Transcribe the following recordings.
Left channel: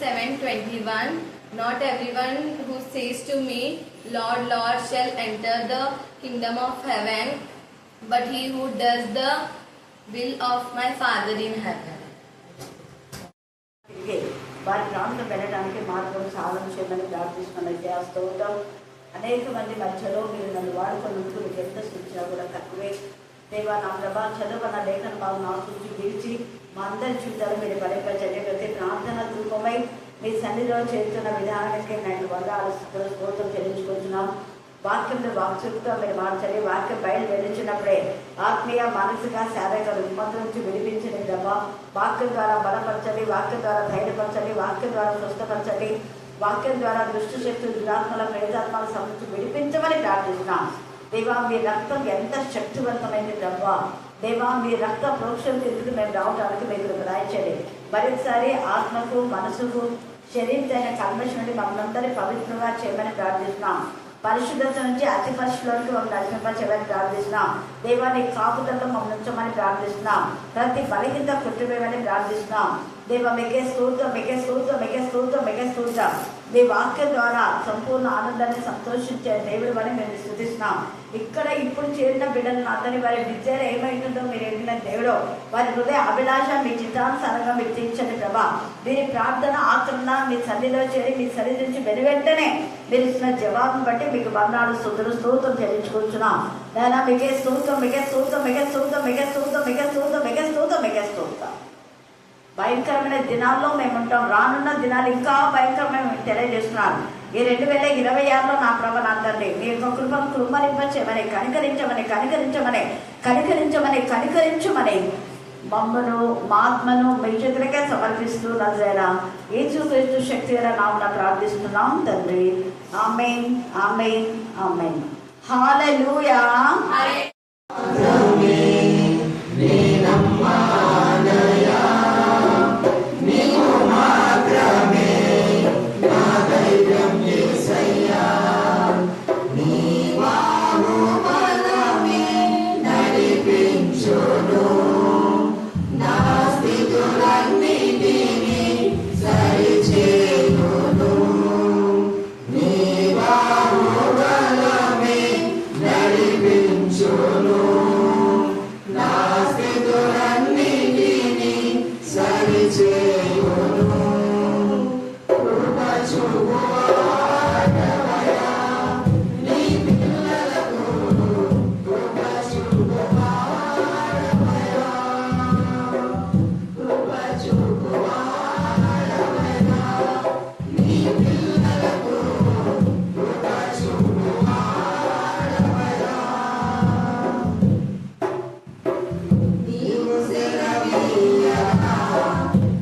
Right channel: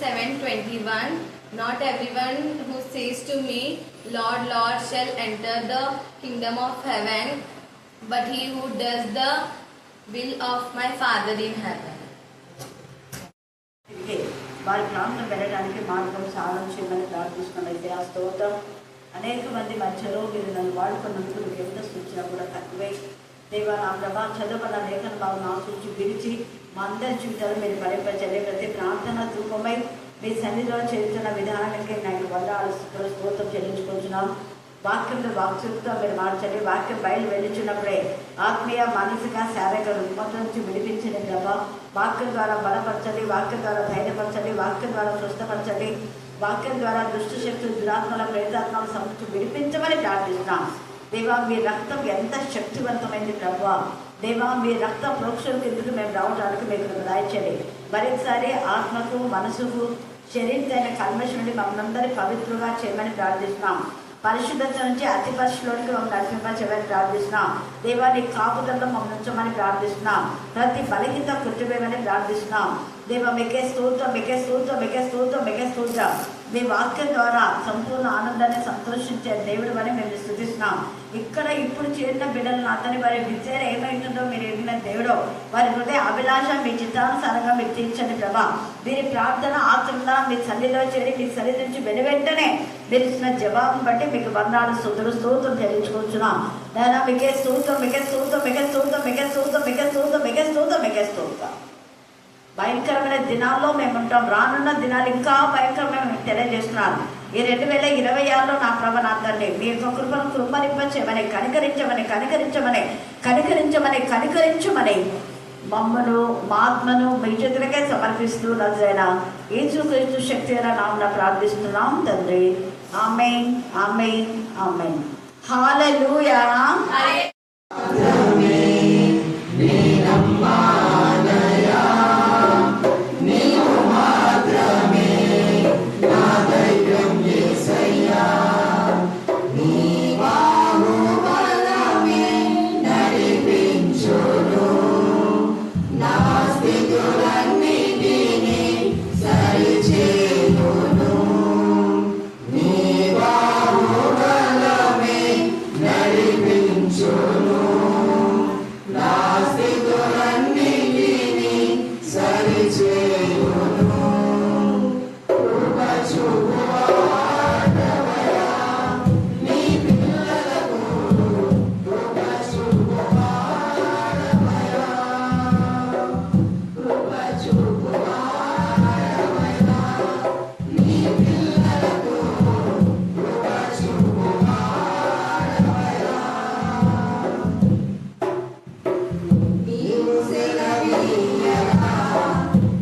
7:21. Not everyone who says to me, Lord, Lord, shall enter the kingdom of heaven, but he who does the will of my Father in heaven. వారి ప్రాంతం వెళ్ళడానికి మార్గం సహాయం చేయమని ప్రార్థిస్తున్నట్లయితే ఆ స్తోత్రం అనేక మంది మధ్యలో మీరు నన్ను వాడుకున్నందుకు మీకు ఎంత సూచన కూడా తక్కువే. దేవా నా ప్రభా చదువుకున్న లేఖన భావం ఆశించి విడిచి మా అందరి జీవితాలు మీరు గడిపచ్చండి. ప్రతి ప్రార్థన ధూపమై మీ సన్నిధిలో చేస్తున్న విధానానికి నేను స్తోత్రం చెల్లించుకుంటున్నాం. వాక్యంలో వాక్శక్తితో మీరు మార్చండి. వాక్యం బయలు వెళ్ళించినప్పుడే ఆత్మీయ మానసిక శారీరక రుగ్మత నుంచి విడిపించిన ప్రభా వాక్యం ద్వారా బలపరచండి, వాక్యం ద్వారా ధైర్యపరచండి, వాక్యం ద్వారా స్వస్థపరచండి, వాక్యం ద్వారా దుష్ట శక్తులు దురాత్మల ప్రేతాత్మల సమస్య విడిపించమని ప్రార్థిస్తున్నాం. దేవా మీ రక్తం ఎంత శక్తివంతమైంది ప్రభా. దేవా మీ రక్త ప్రోక్షణ ఎందుకు మేము రావడానికి మీకు దయచేయండి. మరొకసారి ఆత్మకు మనసుకు శరీరమైన కల్మషం నుండి మమ్మల్ని పవిత్రంగా చేయమని ప్రార్థిస్తున్నాం. పరిశుద్ధత నుంచి అతి పరిశుద్ధులకి మమ్మల్ని నడిపించమని ప్రార్థిస్తున్నాం. దేవాన్ని కాపుదల్లో మమ్మల్ని ఉంచమని ప్రార్థిస్తున్నాం. ప్రతి బలహీనత కుటుంబమని ప్రార్థిస్తున్నాం. దేవ మీకే స్తోత్రం, మీకే స్తోత్రం, మీకే స్తోత్రం, మీకే స్తోత్రం. మీ వాక్యం ద్వారా సంపూర్ణ ఆనందాన్ని సంతోషించే దేవుడు అని మేము స్తుతిస్తున్నాం. ఇక్కడ ఇప్పుడు చేరిన బిడ్డలను అందరినీ వారి విద్యలో ఏమైంటుందో మీరు ఎరిగిన దేవుడు, వారి హృదయ అభిలాష మీ చిత్తానుసారంగా మీరు తీర్చండి ప్రభా. వీరి ప్రార్థన ఆచరణ మీ సన్నిధిలో చేరి మీ సన్నిధి నుంచి వెనువెంటనే మీరు ఇచ్చిన జవాబును బట్టి మీకు వందనాలు స్తోత్రం చెల్లించుకుంటున్నాం. నేను మీకే స్తోత్రం, మీకే స్తోత్రం, మీకే స్తోత్రం, మీకే స్తోత్రం, మీకే స్తోత్రం, మీకే స్తోత్రం, మీకే స్తోత్రం. భయంకరమైన దినాల్లో మేము ఉంటాం. రానున్న దినాలు ఇంకా భయంకరమైన మీకు తెలియజేస్తున్నాను. ఈ 2026లో నా ప్రభ నా తండ్రి మీ యొక్క కృపను కృపనింపచేయమని కనికరించమని మమ్మను మా ఆత్మను మీ చేతులకే సమర్పిస్తూ నజరైన యేసుక్రీస్తు శక్తి అయిన నామమున ప్రార్థిస్తున్నాం తండ్రి. ఆమేన్, ఆమేన్, ఆమేన్. హల్లెలూయా.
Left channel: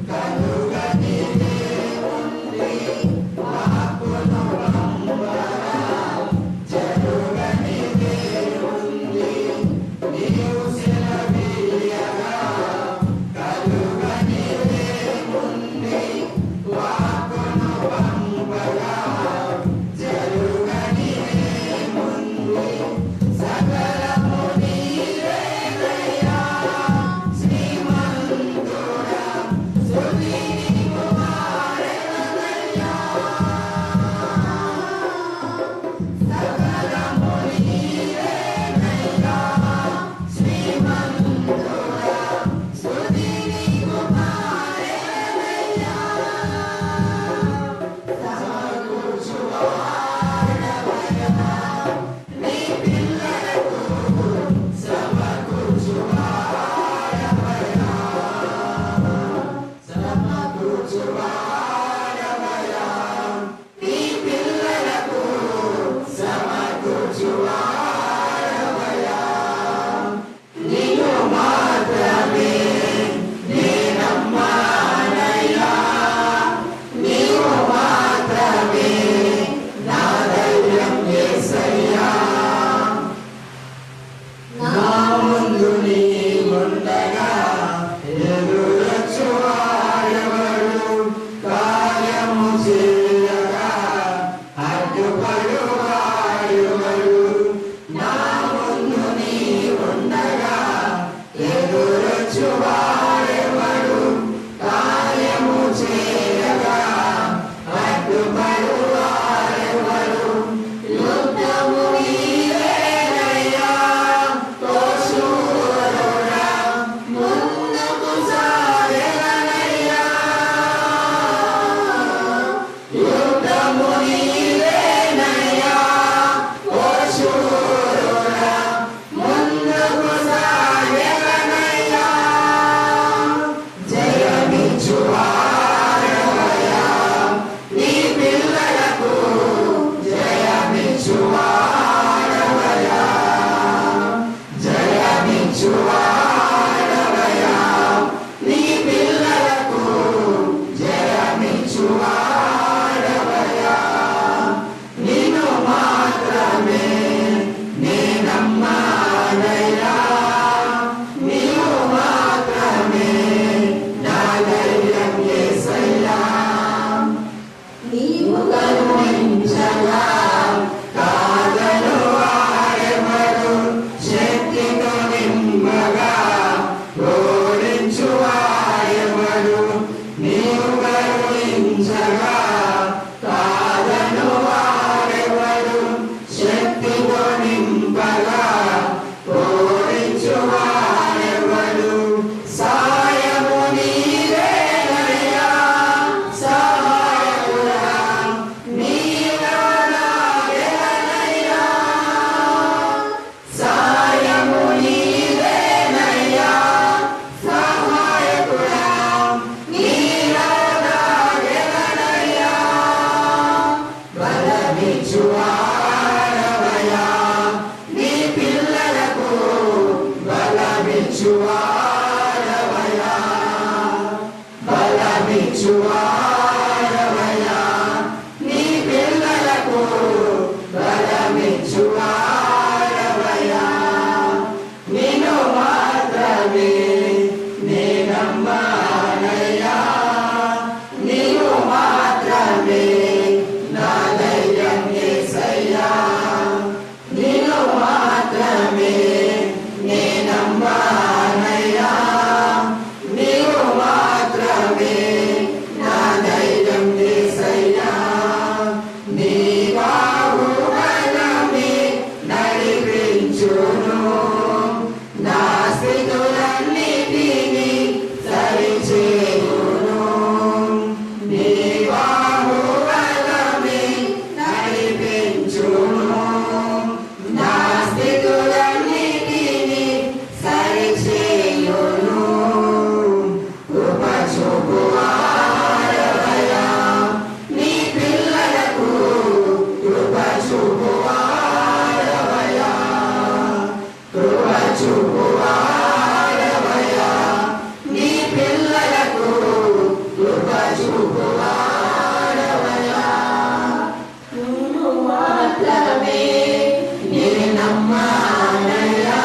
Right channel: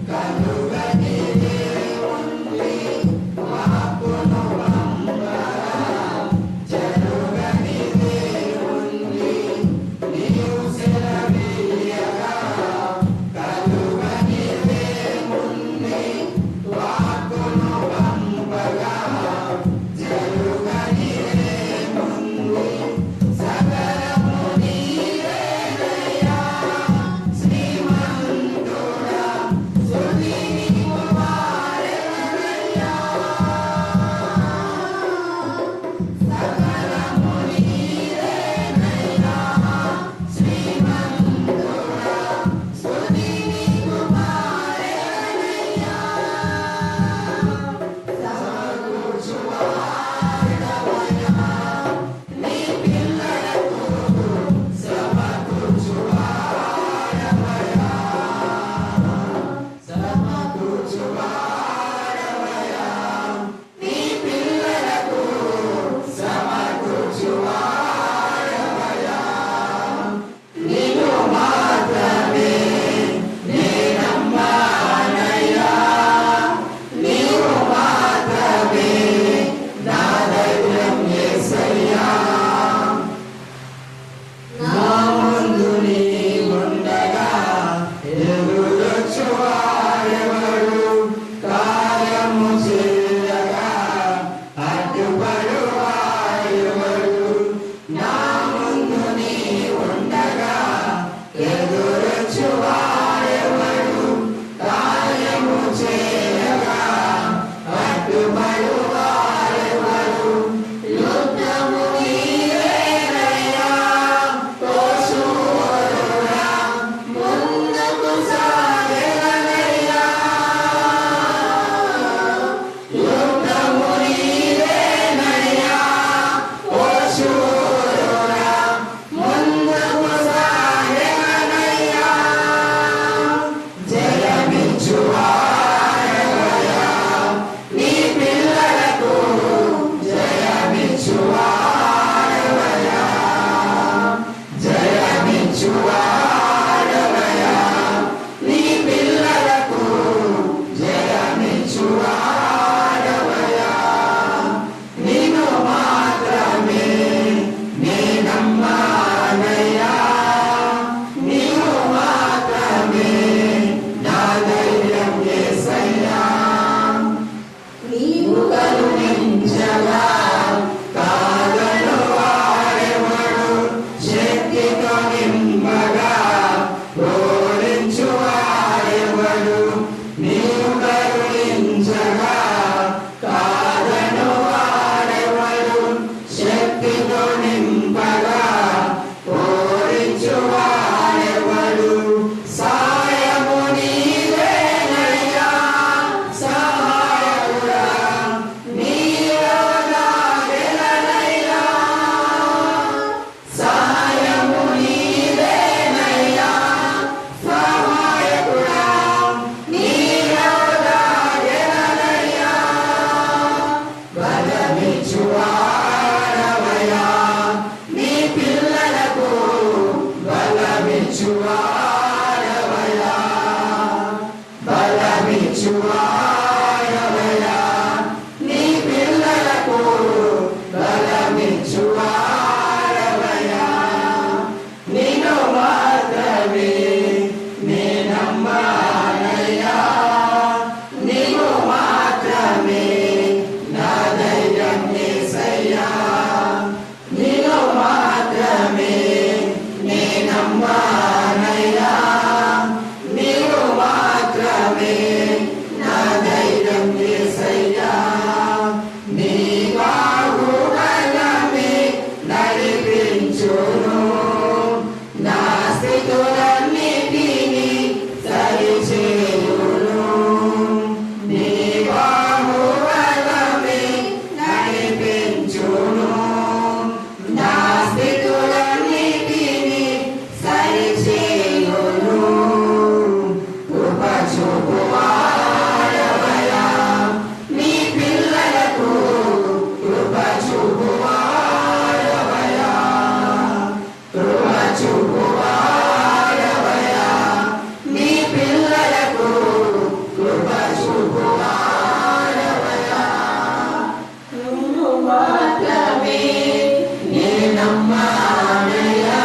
కనుగని బలమిచ్చువాడవయా నీ పిల్లలకు బలమిచ్చువాడవయా నిన్ను మాత్రమే నే నమ్మానయ్యా నీవు మాత్రమే నా ధైర్యం యేసయ్యా నిన్ను మాత్రమే నే నమ్మానయ్యా నీవు మాత్రమే నా ధైర్యం యేసయ్యా నీ బాహుబలమే నడిపించును నా స్థితులన్నిటినీ సరిచేయును నీ బాహుబలమే నడిపించును నా స్థితులన్నిటినీ సరిచేయును కృప చూపువాడవయా నీ పిల్లలకు కృప చూపువాడవయా కృప చూపువాడవయా నీ పిల్లలకు కృప చూపువాడవయా నువ్వు మాత్రమే నే నమ్మానయ్యా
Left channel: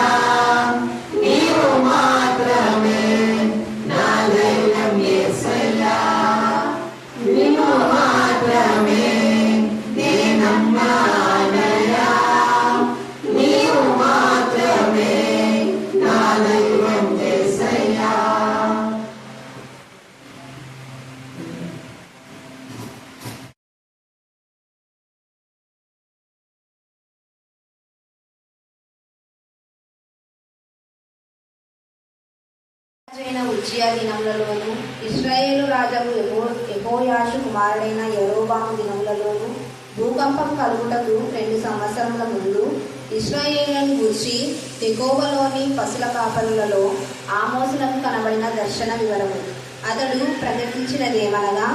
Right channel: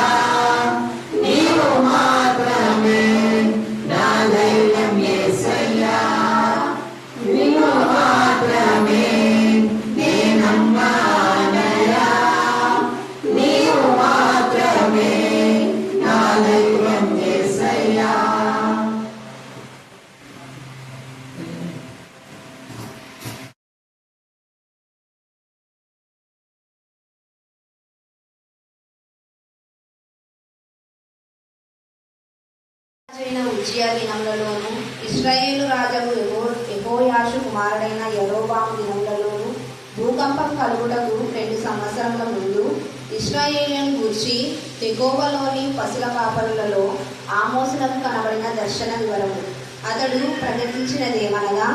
నీవు మాత్రమే నా ధైర్యం యేసయ్యా నీవు మాత్రమే నే నమ్మానయ్యా నీవు మాత్రమే నా ధైర్యం యేసయ్యా రాజైన ఉజ్జియా దినములలోను ఇశ్రాయేలు రాజు యెహోయాషు కుమారుడైన యరొబాము దినములలోను భూకంపం కలుగుటకు 2 సంవత్సరముల ముందు ఇశ్రాయేలును గూర్చి తెకోవలోని పశుల కాపరులలో ఆమోసునకు కనబడిన దర్శన వివరము. అతడు ప్రకటించినదేమనగా,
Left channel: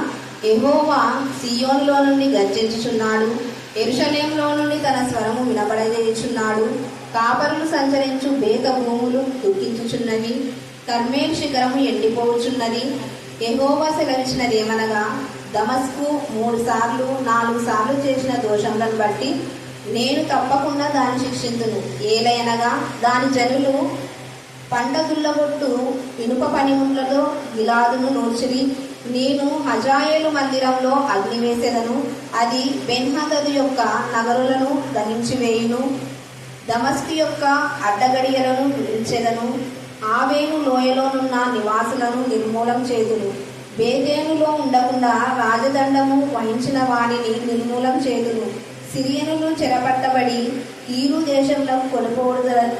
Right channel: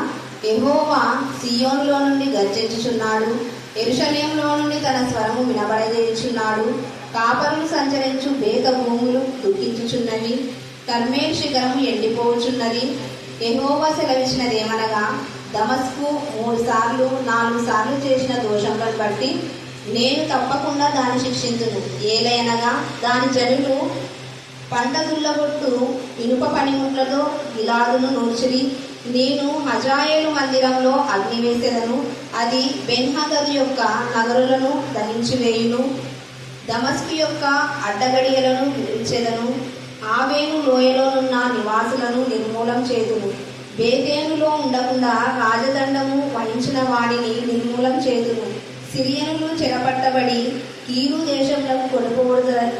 యెహోవా సీయోనులో నుండి గర్జించుచున్నాడు, యెరూషలేములో నుండి తన స్వరము వినబడజేయుచున్నాడు. కాపరులు సంచరించు బేత భూములు దుఃఖించుచున్నవి, కర్మేల్ శిఖరము ఎండిపోవుచున్నది. యెహోవా సెలవిచ్చినదేమనగా, దమస్కు 3 సార్లు 4 సార్లు చేసిన దోషములను బట్టి నేను తప్పకుండా దాన్ని శిక్షింతును. ఏలయనగా దాని జనులు పంట దుల్లగొట్టు ఇనుప పనిముట్లతో గిలాదును నూర్చిరి. నేను హజాయేలు మందిరంలో అగ్ని వేసెదను, అది బెన్హదదు యొక్క నగరులను దహించి వేయును. దమస్కు యొక్క అడ్డగడియలను విడిచెదను, ఆవేను లోయలోనున్న నివాసులను నిర్మూలం చేదును. బేతేనులో ఉండకుండా రాజదండము వహించిన వాడిని నిర్మూలం చేదును. సిరియనులు చెరపట్టబడి కీరు దేశంలో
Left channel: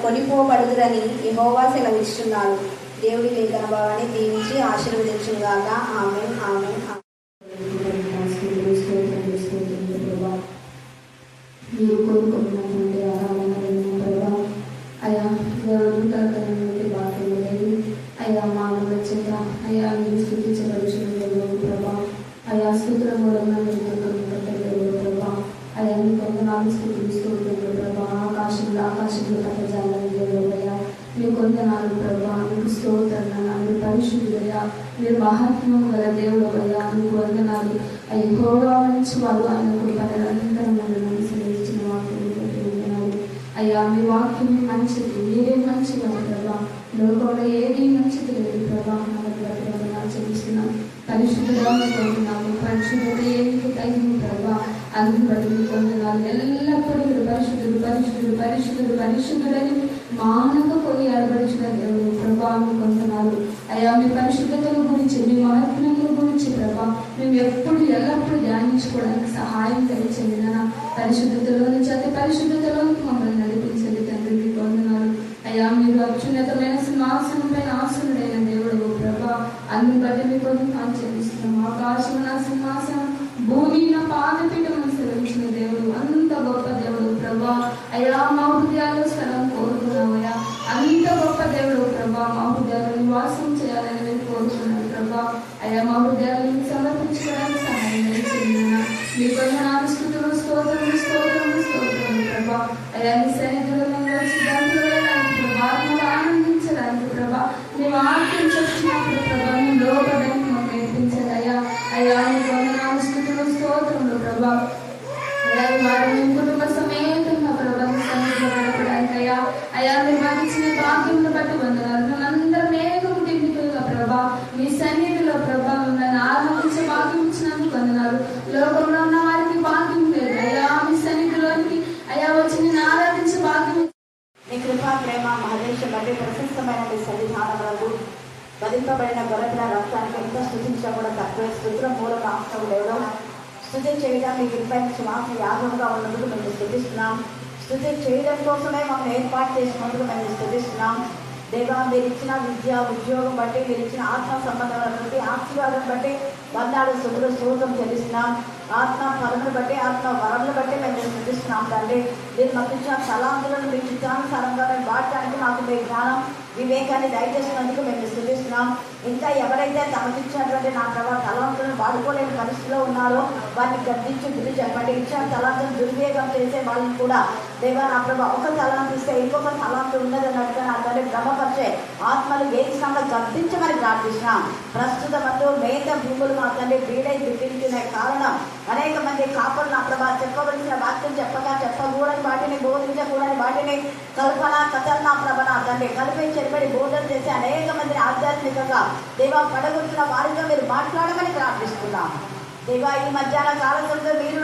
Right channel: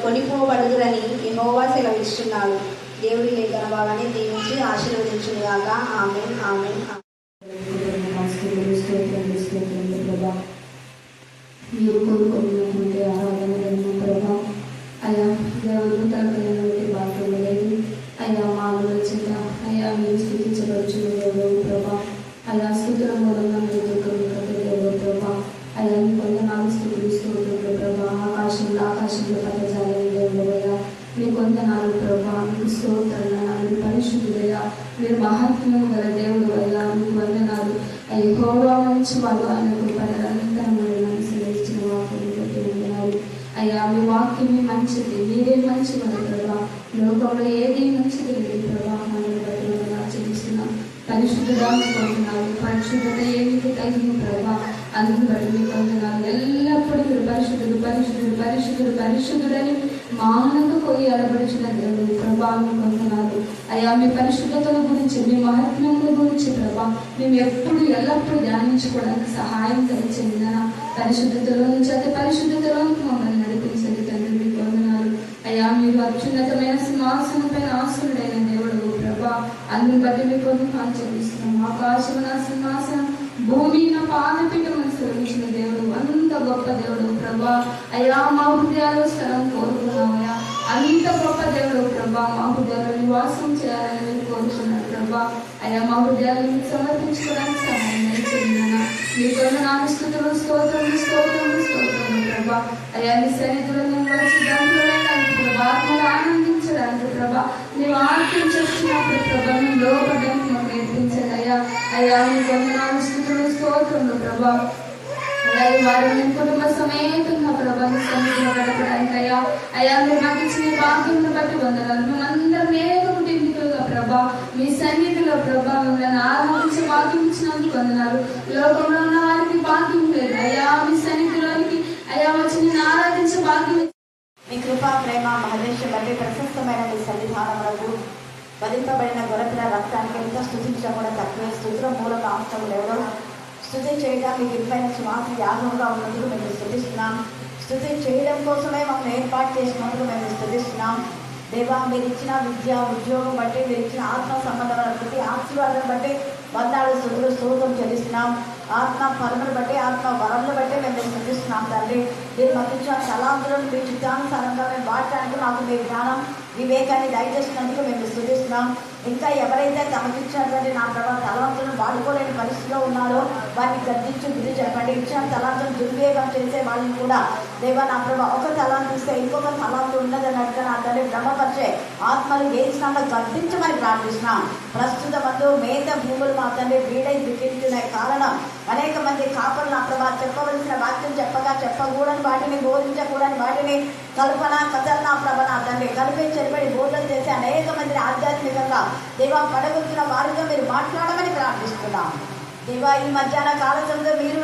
కొనిపోబడుదురని యెహోవా సెలవిస్తున్నాడు. దేవుడి లేఖన భావాన్ని దీవించి ఆశీర్వదించుగాక. ఆమేన్ ఆమేన్. మీరు కోరుకున్నటువంటి ఆరాధనలను ప్రభా అయ్యా అడుగుతానికి భాగ్యం లేదు. అయ్యా మా చేత అయ్యా మీరు స్థితించవచ్చు ప్రభా. అయ్యా స్థుతుల మూలంగా మీరు ప్రభా. అయ్యా మీ కొందనాలు స్థితిస్తూ ప్రభా. ఆకాశంలో పదజాలని దేవుడయ్యా మీ కొందనాలు ప్రభా. మీకు స్తోత్రాలు పరిశుద్ధుడయ్యా, మీరు మహాత్మ్యం గల దేవుడు అయ్యా. మీకు వందనాలు అయ్యి గౌరవ మంచి వాడు ఆయన అయ్యా. మీ వాక్యం మంచిది, మీరే మంచివాడు ప్రభా. లోకంలో ఏది మంచిది లేదు ప్రభా. ఆచరిస్తున్నాం పరిశుద్ధుగా కొంటున్నాము. పరిశుద్ధత ఏమిటి తగిన ప్రభా. అందుకు బట్టి మీ కొంటున్నాను. ఎల్లప్పుడూ పరిశుద్ధుడు పరిశుద్ధుడు పరిశుద్ధుడు పరిశుద్ధుడని మానకపోయి అడబడిచిన దేవుడు ప్రభా. మీ కొంటున్నాను అయ్యా. మీ పరిశుద్ధతల గురించి, మీ మహాత్మ్యముల గురించి ప్రభా మేము ఎప్పుడు ఎల్లప్పుడూ ధ్యానించుకోవడానికి సహాయం కలిగించండి. పరిశుద్ధతలో నుంచి అతి పరిశుద్ధతలోకి మమ్మల్ని నడిపించండి తండ్రి. మీకు వందనాలు అయ్యా. మీరు అత్యున్నతమైన సింహాసనం పైన ఆసనుడైన దేవుడు ప్రభా. అందుని బట్టి మీకు ఆచరిస్తున్నాం. ఆకాశం నా సింహాసనం, భూమి నా పాదపీఠం శ్రమించిన దేవుడు, అంత గొప్ప దేవుడు ప్రభా. అయ్యా మా హృదయాలు స్థలం కోరుకున్నామయ్యా. అంత గొప్ప దేవుడు ప్రభా. మా హృదయాలు నివాసం చేయాలని మేము కోరుకున్నాను ప్రభా. అయ్యా మా హృదయాలను సమర్పించుకోవడానికి సహాయం చేయండి. మీకు నాకు స్తుతులు స్తోత్రములు స్తోత్రములు స్తోత్రములు ప్రభా. అయ్యా మీ సన్నిధిలో వచ్చి ఆత్మలు ఆనందించడానికి ప్రభా. మేము ఆర్పించేస్తున్నప్పుడు ప్రభా లోపడానికి మాకు నేర్పించాలి అయ్యా. పట్టిన రక్తానికి ఎంత స్థుతించడం కూడా తక్కువే. స్థుతిలో మూల కాంక్షలు ఎవరో స్థుతి చేయడానికి ఇబ్బంది స్వామి యాగంగా ఉన్నందుకు మేము స్థుతిస్తున్నాం. స్థుతి చేయడం కోసమే మమ్మల్ని ఏర్పాటు చేసినందుకు మేము స్థుతిస్తున్నాం. దేవా, మీరు ఇచ్చిన విద్య ఉద్యోగం బట్టి, మీరు ఇచ్చిన ఆత్మ సంబంధమైన ప్రతి ఆశీర్వాదం బట్టి వందనాలు స్థుతులు స్తోత్రం చెల్లిస్తున్నాం. ఆత్మ ఫలమును బట్టి, ఆత్మ వరములు బట్టి మేము స్థుతిస్తున్నాం తండ్రి. మీరు మాకు ఇచ్చిన తలాంతులను మీ చిత్తానుసారంగా మేము వాడటానికి మాకు మీ జ్ఞానం వివేకాన్ని దయచేసినందుకు మేము స్థుతిస్తున్నాం. ఇంకా ఎవరైతే తమకు ఇచ్చినటువంటి నా ప్రభావ తలాంతులను వాడుకోలేని పరిస్థితిలో ఉన్నారో వారిని గద్దించి బుద్ధి చెప్పండి. ఇచ్చిన తలాంతులను దుర్వినియోగం చేసే వాళ్ళని కూడా దేవా నా ప్రభావ ఒక తలాంతు ఇస్తే ఇంకొక తలాంతు ఉండదన్నట్టుగా నా తల్లి భ్రమపరిచే ఆత్మలు వేసినామో గద్దించమని ప్రార్థిస్తున్నాం. ప్రస్తుత మందు మేత భూములు మా తండ్రి వీడై దిక్కించునే కారణం అనేక మంది కాపులు నా ప్రభావ చెప్పవలసిన వాక్యం చెప్పగా చెప్పకూడని వాటిని, బోధించకూడని వాటిని, కల్పన కథలు నా ప్రభ నా తండ్రి కలిపి చెరబడి బోధన చేసి అనేక మందిని ఆధ్యాత్మికంగా దేవా పడగొచ్చిన వారితో మీరు మాట్లాడమని ప్రార్థిస్తున్నాం. దేవా, ఈ మధ్యాహ్న కాలంలో మీరు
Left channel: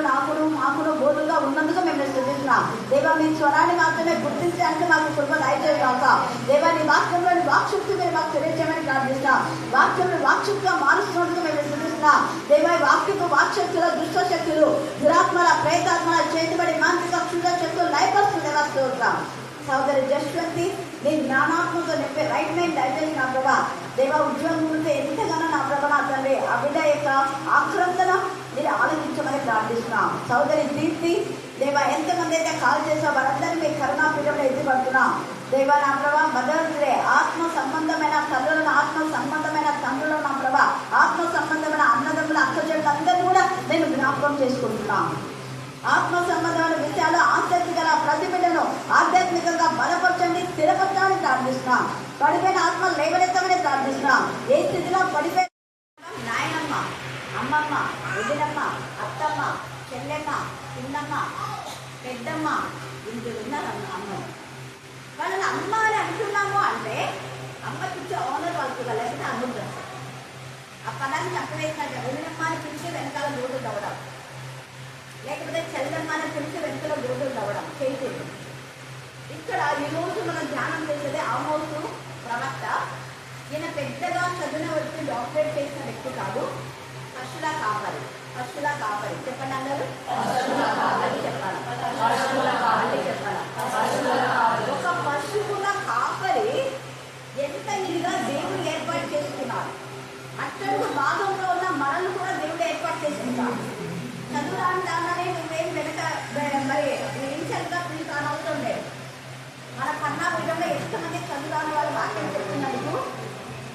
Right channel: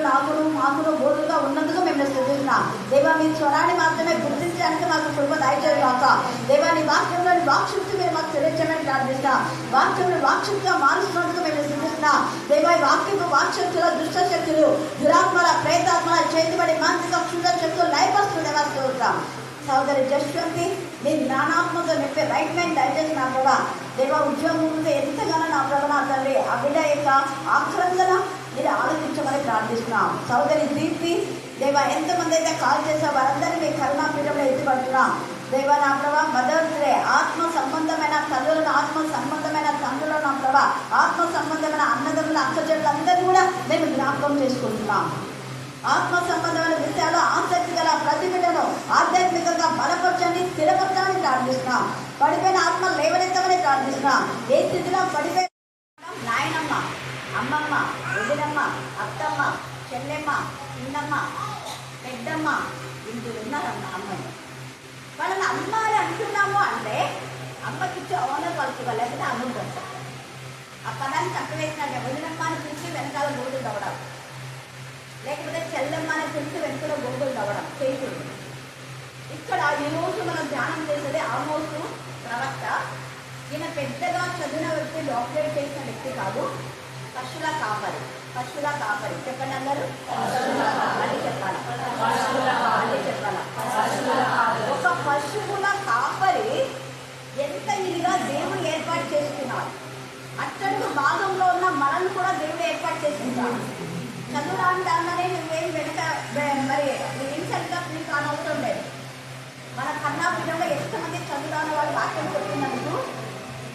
మాకును బోధుగా ఉన్నందుకు మేము స్థుతిస్తున్నాం. దేవా, మీ స్వరాన్ని మాత్రమే గుర్తించడానికి మాకు కృప దయచేయగాక. దేవా, నీ వాక్యంలోని వాక్శక్తి మీరు మాకు తెలియజేయమని ప్రార్థిస్తున్నాం. వాక్యం వాక్శక్తిగా మారుస్తున్నందుకు మేము స్థుతిస్తున్నాం. దేవా, ఈ వాక్యపు వాక్శక్తులు దుష్ట శక్తులు, దురాత్మల, ప్రేతాత్మల చేతిబడి మానసిక క్షుద్ర శక్తులు లయపరుస్తూనే వస్తుంటాం. సోదరి జస్వంతి నీ జ్ఞానాత్మతో నింపే రైట్ మైండ్ దయచేసి నా ప్రభా. దేవా, ఉద్యోగం ఉంటే ఎంతగానో నా ప్రభ నా తండ్రి ఆ బిడ్డ యొక్క ఆక్రందన మీరు ఆలోచించమని ప్రార్థిస్తున్నాం. సోదరి దీప్తి దేవా, ఎంతమంది అయితే కాల్ చేసే వారందరినీ మీ కరుణాపీఠంలో ఎత్తిపడుతున్నాం. దేవా నా ప్రభా, మదర్స్ డే ఆత్మ సంబంధమైన తల్లులను, ఆత్మ సంబంధమైన తండ్రులను నా ప్రభా, ఆత్మ సంబంధమైన అన్నదమ్ముల అక్కచెల్లెలందరినీ కూడా నేను జ్ఞాపకం చేసుకుంటున్నాం. ఆత్మ సంబంధమైన విషయాలు ఆసక్తి గల ప్రతి బిడ్డను ఆధ్యాత్మికంగా బలపరచండి, స్థిరపరచమని ప్రార్థిస్తున్నాం. పడిపోయిన ఆత్మ లేవనెత్తమని ప్రార్థిస్తున్నాం. ఏ స్థితిలో పడిపోయిన నాయనమ్మ, అమ్మమ్మ, వదినమ్మ, అత్తమ్మ, చెల్లెమ్మ, చిన్నమ్మ, పెద్దమ్మ ఇందులో ఉన్నారన్న అమ్మని వాళ్ళని అమ్మ అని అంటున్నాము అంటే అమ్మకిచ్చే ఓనర్ వాళ్ళకి లేకపోతే అనుంటారు. ఆ పదాన్ని తక్కువేసినట్టే వదినమ్మ అని పిలిచి వెనకాల గోతులు తవ్వడం, లేకపోతే చెల్లెమ్మ అని పిలిచి వెనుకలో గోతులు తవ్వడం చేస్తుంది. ఇక్కడ ఈరోజు మనం ధ్యానం చేసేది ఆమోసు ప్రవక్త. ఈయన పెద్దగా చదివిన వ్యక్తి, డాక్టరేట్ చేసిన వ్యక్తి కాదు. పశువుల కాపరి, పశువుల కాపరి చెప్పండి అందరూ. మళ్ళీ చెప్పాలి, మళ్ళీ చెప్పాలి. ఒక పశువుల కాపరి ఎంత ఇదిగా దేవుడు ఏర్పాటు చేసుకున్నాడు. అట్టడుగు భాగంలో ఉన్న మనల్ని కూడా దేవుడు ఏర్పాటు చేసుకున్నాడు. చదువు రాని దానిలోనే నువ్వేం వెనక మరి ఏం చదువుతా ఫీల్ కానవసరం లేదు. మన కర్ణాపీఠంలో ఎంతమంది చదువురాని వాళ్ళు వాక్యం చెప్తున్నందుకు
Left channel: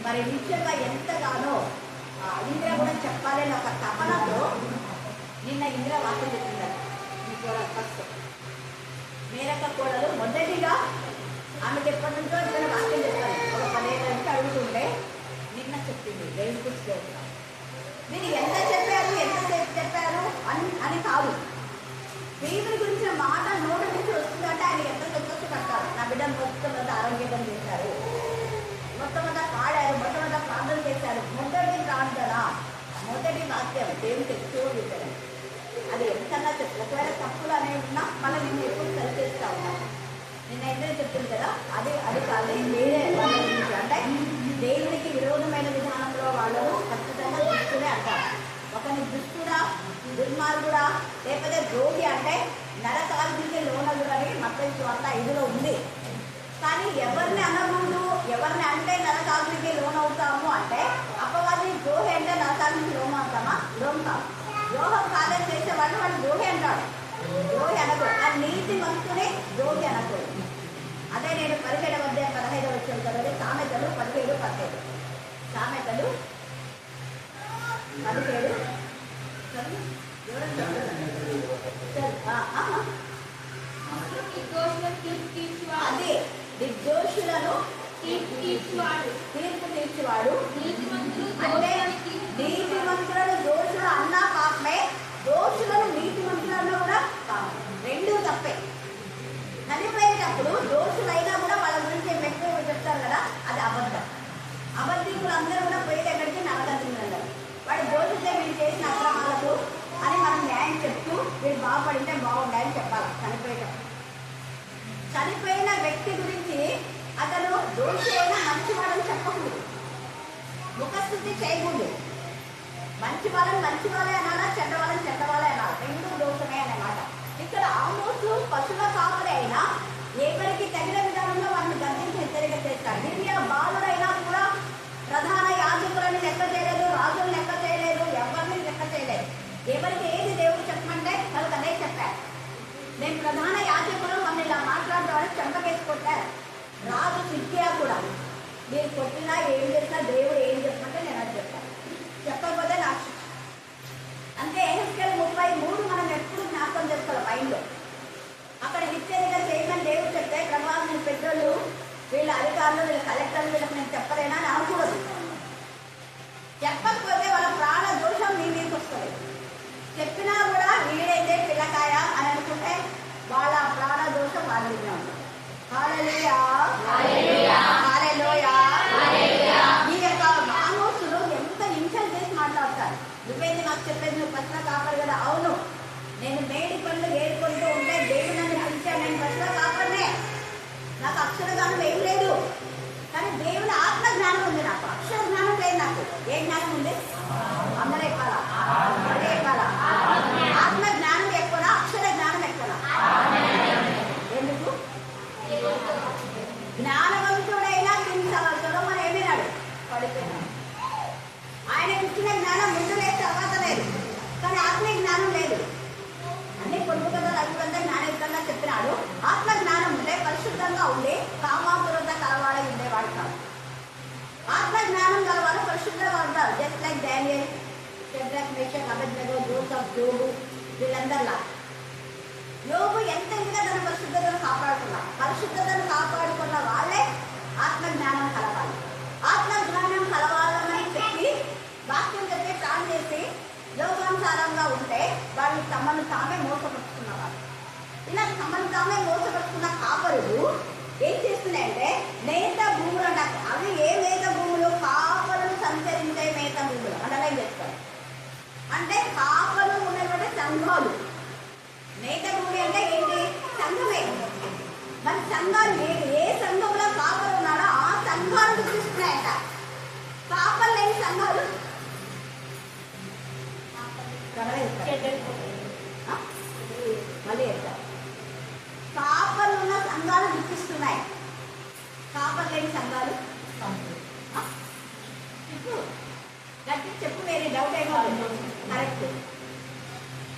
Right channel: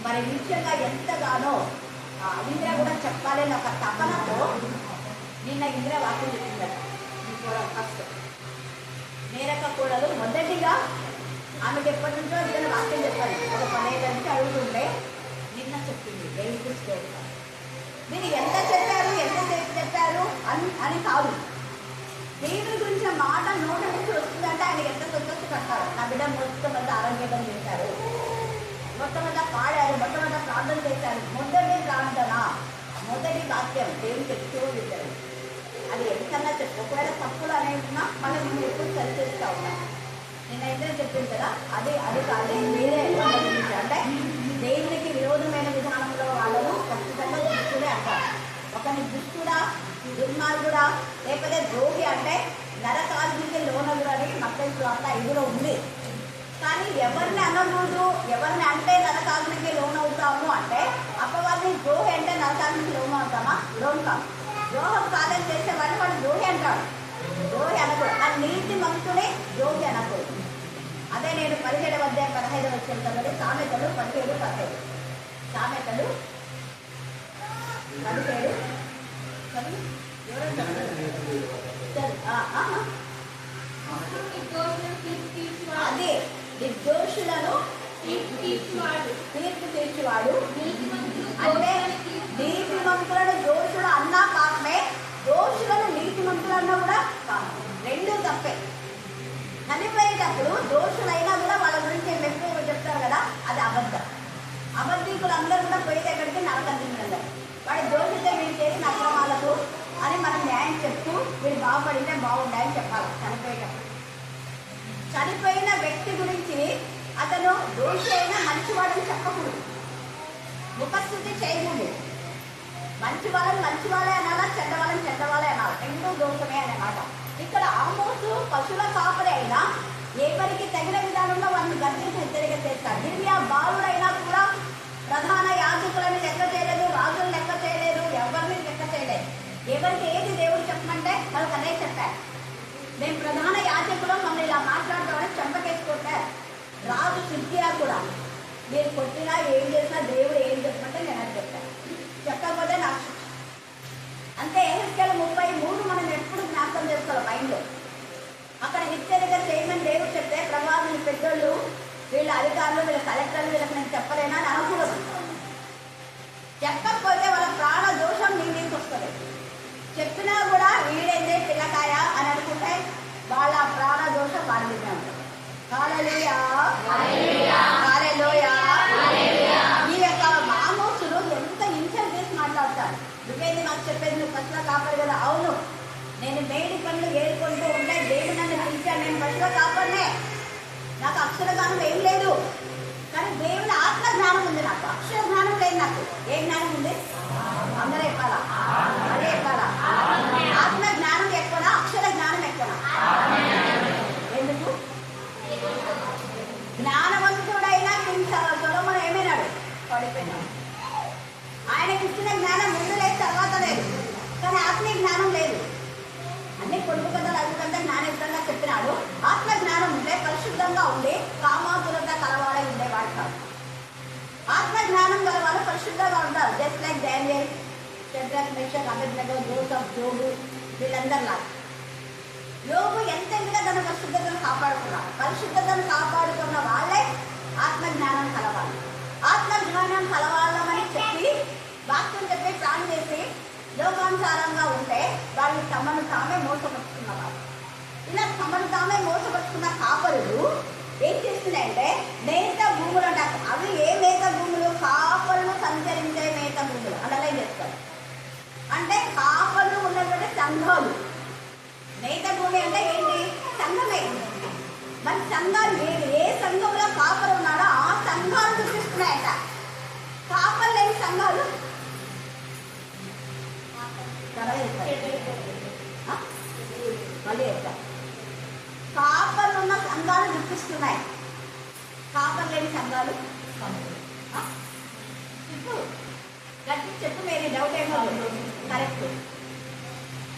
మరి నిత్యంగా ఎంతగానో ఇందిరా కూడా చెప్పాలి అని ఒక తపనతో నిన్న ఇందిరా వాక్యం చెప్పింది. మీ కోడలు ఫస్ట్ మేరక్క కోడలు మొదటిగా ఆమెకు ఎప్పటి నుంచో ఇద్దరు వాక్యం చెప్పాలి. ఒక 10 ఏళ్ళ నుంచి అడుగుతుంటే నిన్న చెప్పింది. మీరు ఎంత చెప్పారు, ఎంతసేపు చెప్పారు అని కాదు, దేవుని గురించిన మాట నోటి నుంచి వస్తుందంటే ఆయనకి ఎంత సంతోషం కట్టారు. నా బిడ్డ మొట్టమొదటి ఆరోగ్యం చేశారు, మొట్టమొదట పాడారు, మొట్టమొదట ప్రార్థన చేశారు. మొదటి ప్రార్థన, మొదటి వాక్యం దేవునికి ఎక్కువ విద్యారు. అది ఎంతన్నా చెప్పు. ఒకవేళ తప్పులు అనేవి ఉన్నా మళ్ళీ నేను ఎప్పుడు సరి చేస్తూ ఉన్నాను. నేనైతే చెప్పింది కదా, అది కాదు వేరే వాళ్ళ గురించి. అంటే దేవునికి విరోధమైన విధానంలో వాళ్ళను ఖచ్చితంగా దుష్టుడే అంటారు. ఒకని దుష్టుడా, దుర్మార్గుడా, లేకపోతే ద్రోహి అంటే నరకాగ్నికి లోనగుడు అని మత్తయి సువార్త 5లో ఉంది. కానీ ఎవరిని అనకూడదు, ఎవరిని అంటే నరకాగ్నికి లోనవుతాము అంటే అపవాది ద్రోహి అంటే నరకాగ్నికి లోనవుతామా? లోన్ కాదు. ద్రోహం కాదని చేసేవాడిని వాడు ద్రోహి అంటాడు. ద్రోహి అనకూడదు. ఆ నీతి మంతునే ద్రోహి అనకూడదు. అదే నేను 17వ అధ్యాయం 15వ వచనం చదివి సామెతలు 17:15. సామెతలు 17 చదువు. ఎవరైనా అదే నిర్దోషులను తీర్పు తీర్చువాడు. అంటే నీతిమంతులను దోషులు అన్నా పాపమే, దోషులను నీతిమంతులన్నా కూడా పాపం. రెండూ తప్పే. చనిపోయేటప్పుడు దోషులైనా కూడా వాళ్ళ గురించి ఎక్కువ చెప్తారు కదా, అది అబద్ధం. అబద్ధికులు అందరూ కూడా పోయేది ఎక్కడికి? నరకంలో. వాడు దోషితే వీళ్ళు చేసిన అక్రమాలకు అని మనం న్యాయం చెప్తూ వీళ్ళు బాగుపడితే బాగుండాలని చెప్పాలి. చనిపోయేటప్పుడు చనిపోయిన వ్యక్తి గురించి అతను దోషి అయినా మంచివాడని చెప్పకూడదు. ముఖస్థుతి చేయకూడదు. మంచి వాళ్ళని మంచి వాళ్ళే అనాలా, చెడ్డ వాళ్ళని చెడ్డ వాళ్ళే అనాలి, రెండు దోషమే అన్నమాట. ఇక్కడ ఆమోసు పశువుల కాపరి అయినా ఎవరికి తగిన విధానంలో వాళ్ళని గర్జించి హెచ్చరిక చేస్తారు. గిరియా బాలుడైనా కూడా ప్రధాన యాజకులను లెక్క చేయలేదు, రాజులను లెక్క చేయలేదు, ఎవరిని లెక్క చేయలేదు. ఎవరికి ఏది దేవుడు చెప్పమంటే వాళ్ళకి అదే చెప్పారు. నేను ప్రధాన యాజకులు మమ్మల్ని ఇలా మాట్లాడతామని చెంపకేసుకొట్టారు. రాజు సిద్ధియా కూడా మీరు కొట్టినా ఏం చేసినా దేవుడు ఏం చెప్పమంటే నేను అది చెప్తాను, చెప్పకపోతే నాకు శిక్ష. అంటే ఎహెజ్కేలు 33 మనం ఎప్పుడు జ్ఞాపకం చేసుకోవాలి మైండ్లో. అక్కడ హెచ్చరిక చేయమని దేవుడు చెప్తే ప్రభావం పెద్దోళ్ళు వీళ్ళ అధికారులు వీళ్ళ కలెక్టర్లు వీళ్ళకి నేను చెప్పలేనా అని అనకూడదు. చెప్పకపోతే వాళ్ళ ప్రాణ దోషం మీ మీదకి వస్తుంది. చెప్పినా కూడా వీడైతే పిల్లకాయ అని అనుకుంటే వాళ్ళ ప్రాణ దోషం వాళ్ళ మీదనే ఉంటుంది. హల్లెలూయా, హల్లెలూయా. ఈ యొక్క ఆమోసులు ఎంత హింసలు చేసి మాట్లాడతారు. నువ్వేంది నాకు చెప్పేది, నువ్వు పశువుల కాపరి కదా. అవును, నేను మేడి పనులు ఏరుకుంటూ ఉంటే దేవుడు నన్ను పిలిచాడు, నేను పశువుల కాపరినే. నాకు అక్షర జ్ఞానం ఏం లేదు, కానీ దేవుని ఆత్మ జ్ఞానం ఉంది. నాకు అక్షర జ్ఞానం లేదు. నాకు ఏ జ్ఞానం ఉంది? అందరూ చెప్పాలా? అదే చెప్పాలా? ఆత్మ జ్ఞానం ఎక్కువనా, అక్షర జ్ఞానం ఎక్కువనా? ఎందుకు? జ్ఞానవంతుడైనా సొలొమోను ఏమైనాడు? పడిపోయినాడు. ఆయనకి ఇచ్చిన జ్ఞానం ముందు లేదు, తర్వాత లేదు, కానీ ఆత్మీయ జ్ఞానం లేదు. అన్ని పొడుపు కథలు అధికంగా జ్ఞానయుక్తంగా చెప్పినాడు. ఆత్మ జ్ఞానం ఉంటే పరిశుద్ధంగా ఉండి కామాతురత కలవాడై ఉండేవాడు కాదు. ఆత్మ జ్ఞానం గలవాళ్ళు పరిశుద్ధంగా ఉంటారు. Just like Daniel, Shadrach, Meshach, Abednego, Joseph, యోబు, వీళ్ళందరిలా. యోబు ఎంత ఇంటిగా తన పరిశుద్ధతను కాపాడుకున్నాడు. పరిశుద్ధతను కాపాడుకున్న వాళ్ళే ఆత్మ జ్ఞానం కలవాలి. ఆత్మ జ్ఞానం కలవాళ్ళమని చెప్పి వాక్యం చెప్పి ప్రాణం చేసి లోకానుసారంగా ఉంటే వాళ్ళు తమను తామే మోసపరుచుకున్నవారు. ఇలా తమను తామే మోసపరుచుకున్న కాపరులు ఏం చేస్తున్నాయంటే మేత భూములు అంటారు. అవి ఏ మేత భూములు? కాపరులు సంచరించే మేత భూములు. అండర్లైన్ చేసుకోవాలి. అంటే కాపరులు ఉన్నటువంటి సంఘాలు. మేత భూమి అంటే ఏంటి? సంఘమే. మరి సంఘాలు ఏ సంఘంలో కాపరు ఉన్నాడో ఆ సంఘాలు చూపిస్తున్నాయట. కాపరు లేని సంఘాలు మళ్ళీ చెప్తారు. కాపర్లు ఉన్న సంఘాలు చూపిస్తున్నాయి, కాపర్ లేని సంఘాలు. ఇప్పుడు గట్టి చెప్పు, వేరే డౌట్ ఏమో. కరెక్ట్.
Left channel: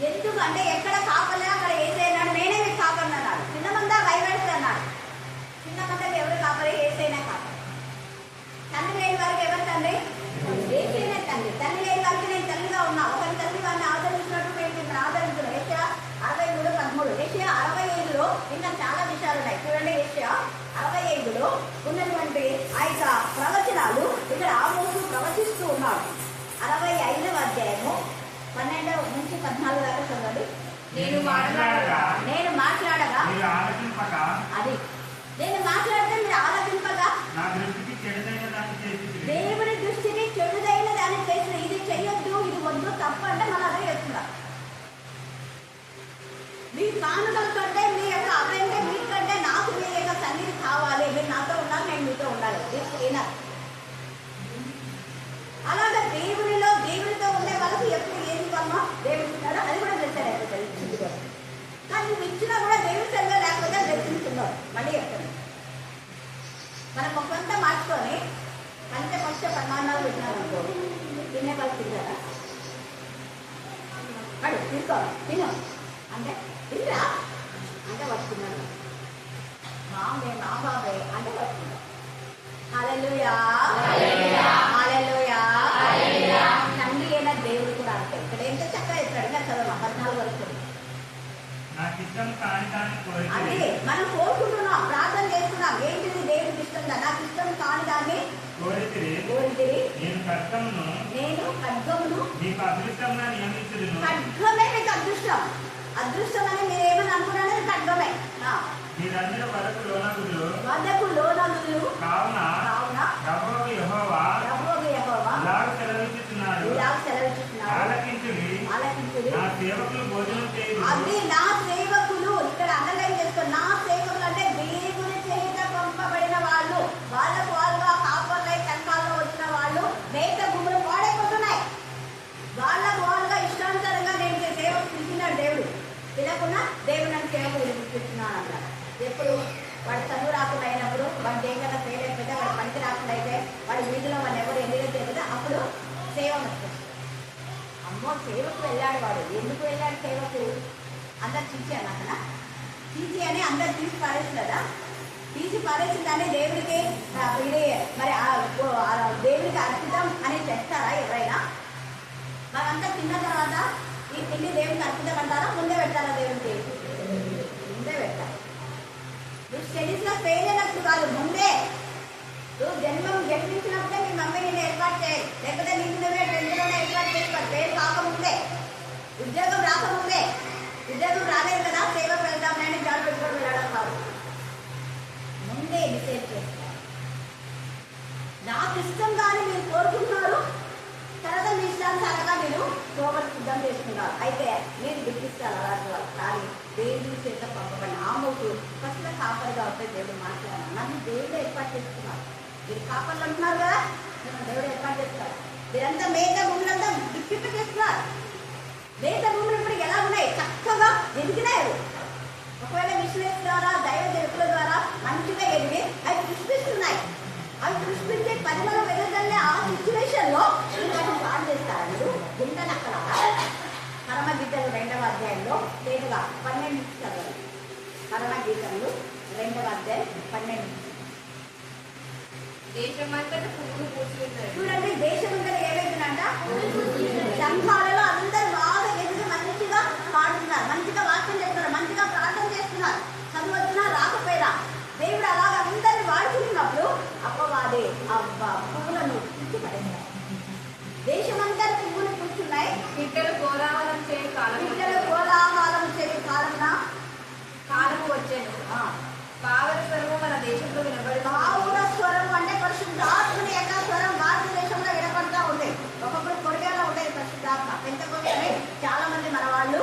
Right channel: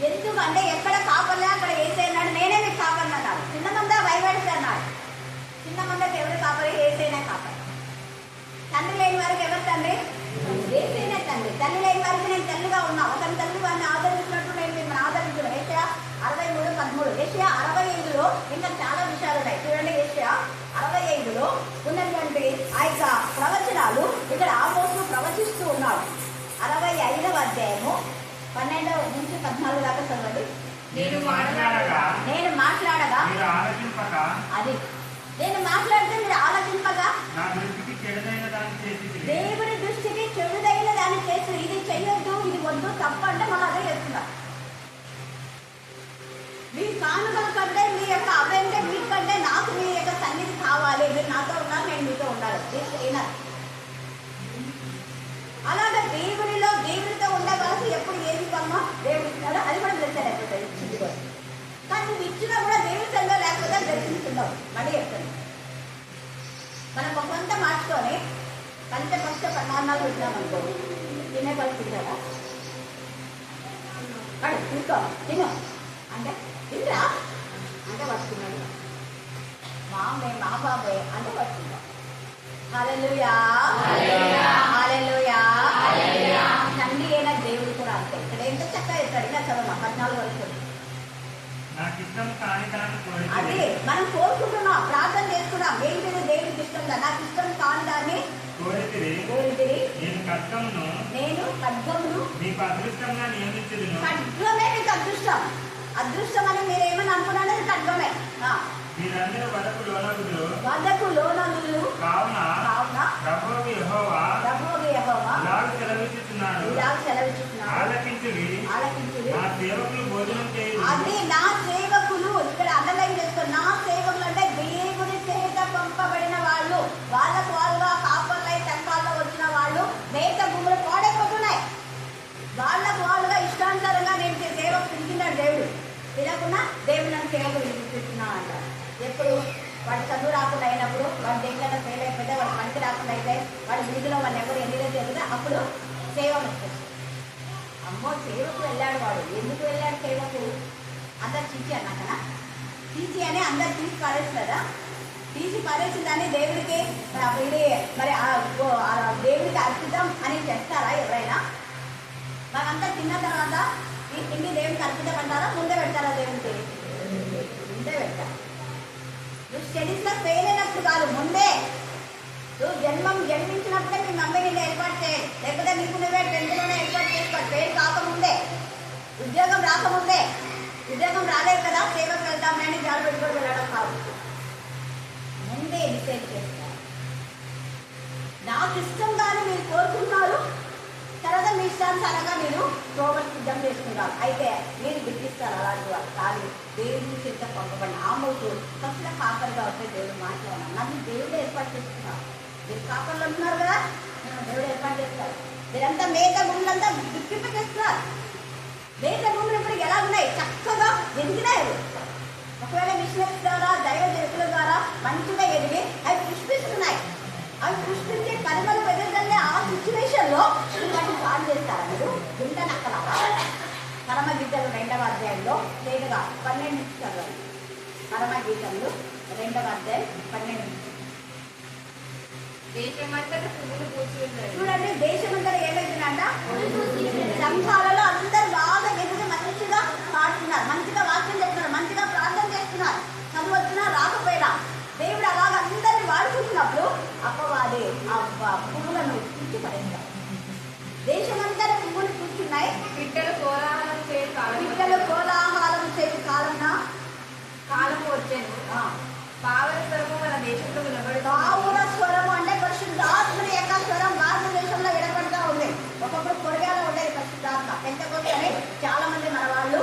ఎందుకంటే ఎక్కడ కాపర్లే అక్కడ ఏసైనాడు, నేనే మీకు కాపర్ని అన్నాడు. చిన్న మంద వైవేడితే అన్నాడు. చిన్న మందకి ఎవరు కాపరి? ఏసైనా కాపరి. తండ్రి లేని వారికి ఎవరు తండ్రి? ఏసైనా తండ్రి. తల్లి లేని వారికి నేను తల్లిగా ఉన్నా. ఒకరి తల్లి వారిని ఆదరించినట్టు నేను మిమ్మల్ని ఆదరించడం. ఏషియా 63:13. ఏషియా 65లో ఇంకా చాలా విషయాలు ఉన్నాయి. చూడండి, ఏషియా 65లో ఉన్నటువంటి ఆ యొక్క ప్రవచనాలు ఇక్కడ ఆమోసు ప్రవచిస్తూ ఉన్నాడు. 65వ అధ్యాయము 12 నుంచి 14 దాకా చదవండి. నేను మాట్లాడగా అది నేను మాట్లాడితే మీరు ఆలోచింపగా దేవుడి దృష్టికి చెడుదైన దాన్ని చేసిన. ఇది చెయ్యొద్దు, ఇది వద్దు, తప్పు అంటే మనం అదే చేస్తున్నారు. మీ కానుకల కంటే మీ యొక్క అవేంటే మీకంటే నాకు మీ యొక్క సన్నిధి కావాలి. మీరు నాతో ఉన్నారు, నేను మీతో ఉండాలి. అలాగే దేవునితో ఉండే వాళ్ళకి ఎప్పుడు ఏది ఇవ్వమ్మా దేవుడు ఇస్తాడో అది కూడా దర్శనం అయిపోతుంది. ఇచ్చింది కూడా, కానీ నువ్వు ఇచ్చినా కూడా దేవుడి సంగా లేకపోతే దర్శించుకున్నావు. మళ్ళీ చెప్తాను, మనం కొంత మార్చుకొని పంచపక్ష పరిమాణాలు పెట్టినాం అనుకో, తినే పరిస్థితి కదా. అడు తీసుకో, తిను అంటే తింటా అంటే వస్తున్నాడు. మా బాబే అంటే వస్తుందా. హల్లెలూయా, హల్లెలూయా. తండ్రి అయిన దేవుడు కూడా అంతే. ఇక్కడ ఎంత చక్కగా ఇస్తాడు. ఇంకా చదవ 14 వరకు. అదే మనం కోరుకుంటున్నాం, ప్రార్థన చేస్తున్నాం. ఏంటిది? దేవుడికి ఇష్టం. నాకు ఇష్టం కాని దాన్ని కోరితిరి. నేను ఖడ్గమును. ఖడ్గమే మీకు అదృష్టం. అదృష్టం అని మీరు ఏమని అనుకున్నారో ఖడ్గమే. వదకు లోనగులు కావున ప్రభువు యెహోవా అది నా సేవకులు. ఇక్కడ అండర్లైన్ చేసుకోండి. నా సేవకులు అంటే దేవుని చేత పంపబడిన వాళ్ళు. వాళ్ళకు వాళ్ళుగా కాపర్లై టెంకాల్లో వచ్చిన వాళ్ళు వాళ్ళు మేక భూములు పాడైపోతున్నాయి. వాళ్ళుగా ఇష్టానుసారంగా నేను సేవకు పిలిచినాడు దేవుడు. పిలకుండా దేవుడు నన్ను సేవకు పిలిపిస్తున్నా అంటారు. ఎప్పుడు వాడు చదువు రాకుండా అయినప్పుడు, వాడు దేనికన్నా ఫెయిల్ అయిపోతే, వాడు పనికి రాకుండా అయితే, వాడి వీధిలో వాళ్ళు ఎవరు ఎన్నికైతే చెబుతా అప్పుడు సేవ వచ్చేస్తుంది. అమ్మో సేవకు వెళ్ళాడు వాడు. ఎందుకు వెళ్ళాడు సేవకు? అందరు చీచి అన్నాకనా? చీచి అని అందరు తీసి పారేసి కదా. తీసి పారేసిన దాన్ని దేవుడికి ఇది మరి దేవుడికి అర్పితం అని చేస్తారా ఎవరైనా? మనంతా తిన్న తర్వాత ఈ తిండి దేవుడికి అర్పితం అంటారా? ముందే పెడతారా దేవుడికి? ముందే పెడతారు. నువ్వు స్టడీస్ లో ఫెయిల్ అయినప్పుడు కాదు, ముందే. నువ్వు జన్మించినప్పుడే మీ మమ్మీ నిన్ను ఏర్పాటు చేయాలి. లేకపోతే నీకు నువ్వే 10th లోనే ఏర్పాటు చేసుకో. ఫెయిల్ కాకముందే, ఉద్యోగం రాకముందే. ఉద్యోగం రాలేదు కదా సేవకు వెళ్తాం నేను జాబ్ పెట్టుకొని వెళ్ళడం కాదు, ముందే డిసైడ్ చేస్తున్నారు. నాకు ఇష్టం కానీ మీరు కోరుకుంటున్నారు, తర్వాత మీ ఇష్టానుసారంగా మీరు ప్రోగ్రాం సిద్ధం చేసుకున్నారు. అయితే మీరు గుర్తిస్తారు అలాంటి వాళ్ళు. కానీ దేవుడి చేత పంపబడిన ఆమోటు ఫస్ట్ కాపరిగా ఉంటే దేవుడు మాట్లాడాను. నన్ను దేవుడు ఏర్పాటు చేసుకున్నారు. మీరు కాపర్లు అంటున్నారు కదా, దేవుడు ఏర్పాటు చేస్తున్నారు. మీరంతా మేక భూములంతా దిక్కింపచేస్తున్నారు. మేక భూములు ఇప్పుడు ఎలా ఉన్నాయి? చక్కగా ఎదిగినాయి. ఒకవేళ మిషనరీస్ ద్వారా, దైవ జరుపుల ద్వారా మంచిగా ఎదిగి అవి పుష్పిస్తున్నాయి. అవి పుష్పించే పరిమళం ఎదుగుదలే. ఆ సిచ్యువేషన్ లో వాటిని పాడు చేస్తారా మీరు? గుంట నక్కలాగా. పరమగీతలు 2వ అధ్యాయంలో నేరుగా 12 చదవాలి. పరమగీతలు 2వ అధ్యాయం 12. దేశమంతటా పువ్వులు పూస్తున్నాయి. చూడండి, దేశమంతటా ఏమైతుందంట? సంఘాలలో అందరూ బాగా ఎదుగు మంచిగా పాడుతున్నారు, మంచిగా వాక్యం చెప్తున్నారు, మంచిగా ప్రార్థన చేస్తున్నారు. చదువు వచ్చినా రాకపోయినా దేవుడు అలాగ అందరిని వాడుకుంటున్నప్పుడు అప్పవాది ఆ పువ్వులను పిచ్చి పడేస్తారు. దేశమంతా పువ్వులు కూర్చున్నాయి. పిట్టలు కోలాహలం చేయ కాలం, పిట్టలు కోలాహలం చేయు కాలము వచ్చాను. పావుల స్వరము మన దేశంలో వినబడి, పావుల స్వరము అంటే పరిశుద్ధాత్మని యొక్క స్వరం భారతదేశంలో వినపడుతూ ఉంది. ఒకప్పుడు కొరగాలో ఉండేది పరిశుద్ధాత్మ. పెంతకోస్తు అని చాలా మంది మన వాళ్ళు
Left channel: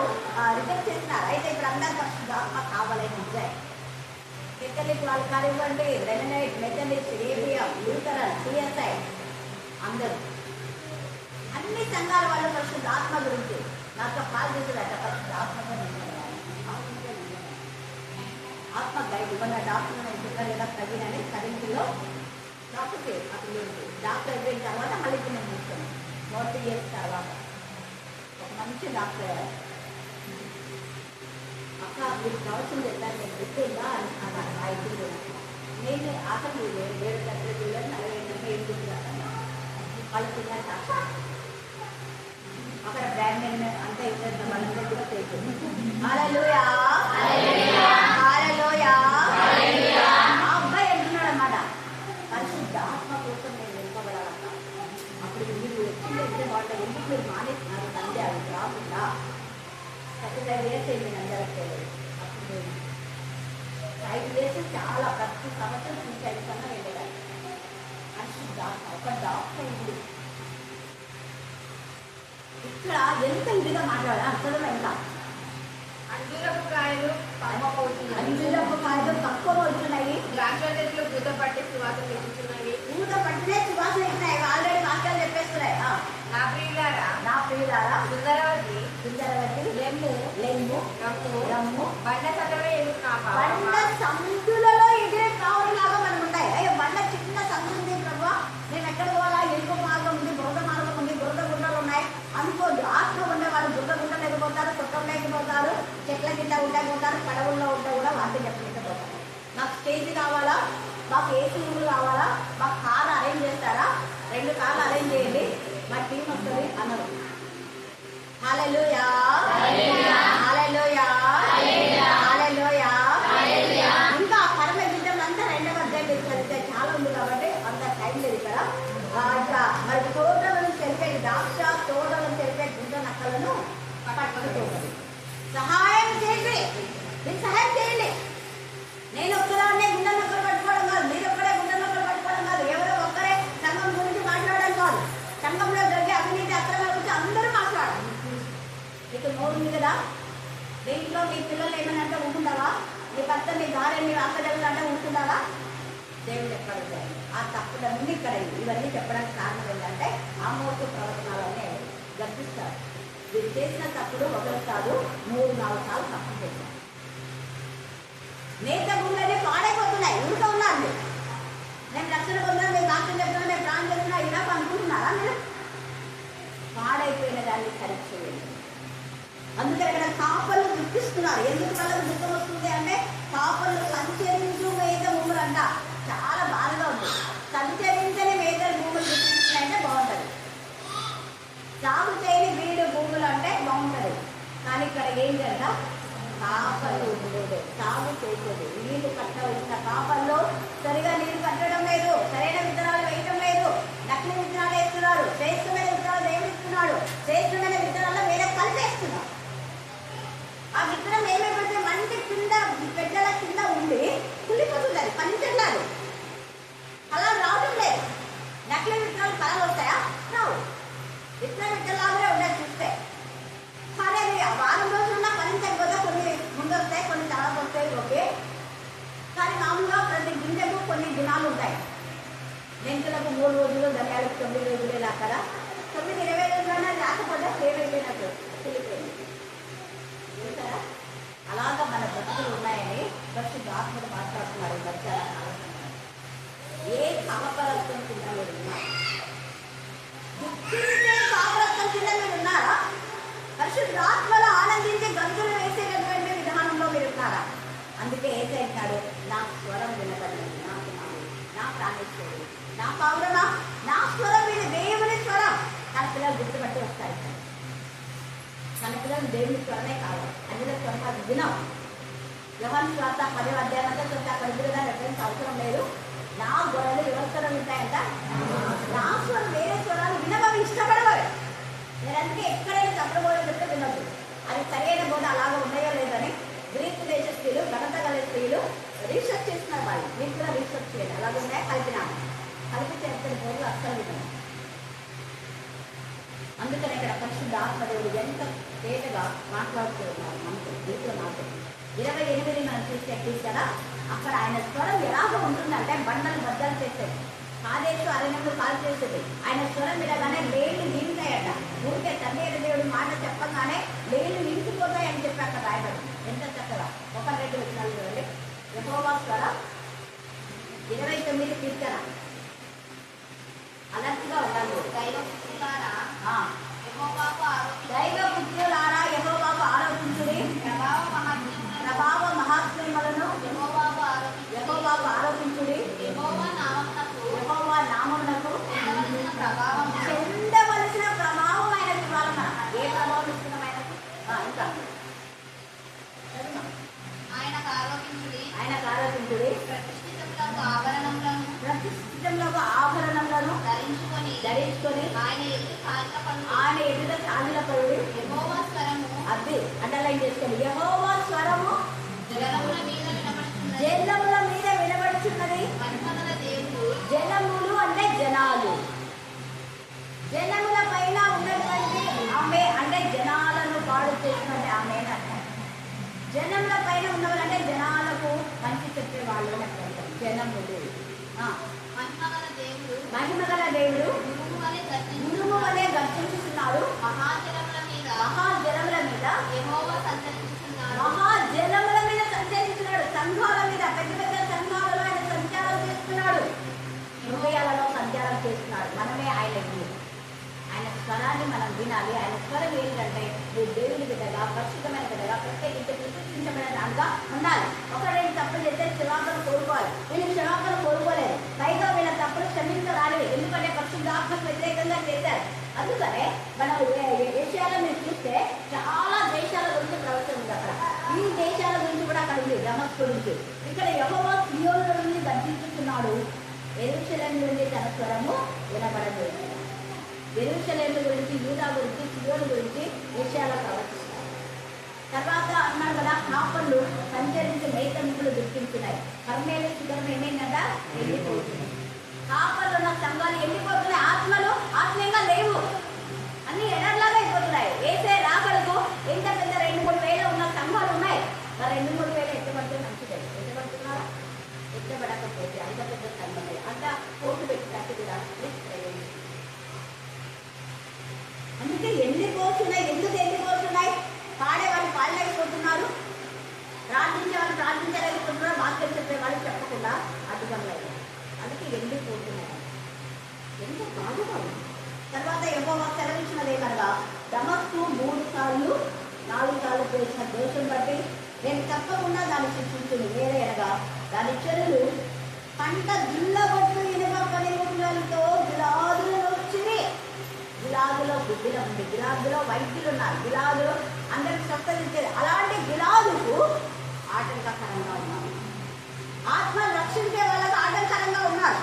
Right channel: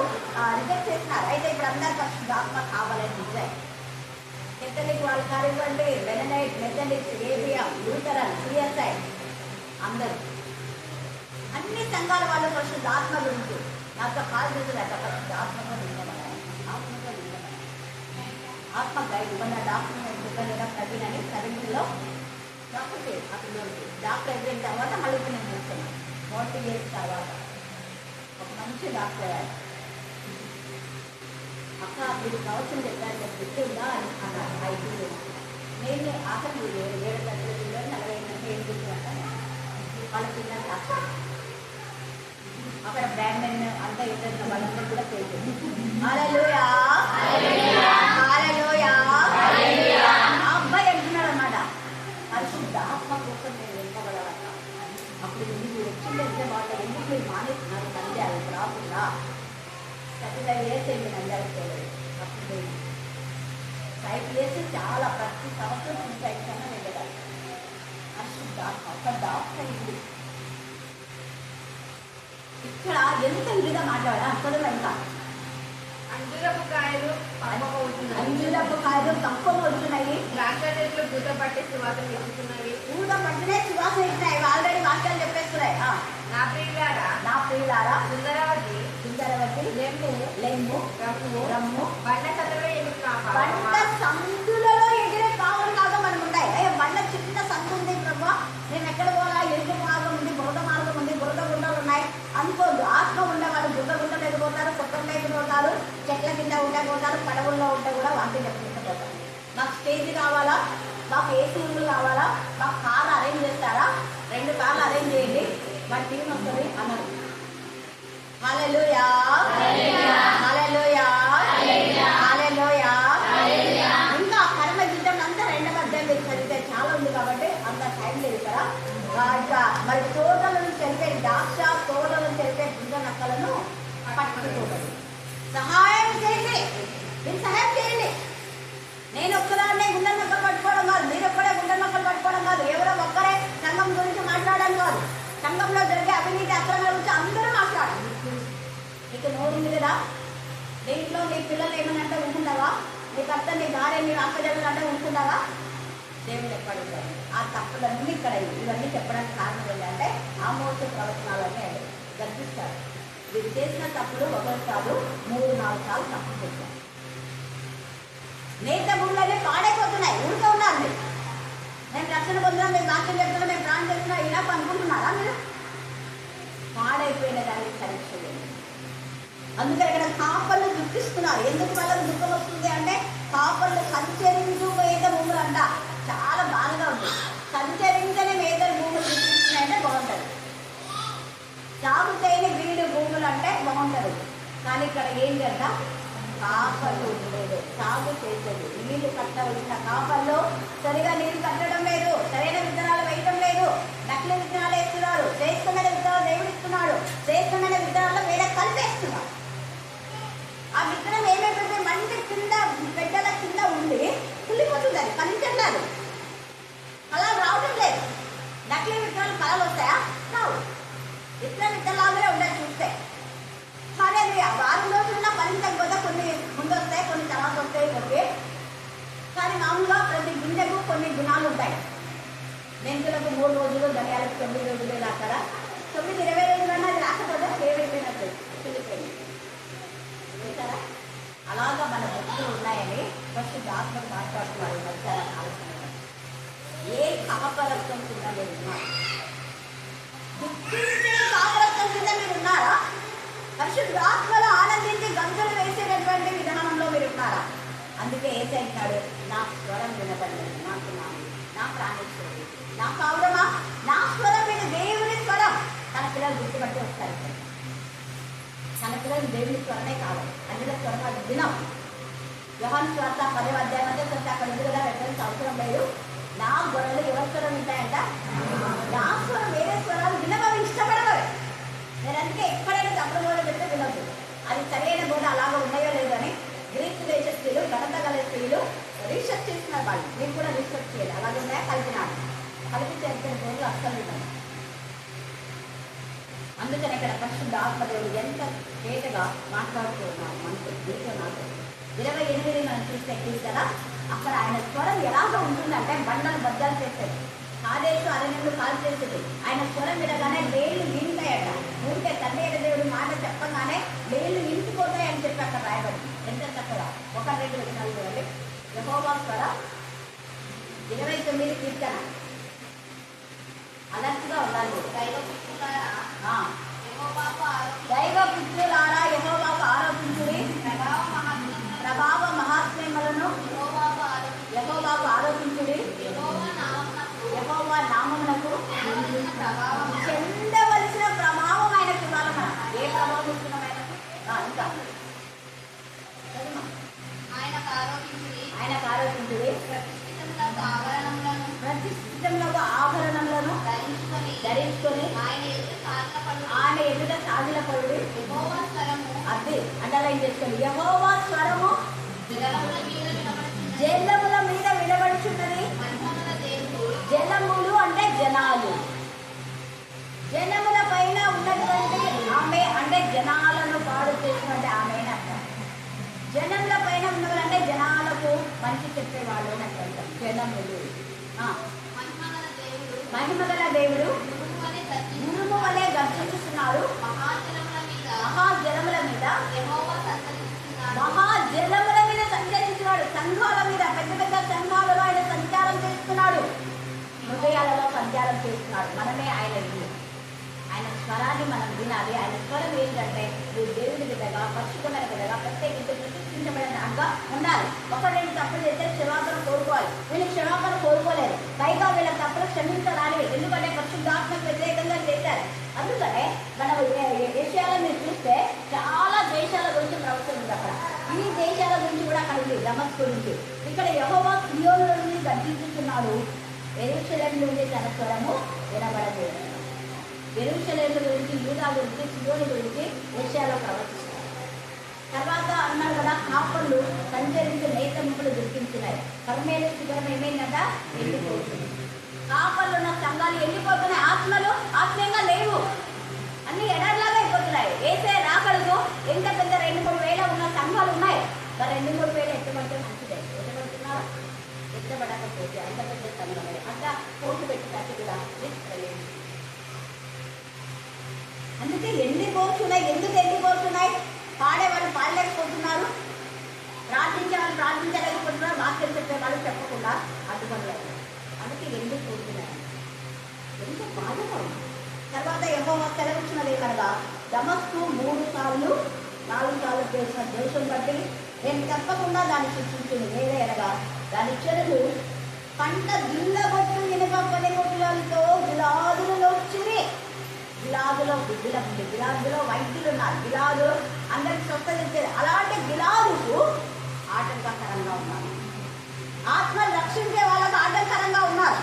రిజెక్ట్ చేసినారు. అయితే ఇప్పుడు అందరు పరిశుద్ధాత్మ కావాలని నిజాయి. కెథలిక్ వాళ్ళు కానివ్వండి, Mennonite, Methodist, ABM, Lutheran, CSI అందరూ అన్ని సంఘాల వాళ్ళు పరిశుద్ధాత్మ గురించి నాతో కాల్ చేసేదట. పరిశుద్ధాత్మగా నిలబడాలి, ఆత్మ గైడ్ ఇవ్వన్న డాక్టర్ నేను చెప్పాను కదా, ప్రవీణ్ అని 7th లో డాక్టర్ అప్పుడు డాక్టర్ అయిపోయిన తర్వాత మళ్ళీ ఇప్పుడు నేను చూస్తున్నాను. 40 years తర్వాత ఒక మంచి డాక్టర్ అయ్యారు. అక్క మీరు కావాల్సింది చెప్పారు, నేను గుర్తుందా అని అన్నారు. అయితే నేను అసలు 7 గంటల 48 వాళ్ళ పిల్లలు సాక్షి అక్కడ బ్రాండ్ నేను అంతా ఇద్దరు వాళ్ళందరూ కూడా పే చేసి హల్లెలూయా హల్లెలూయా ఆ అబ్బాయి అంటున్నాడు అన్నమాట, పరిశుద్ధ ఆత్మ కోసం నేను నింపబడాలన్న. అప్పుడు మీరు వచ్చిందంటే బాగుంటుంది, ఎందుకు మీరు మానేస్తున్నారు నంది అది రాకుండా? 35 years అయింది నంద్యాల చేయలేదు. అప్పుడు 5 years చాలా ప్రతి సంవత్సరం 5 కన్నా వెళ్ళేదాన్ని. పరిశుద్ధ ఆత్మ ఒక డాక్టర్ అయింది. ఇక్కడ ఎంత ఇదిగా మాట్లాడా అక్కడ ఎంత అంజూరపు కాయలు పంపమవుతున్నాయి, అంజూరపు కాయలు పంపమవుతున్నాయి, ద్రాక్ష చెట్లు పూత పట్టి సువాసన ఇస్తున్నాయి, పూత పట్టినే సువాసన ఇస్తున్నాయి. ఆల్రెడీ వాక్యాలు చెప్పేస్తున్నాయి. నా ప్రియులారా, నా ప్రియులారా, సుందరవతి, లెమ్ము, రమ్ము, బండ సందులో ఎదురు బండ సందులలో ఎగిరే కావలాగా మనం ఉన్నాయి. అయ్యో బండ చిన్న సందు ఉంది ప్రభా, నేను ఎక్కడ పోవాలా? ఎరుపు మార్గం ఉంది, బురద మార్గం ఉంది, బురద గుండలు ఉన్నాయి అనుకోద్దు. ఆత్మ ఉండేవాడు బురద గుండలు ఎదిపోతారు, కుట్రలు ఎదిపోతారు, చెట్ల కింద ఉంటే పోతారు, పడవుల్లో ఉంటే కూడా వాక్యం చెప్పలేకపోతారు. మాకు స్టేజ్ కావాలా, మాకు ఏసీ రూములు కావాలా, మాకు కార్లు అరేంజ్ చేస్తారా? 2 కార్లు అరేంజ్ చేయండి, మా టీం వస్తుంది అన్నారు. హల్లెలూయా హల్లెలూయా హల్లెలూయా. ఇంకా పరమ గీతం అంతా 2వ అధ్యాయం మీరు చదివితే చాలా ఉంది కాబట్టి అంత టైం లేదు కదా. ఇంకా మరి తోటలను తెలిపే ద్రాక్ష తోటలను తెలిపే గుంట నక్కలను పట్టుకోవాలి. సహాయం చేయండి, మీరు సహాయం చేయండి. నేను ఒక్కదాన్నే గుండె నక్కలు పట్టుకోవడం కాదు, మీరు ఒక్కడే గుండె నక్కలు పట్టుకోవడం కాదు, ఎవరో ఒక్కరే సంఘం గురించి మాట్లాడడం కాదు. సంఘంలో జరిగే అవినీతి అక్రమాల గురించి అందరూ మాట్లాడాలి. నీకు నోరు ఉంది కదా, దీంట్లో నీ పిల్లలు ఏమైనా ఊరుకుంటావా? నీ భర్త నీ భార్య నీ అక్కడెళ్ళంటే ఊరుకుంటావా? దేవుడు ఎక్కడుంటాయి ఆ తప్పులన్నీ ఇక్కడ ఇవన్నీ చెప్పడానికి కారణం ఏంటంటే ఆమోసు ప్రవచనాలన్నీ అవి గర్భిస్తారు. వీరు చేసిన తప్పులు ఒకటి కాదు 3-4 సార్లు తప్పు చేశారు. నేత భూములన్నీ పాడైపోతున్నాయి. ఊరికే ఉన్నారు మీరు. మేము రక్షణ పొందుతున్నాం, మేము వాక్యం చెప్తున్నాం, మేము ప్రాణం చేస్తున్నాం, ఇలా అనుకుంటున్నారా మీరు? పాడైపోయిన దాన్ని సరిగ్గా చేయండి. అందుకని ఇక్కడ కాపర్లు దుఃఖిస్తున్నారు. ఎందుకు వాళ్ళకి దుఃఖం వస్తుంది అంటే కాపర్లు సంచరించు మేత భూములు అంట. చాలా బాధగా ఉంది. సంచరించని మేత భూములు చూపించినాయంటే బాగుంటుంది. సాగు చేయని వీడు భూములు అంటే బాగుంటుంది. కానీ ఇక్కడ ఏంటంట, కాపర్లు ఉండేది, సాగు చేసేది, నీళ్లు కట్టవలసిన కాపర్లు సరిగా నీళ్లు కట్టడం లేదు, సరైన విత్తనాలు వేయటం లేదు, నకిలీ విత్తనాలు వేస్తున్నారు. శ్రేష్టమైన విత్తనాలు దేవుడు ఇస్తున్నాడు, శ్రేష్టమైన విత్తనాలు వేరే కలిపేస్తున్నారు. ఆ విత్తనం ఏమైపోతే మంచి కింద పెద్దల కింద ఉండి కుళ్ళిపోతుంది, అది పనిచెందాలి. అలా రావటం లేదు. నకిలీ విత్తనాలు ఫలాలు వస్తాయా? రావు. విత్తనం విత్తనాలుగా ఉండాలి చూస్తే. కానీ అవి వారం రోజులున్నా ఫలించకపోతే కొన్ని ముందు వస్తాయి, కొన్ని తర్వాత వస్తాయి. ఓకే, కానీ మామూలుగా ప్రతి గింజకు కొన్ని దినాలు ఉంటాయి. మెంతులకు 3 రోజులు, ధనియాలకు 9 రోజులు, ఇలా అక్కడ 9-20 రోజులన్నా అది రాకపోతే ఏమైపోయినట్టు వెళ్ళిపోయింది. చూసారా? అలాగా మన భక్తులు ఉన్నాయని ఫస్ట్ ఆత్మలు మాట్లాడుతున్నారు. చాలా ఆలోచన ఏ కాపరత్వం కింద మీరు ఉన్నారు? దుఃఖించే కాపరత్వం కింద మీరు ఉన్నారా? పరిశుద్ధ ఆత్మలో ఆనందించి గంతులు వేసేటటువంటి విధానంలో మీరు ఉన్నారా? అందుకే ఏసైనాడు, నా స్వరం వినపడలేదు, నాకు నా ప్రాణేశ్వరుడు, నా పౌరమా, నా స్వరం విని దేవుని స్వరం. తన పిల్లలు గుర్తుపట్టి వస్తాయి. తన పిల్లలు దేవుని స్వరమే కాదు, అందులో స్వరం అది వినం. యోహాను సువార్త 10వ అధ్యాయం అంటే కొంత అక్కడ ఉంది కదా, రెఫరెన్స్ అవసరం లేదు. నా గొడవలు ఎవరి స్వరం వింటాయంట? నా స్వరం, వేరే స్వరాలు వినవవి, ఇష్టపడవవి. నేను అందుకే ఎక్కడైనా తప్పుడు బోధ చెప్తే వినొద్దు. అది సరైన బోధ అలాగా ఉన్నాయో లేదని గ్రీక్ దేశ స్త్రీలు, ఘనత గల స్త్రీలు రీసెర్చ్ చేస్తున్నారు. వాళ్ళు మీరు కూడా రీసెర్చ్ చేయాలి. అలాగే ఉన్నాయా? కలిపినాడు, కలిపి చేసిన బోధలు అస్సలు విన్నాను. అందుకని ఇక్కడ పరిశుద్ధ ఆత్మదేవుడు ఎంత తేటగా మాట్లాడుతూ ఉన్నారు మనకు, నీతో నాకు. 28 మనం చూస్తే కదా, అక్కడ ఆయన స్వరం ఎలాగ ఉంటుందంటే బండలు బద్దలు చేసేది, కాదేశు అరణ్యంలో కాల్ చేసేది. ఆయన స్వరం వినగానే లేళ్లు నింటాయట. ఊరికే తండ్రి అయిన దేవుడు మాట చెప్పగానే లేళ్లు నింపిపోతాయని చెప్పి అక్కడ రాయబడి ఎంత చక్కగా 1-2 వచనాలు చూడండి. యెహోవా స్వరం 29 కీర్తన. అలర్ట్గా ఉండాలి. దైవ పుత్రులారా యెహోవాకు ఆరోపించుడి, ప్రభావ మహాత్మ్యములను యెహోవాకు ఆరోపించుడి, యెహోవా నామమునకు చెందవలసిన ప్రభావమైన ఇవ్వాలి. మనం ఏ ప్రభావం ఇస్తున్నాం ఆయనకు? ఇంకా ఆయనకు ఆరోపించుడి, ప్రతిష్ఠితంలో ఆభరణములను ధరించుకొని ఆయన ఎదుట సాగిలపరుడి. అది అండర్లైన్ చేసుకోండి. యెహోవా స్వరము జలముల మీద వినబడుచున్నది. జలములు అంటే జనాలు, జనముల పైన ఉన్నటువంటి ఆమె అంటే జనాలను పాడు చేసినట్టు ఆమె అర్థం. జనముల పైన ఉన్నవారంటే జనాలకు మంచి చెప్పేవాళ్ళు అని అర్థం. జనములు మహిమగల దేవుడు ఉరుము వలె గర్జించుతున్నాడు. మహాజలముల మీద సంచరిస్తున్నాడు. సంఘాల మీద, పెద్ద పెద్ద సంఘాలలో ఆయన సంచారం చేస్తున్నాడు. హృదయాలలో సంచారం చేస్తున్నాడు. మనమే ఆయన స్వరాన్ని మనం వినాలి. ఆయన స్వరం ఏంటంటే నువ్వు దేవుని బిడ్డగా, పరిశుద్ధమైన బిడ్డగా, ప్రత్యేకించి ప్రతిష్ఠించబడిన దానిగా ఉండాలి. ఒకవేళ తప్పులు చేస్తే క్షమాపణ కోరుకోవాలి. వీళ్ళు క్షమాపణ కోరుకోలేదు, పైగా వీళ్ళ తప్పులు క్షమించరానివి. ఎందుకంటే పరిశుద్ధాత్మకు వ్యతిరేకంగా చేశారు. అందుకనే మనం ఏషియాలో మీరు చూస్తే చాలా దేశాల గురించి ప్రవచనం ఉంది. అక్కడ ఈ దేశాల గురించి కూడా అక్కడ ఉంది, దమస్కు గురించి. ఇక్కడ యెహోవా సియోను నుండి గర్జించుతున్నాడు, యెరూషలేము నుండి తన స్వరము వినబడలేదు. యెరూషలేము గురించి, యూదా గురించి, సియోను గురించి ఏషియాలో ప్రవచిస్తారు. తర్వాత అన్నారు కదా, కాపర్లు సంచరించి మేతములు దుఃఖించినాయి. కర్మేలు శిఖరం ఏమైందంట? ఎండిపోతుంది. కాపర్లు ఉన్న సంఘాలు ఎండిపోతున్నాయి. ఆత్మలు ఆత్మీయంగా లేవు, అన్ని ఎడర్లాగా అయిపోతున్నాయి. వేసే రాకలకు ఎంత పెద్ద 2-3 వేల ఉన్న సంఘాలు ఉన్నాయి. 2-3 వేలు ఎత్తబడితే మంచిదే. ఎత్తబడుతున్నారా? ఎత్తబడకపోతే అంత పెద్ద సంఘమే, అంత అందుకే ఎండిపోతున్నాయి. ఎందుకు ఎండిపోతున్నాయి? పాడేవాళ్ళు పాడలేకపోతున్నారు, ప్రార్థించే వాళ్ళు ప్రార్థించలేకపోతున్నారు, వాక్యం చెప్పే వాళ్ళు చెప్పకుండా అడ్డుపడలేదు. అందుకే ఎండిపోతున్నాయి. ఎంత బాధగా ఉంది. తర్వాత యెహోవా సెలవిచ్చినది ఏమనగా, దమస్కు 3 సార్లు 4 సార్లు చేసిన దోషం బట్టి నేను తప్పకుండా దాన్ని శిక్షించును. వేరే అనగా దాని చెరులు పంట గిల్లబొట్టు ఇనుప పనిముట్లతో గిలాదులలో వచ్చింది. గిలాదులో గుడ్డుల ఉంది, గిలాదులో వైద్యులు ఉన్నారు, గిలాదులో అందరికి స్వస్థత ఇచ్చేది. అలాంటి గిలాదుకు ఆటంకకరంగా ఉన్నారు. ఆత్మను రక్షించే వాళ్ళకు ఆటంకరంగా ఉన్నారు.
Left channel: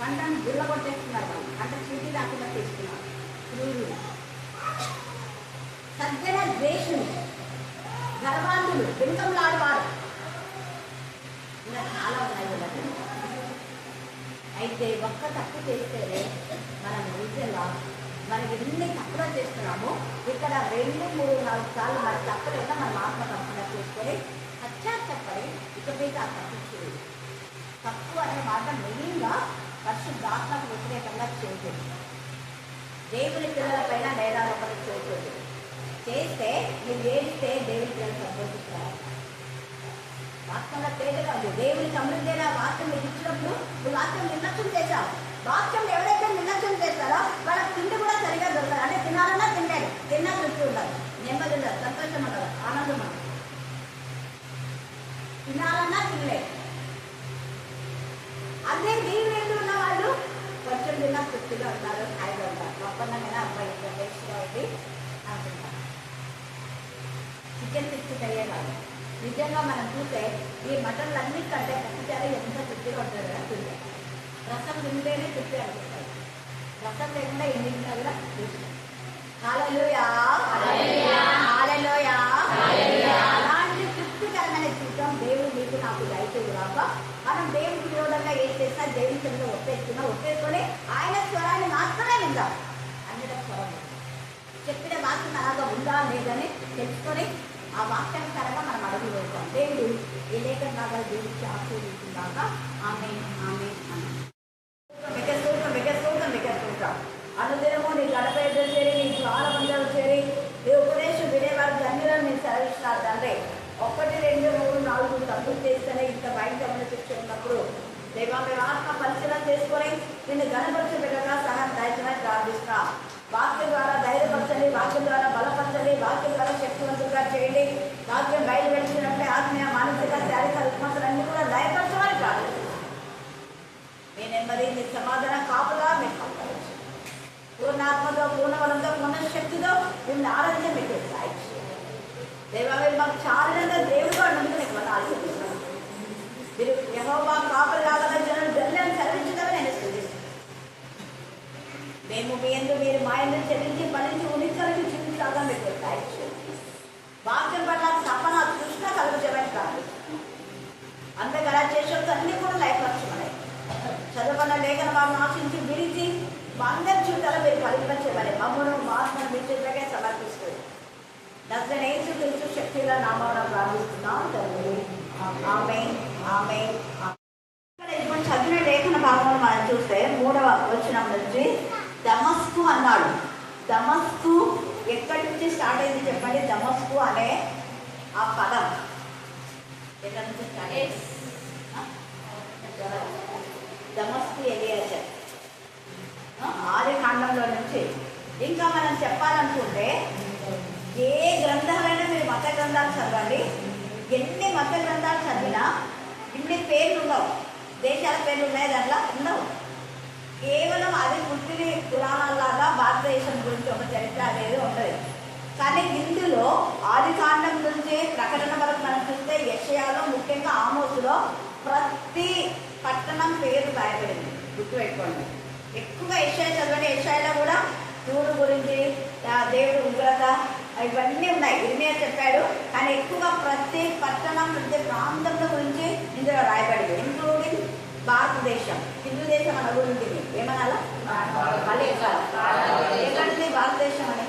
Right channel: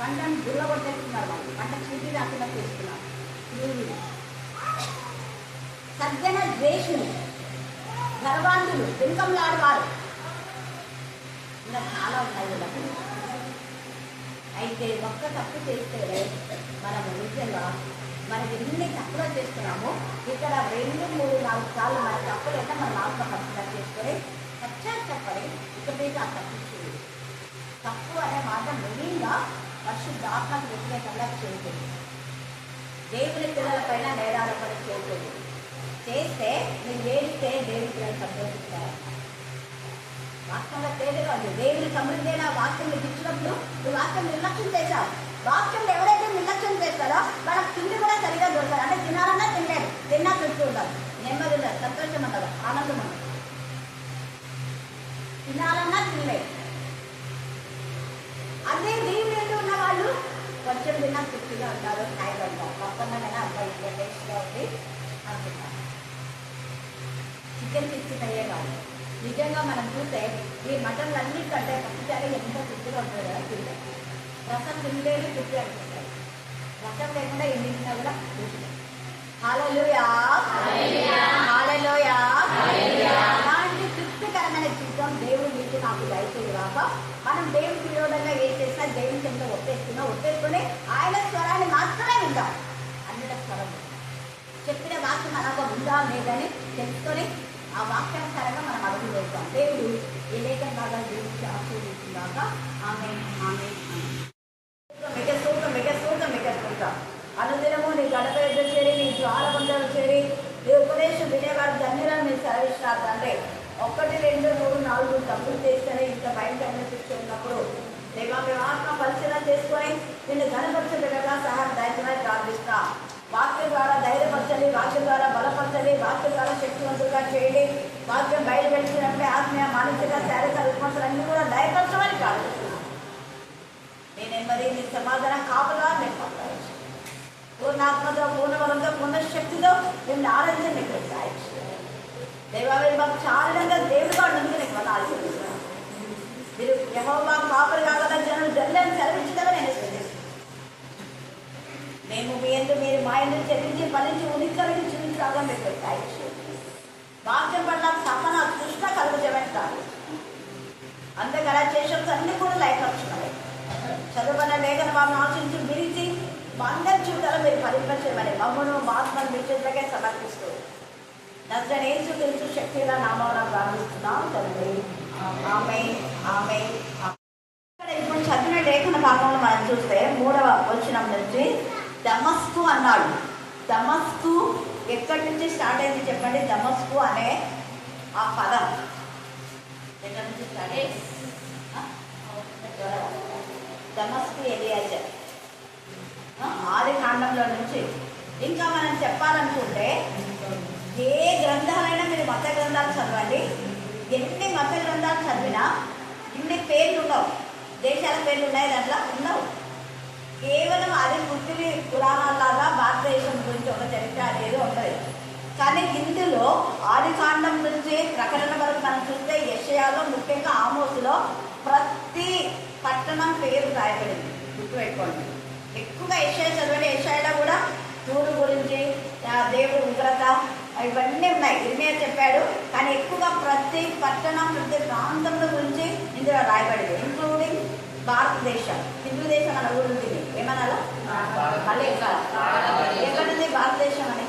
పంటను గుల్లగొట్టేస్తున్నారు, వాళ్ళు పంట చీటీ రాకుండా చేస్తున్నారు. క్రూరులు, సజ్జన ద్వేషులు, గర్వాంధులు, వెనుకంలాడవారు, ఇలా చాలా ఉన్నాయి వీళ్ళకి. అయితే ఒక్క తప్పు చేస్తేనే మనము నిజంగా మనం ఎన్ని తప్పులు చేస్తున్నామో ఇక్కడ 2, 3, 4 సార్లు మన తప్పులైనా మనం ఆత్మకర్షణ చేసుకొని పశ్చాత్తపడి ఇక మీద ఆ తప్పు చేయదు. తప్పు అనే మాట మెయిన్గా పరిశుద్ధాత్మకు వ్యతిరేకంగా చేయకూడదు. దేవుని పిల్లలపైన నేరారోపణ చేయకూడదు. చేస్తే నువ్వు ఏడిస్తే దేవుని పిల్లలు సంతోషిస్తారు. వాక్యంలో తేలిగా ఉంది. దేవుని సమృద్ధి అయిన వాక్యం నీకు ఇచ్చినప్పుడు నువ్వు వాక్యం నిర్లక్ష్యం చేశావు. వాక్యం ఎవరైతే నిర్లక్ష్యం చేస్తారో వాళ్ళకి తిండి కూడా సరిగా దొరకదు. అంటే తినాలన్నా తినలేదు, తిన్నా తృప్తి ఉండదు, నెమ్మది ఉండదు, సంతోషం ఉండదు, ఆనందం ఉండదు. తినాలన్నా తినలేదు. అదే దేవుని ఎందు ఉన్న వాళ్ళు కొంచెం తిన్నా తృప్తిగా ఉంటారు, హాయిగా ఉంటారు. గొప్పనైనా అబ్బాయి ఇంత టేస్ట్గా ఉంది అనుకుంటారు. చికెన్ 60 అయ్యే కాదు. నిజంగా మనం చూస్తే ఈ మటన్లు అన్నిటికంటే పచ్చిచారే ఎంత తృప్తిగా ఉంటుంది కదా తింటే. రసం తింటేనే తృప్తి అనిపిస్తాయి. రసం లేకుండా ఎన్ని తిన్నా కూడా తృప్తి. హల్లెలూయా, హల్లెలూయా. అలాంటి తృప్తికరమైన జీవితం దేవుడు మీకు నాకు దయచేది కాక మనం దేవుడికి విరోధంగా ఏం చేసినా దేవుని కింద ఒట్టేసుకొని ఆయన స్వరాన్ని మాత్రమే వింటాం. అన్నిట స్వరం చెప్పిన వాక్యం అలాగా ఉందా లేదని తెలుసుకొని ఆ వాక్యానుసారంగా మనం అడుగు వేస్తాం. దేవుడు ఏ లేఖంగా దేవుడికి ఆశీర్వదించుగాక. ఆమె ఆమె మిగసూతం అనుదినము నీ గడప ఎదురు చేరి, నీ ద్వార బంధాలు చేరి, నీ ఉపదేశం వినేవారు ధన్యులను నీ సెలవిస్తున్నారు తండ్రి. 1, 2, 3, 4 తప్పులు చేస్తేనే ఇంత భయంకరమైన శిక్ష ఉన్నప్పుడు దేవా మేము ఆత్మ పరిశీలన చేసుకొని నిన్ను గణపరచబెట్టగా సహాయం దయచేయమని ప్రార్థిస్తున్నా. వాక్యం ద్వారా ధైర్యపరచండి, వాక్యం ద్వారా బలపరచండి, వాక్యం ద్వారా శక్తివంతులుగా చేయండి. వాక్యం బయలు వెలిచినప్పుడే ఆత్మీయ, మానసిక, శారీరక రుగ్మతలన్నీ కూడా దయపరచమని ప్రార్థిస్తున్నాను. మీ నెమ్మది, నీ సమాధానం కాపులా మేము పట్టవచ్చు. పూర్ణాత్మతో, పూర్ణబలంతో, పూర్ణ శక్తితో మిమ్మల్ని ఆరాధన మీకు సాయం చేయాలి. దేవా మీరు మాకు చాలంగా దేవుడిగా ఉన్నందుకు నీకు మనం ఆశీర్వదిస్తున్నాను. మీరు యెహోవా కాపరి కాగల జనం దండలను సెలవించగా నేను స్తుతిస్తున్నాను. మేము మీ యందు, మీరు మా యందు చెల్లించి ఫలించి ఉనికలకి చూపించాగా మీకు సాయం చేయాలి. వాక్యం పట్ల తపన, తృష్ణ కలుగుతామని ప్రార్థిస్తున్నాను. అంతగా చేసేది అన్ని కూడా లైఫ్స్తున్నాయి. చదువుకున్న లేఖన మాకు ఆశించి విరిచి మా అందరి జీవితాలు మీరు ఫలింపచేయమని మమ్మను మా ఆత్మను మీ చేతులకే సమర్పిస్తూ నజరేయుడైన యేసు క్రీస్తు శక్తిగల నామమున ప్రార్థిస్తున్నాం తండ్రి. ఆమేన్, ఆమేన్. ఇక్కడ ఇప్పుడు చదివిన లేఖన భాగంలో మనం చూస్తే 3వ వచనం నుంచి దమస్కు అన్నాడు. దమస్కు ఎక్కడి నుంచి స్టార్ట్ అయింది చెప్పండి? దమస్కు అనే ఆ పదం ఎక్కడి నుంచి స్టార్ట్ అయింది? దమస్కు ఎలియాజర్ ఆది కాండంలో నుంచి. ఇంకా మనం చెప్పాలనుకుంటే ఏ గ్రంథాలైనా మీరు మత గ్రంథాలు చదవండి, ఎన్ని మత గ్రంథాలు చదివినా ఇన్ని పేర్లు ఉండవు, దేశాల పేర్లు ఉన్నాయి దాంట్లో ఉండవు. కేవలం అది పుట్టిన పురాణాలాగా భారతదేశం గురించి ఒక చరిత్ర అనేది ఉంటుంది. కానీ ఇందులో ఆది కాండం నుంచి ప్రకటన వరకు మనం చూస్తే యెషయాలో, ముఖ్యంగా ఆమోసులో ప్రతి పట్టణం పేరు రాయబడింది. గుర్తుపెట్టుకోండి. ఎక్కువగా యెషయా చదవండి. యెషయాలో కూడా తూరు గురించి, దేవుడు ఉగ్రత, ఇవన్నీ ఉన్నాయి. ఇర్మియా చెప్పాడు. కానీ ఎక్కువగా ప్రతి పట్టణం, ప్రతి ప్రాంతంలో గురించి ఇందులో రాయబడింది, ఇంక్లూడింగ్ భారతదేశం. హిందూ దేశం అని కూడా ఉంటుంది. ఏమనాలా? మళ్ళీ ఎక్కడుంది భారతదేశం అని?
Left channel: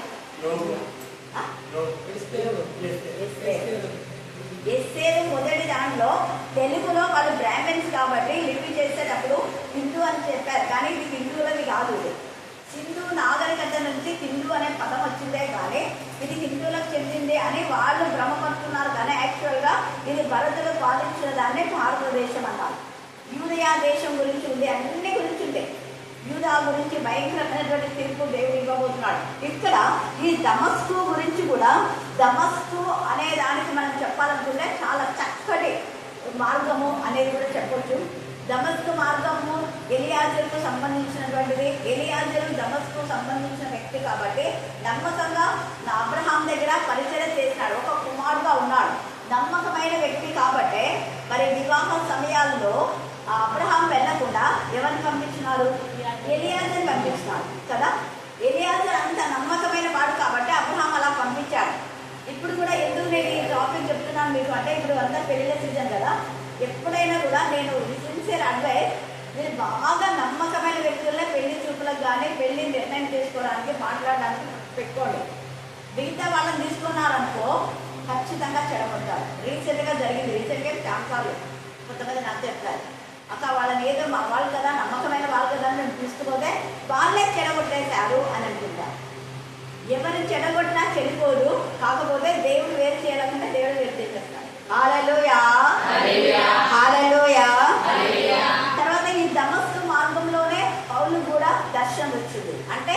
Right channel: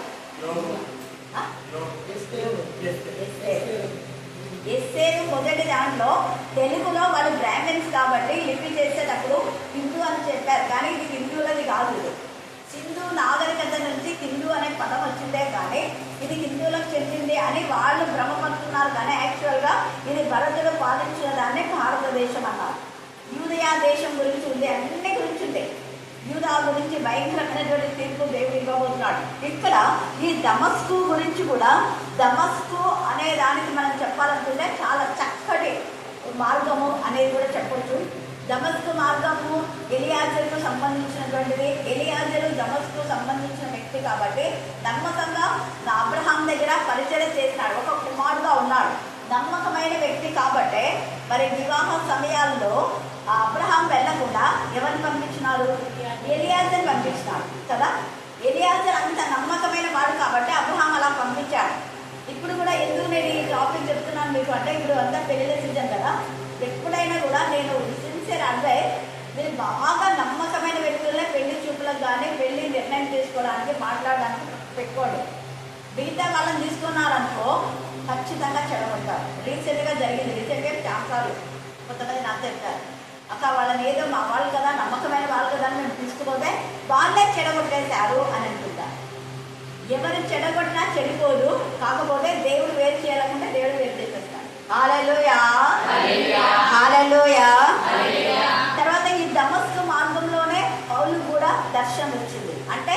ఎస్సేది మొదటి దాంట్లో తెలుగులో వాళ్ళు బ్రాహ్మణ్స్ కాబట్టి లిపి చేసేటప్పుడు హిందూ అని చెప్పారు. కానీ ఇది హిందువులది కాదు. సింధు నాగరికత హిందూ అనే పదం వచ్చిందే కానీ ఇది హిందువులకు చెందింది అని వాళ్ళు భ్రమపడుతున్నారు. కానీ యాక్చువల్గా ఇది భరతుడు పాలించిన దాన్నే భారతదేశం అన్నారు. యూదయా దేశం గురించి ఉంది, అన్ని గురించి ఉంది. యూదా గురించి భయంకరమైనటువంటి తీర్పు దేవుడు ఇవ్వబోతున్నాడు. ఇక్కడ ఈ దమస్కు గురించి కూడా, దమస్కు అనే దానికి మనం చెప్పాలనుకుంటే చాలా చక్కటి మార్గము అనేది కూడా చెప్పొచ్చు. దమస్కు మార్గము ఎలియాజరుకు సంబంధించినటువంటిది. ఎలియాజరు దమస్కు సంబంధించిన వ్యక్తి కాబట్టి నమ్మకంగా అబ్రహాం దగ్గర పరిచయం చేసినాడు, ఒక కుమారుడుగా ఉన్నాడు, నమ్మకమైన వ్యక్తి కాబట్టి మరి వివాహ సమయాల్లో అబ్రహాం వెళ్లకుండా ఎవరిని పంపించినారు? ఎలియాజర్ పంపించినాడు కదా. ఎలియాజర్ అంత నమ్మకమైన వాడు కాబట్టి అబ్రహాం అలా పంపించాడు. ఇప్పుడు కూడా ఎందుకు నేను ఈ టాపిక్ చెప్తున్నాను మీకు అంటే, ఇప్పుడు అంతా పెళ్లిళ్ళ సీజన్ కదా. ఎప్పుడైనా కూడా నేను సిన్సియర్ అడ్వైస్, మీరు బాగా నమ్మకమైన వ్యక్తులనే పెళ్లి చూపులకు కానీ పెళ్లి నిర్ణయం చేసుకోవడానికి మాట్లాడడానికి పెట్టుకోండి. మిగతా వాళ్ళని తీసుకున్నారనుకో ఖచ్చితంగా చెడగొట్టారు. రీసెంట్గా జరిగింది, రీసెంట్గా చాంకాలు కొంతమంది నాకు చెప్పారు, అక్క వాళ్ళని ఏదో మా వాళ్ళు కదా, నమ్మకమైన వాళ్ళు కదా అని మేము తీసుకుపోతే వాళ్ళే చెడగొట్టేశారు అని అనుకుంటారు. ఎవరు చెడగొట్టినా చెడిపోదు, కాకపోతే దేవుడు వేరు చేయాలనుకుంటే దేవుడు వేరు చేసేస్తాడు. హల్లెలూయా, హల్లెలూయా. తర్వాత ఈ దమస్కు మార్గంలోనే పౌలు కూడా దర్శనం వచ్చింది. అంటే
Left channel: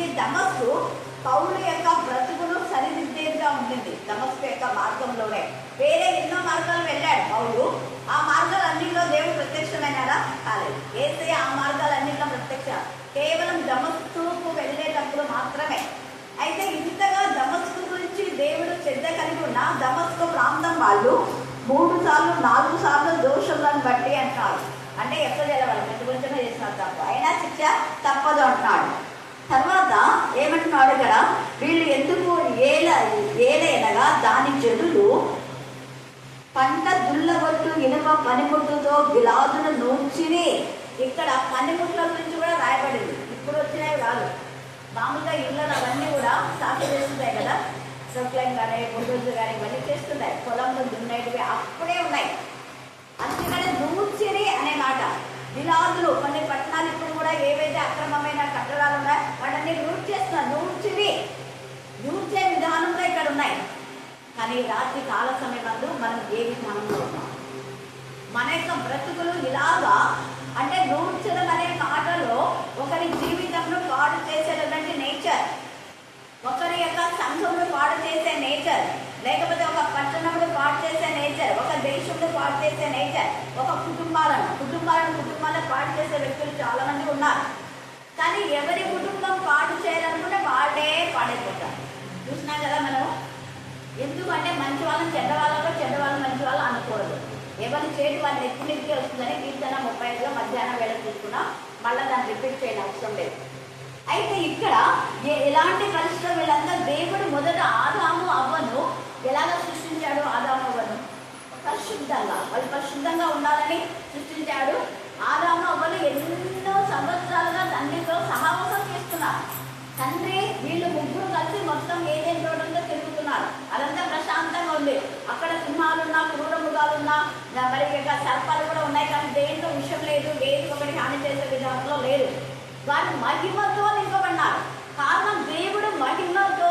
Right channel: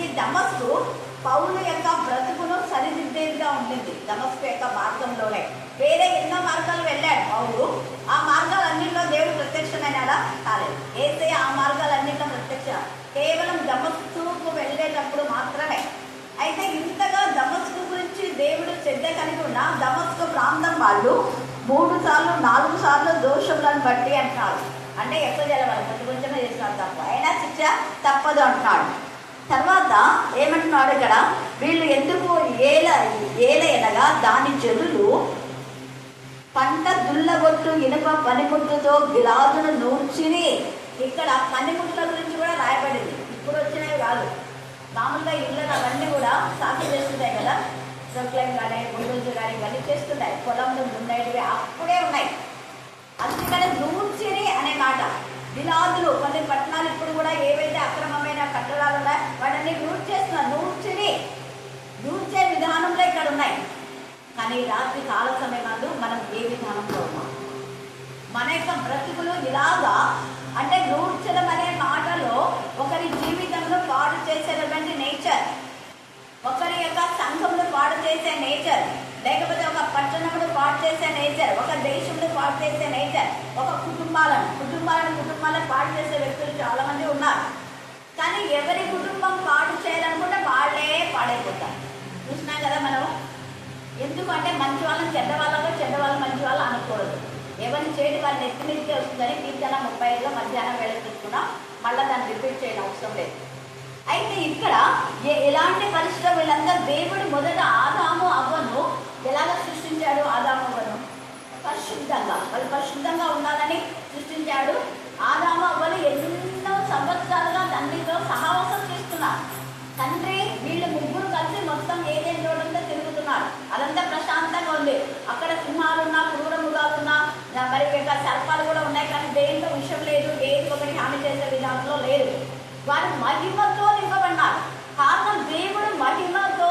ఈ దమస్కు పౌలు యొక్క బ్రతుకును సరిదిద్దేదిగా ఉండింది. దమస్కు యొక్క మార్గంలోనే వేరే ఎన్నో మార్గాలు వెళ్ళాడు పౌలు. ఆ మార్గాలన్నింటిలో దేవుడు ప్రత్యక్షమైనాడా? కాలేదు. యేసయ్య ఆ మార్గాలన్నింటిలో ప్రత్యక్ష కేవలం దమస్కుకు వెళ్ళేటప్పుడు మాత్రమే. అయితే ఇంతగా దమస్కు గురించి దేవుడు శ్రద్ధ కలిగి ఉన్న దమస్కు ప్రాంతం వాళ్ళు 3 సార్లు 4 సార్లు దోషులను బట్టి అంటున్నాడు. అంటే ఎక్కడ తెలవాలి, కొంచెం కొంచెమే చేసినాడు తప్ప, అయినా శిక్ష తప్పదు అంటున్నాడు. తర్వాత ఏమంటున్నాడు ఇక్కడ, వీళ్ళు ఎందుకు ఏలైనగా దాని జనులు పంట దుల్లగొట్టు ఇనుప పనిముట్టుతో గిలాదును నూర్చిని. ఇక్కడ పనిముట్ల గురించి కూడా రాయబడింది. ఇప్పుడు వచ్చినవి కాదు, మామూలుగా ఇళ్ళను అవన్నీ కూడా సాగు చేస్తున్నాయి కదా, సొక్లైన్ కానీ బుల్డోజ్ కానీ ఇవన్నీ చేస్తున్నాయి. పొలంలో దున్నేటివి అప్పుడే ఉన్నాయి. అందుకనే నూర్చిని అనే మాట. గిలాదులు కొన్ని పట్టణాలు ఇప్పుడు కూడా ఏవైతే అక్రమమైన కట్టడాలు ఉన్నాయో వాటిని నూర్చి చేస్తున్నారు. నూర్చే విధానంలో ఇక్కడ ఉన్నాయి. కానీ రాత్రి కాల సమయంలో మనం ఏ విధానంలో ఉన్నాం? మన యొక్క బ్రతుకులు ఇలాగా అంటే నూర్చడం అనే మాటలో ఒకరి జీవితంలో పాడు చేసేటువంటి నేచర్, ఒకరి యొక్క సంఘంలో పాడు చేసే నేచర్, లేకపోతే ఒక పట్టణంలో పాడు చేసే నేచర్, ఒక దేశంలో పాడు చేసే నేచర్, ఒక కుటుంబాలను పాడు చేసే వ్యక్తులు చాలా మంది ఉన్నారు. కానీ ఎవరి కుటుంబం పాడు చేయాలనుకుంటే వాళ్ళే పాడైపోతారు. చూసినా కదా మనం. ఎందుకంటే మంచి వాళ్ళని చెడ్డ వాళ్ళు మంచి వాళ్ళు అనకూడదు. ఎవరిని చేయడం వాళ్ళని ఎత్తిమిదికే వస్తుందని కీర్తన 35లో మధ్యాహ్నం వేళ చూసుకున్నాం. మళ్ళీ దాన్ని రిపీట్ చేయడం అవసరం లేదు. అయితే ఇక్కడ ఎలాంటి పరిస్థితులు వీళ్ళందరూ దేవుడు మొదట ఆదాము అవ్వను ఎలాగ సృష్టించాడు? ఆదాము అవ్వను పరిశుద్ధంగా, వాళ్ళు పరిశుద్ధంగా ఉండాలని సృష్టించాడు. ఆదాము అవ్వలు ఎన్నో సంవత్సరాలుగా తండ్రితో సహవాసం చేస్తున్నారు. తండ్రి వీళ్ళు ముగ్గురు కలిసి మొత్తం ఏదేం తోటంతో తిరుగుతున్నారు. అదంతా ప్రశాంతంగా ఉంది. అక్కడ సింహాలున్నా, క్రూర మృగాలున్నా, మరి సర్పాలు కూడా ఉన్నాయి. కానీ దేంట్లో విషయం లేదు, ఏది ఒకటి హాని చేసే విధానంలో లేదు. వారు మహిమతో నింపబడినారు. కారణం దేవుడు మహిమతో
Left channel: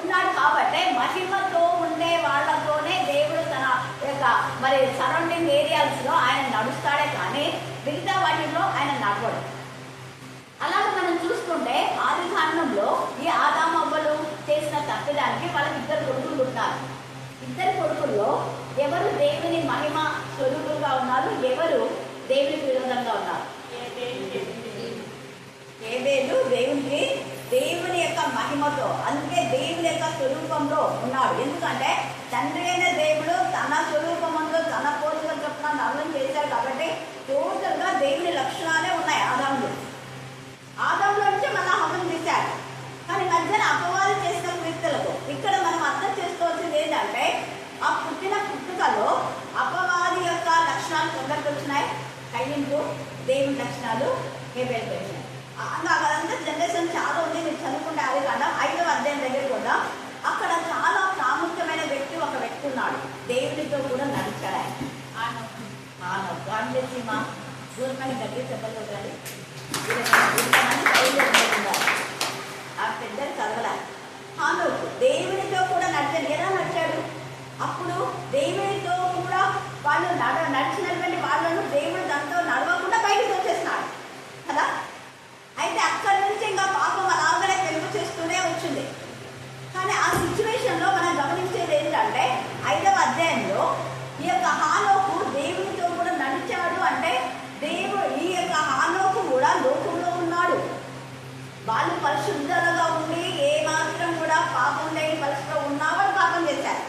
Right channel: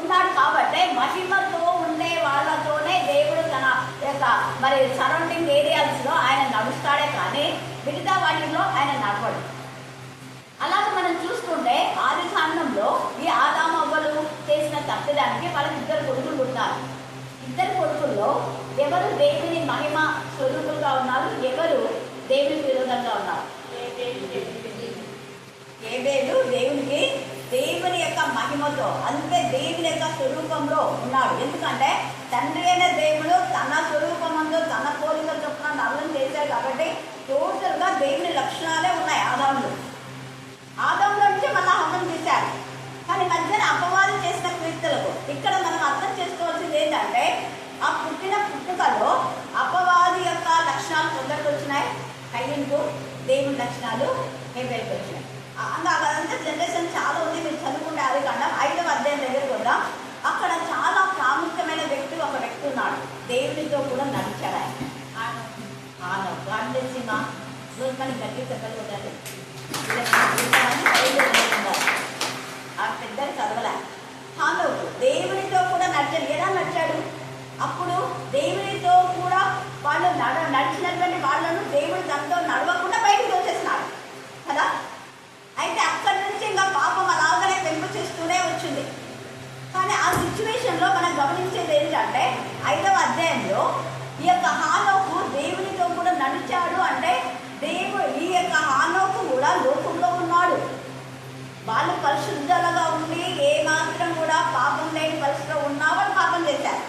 ఉన్నాడు కాబట్టి మహిమతో ఉండే వాళ్ళతోనే దేవుడు తన యొక్క మరి సరౌండింగ్ ఏరియాస్ లో ఆయన నడుస్తాడే కానీ మిగతా వాటిల్లో ఆయన నడవడు. అలాగే మనం చూసుకుంటే ఆది కాండంలో ఈ ఆదాము అవ్వలు చేసిన తప్పిదానికి వాళ్ళకి 2 కొడుకులు పుట్టారు. 2 కొడుకుల్లో ఎవరు దేవుని మహిమ స్వరూపులుగా ఉన్నారు, ఎవరు దేవునికి విరోధంగా ఉన్నారు? ఏబేలు దేవుని యొక్క మహిమతో, అందుకే దేవుని యొక్క స్వరూపంలో ఉన్నాడు. ఎందుకంటే తండ్రి అయిన దేవుడు తన స్వరూపంలో తన పోలిక చొప్పున నరులను చేశాడు కాబట్టి టోటల్ గా దేవుని లక్షణాలే ఉన్నాయి ఆదాంలో నుంచి మళ్ళా హవం తీశాడు. కానీ మధ్యన అపవాది చేసిన కీర్తలకు ఇక్కడ మనం అర్థం చేసుకోవాల్సింది ఏంటంటే, ఆ పుట్టుకలో అపవాది యొక్క లక్షణాలు కొందరికి వచ్చినాయి, కయ్యింకు దేవుని లక్షణాలు హేబేలుకు వచ్చినాయి. అదంతా జనరేషన్ చాలా ఉంది. మీరు చదువుకుంటే అది కాకుండా 5వ అధ్యాయం దగ్గరికి వద్దాం. అక్కడ చాలా ప్రాముఖ్యమైన ఒక వ్యక్తి ఉన్నాడు, దేవునితో కూడా నడిచాడు. ఆయన గాంధీసీమ రోజు మనకి గట్టి చెప్పగలుగుతాడు. 5వ అధ్యాయంలో ఈ యొక్క హానోకు దేవునితో కూడా నడిచాడు. అంటే ఈ యొక్క హానోకు కూడా లోకంలో ఉన్నాడు. వాళ్ళు పరిశుద్ధులుగా ఉండి ఏ మాత్రం కూడా పాపం లేని పరిస్థితిలో ఉన్నా వాళ్ళు పాపం చేశారు.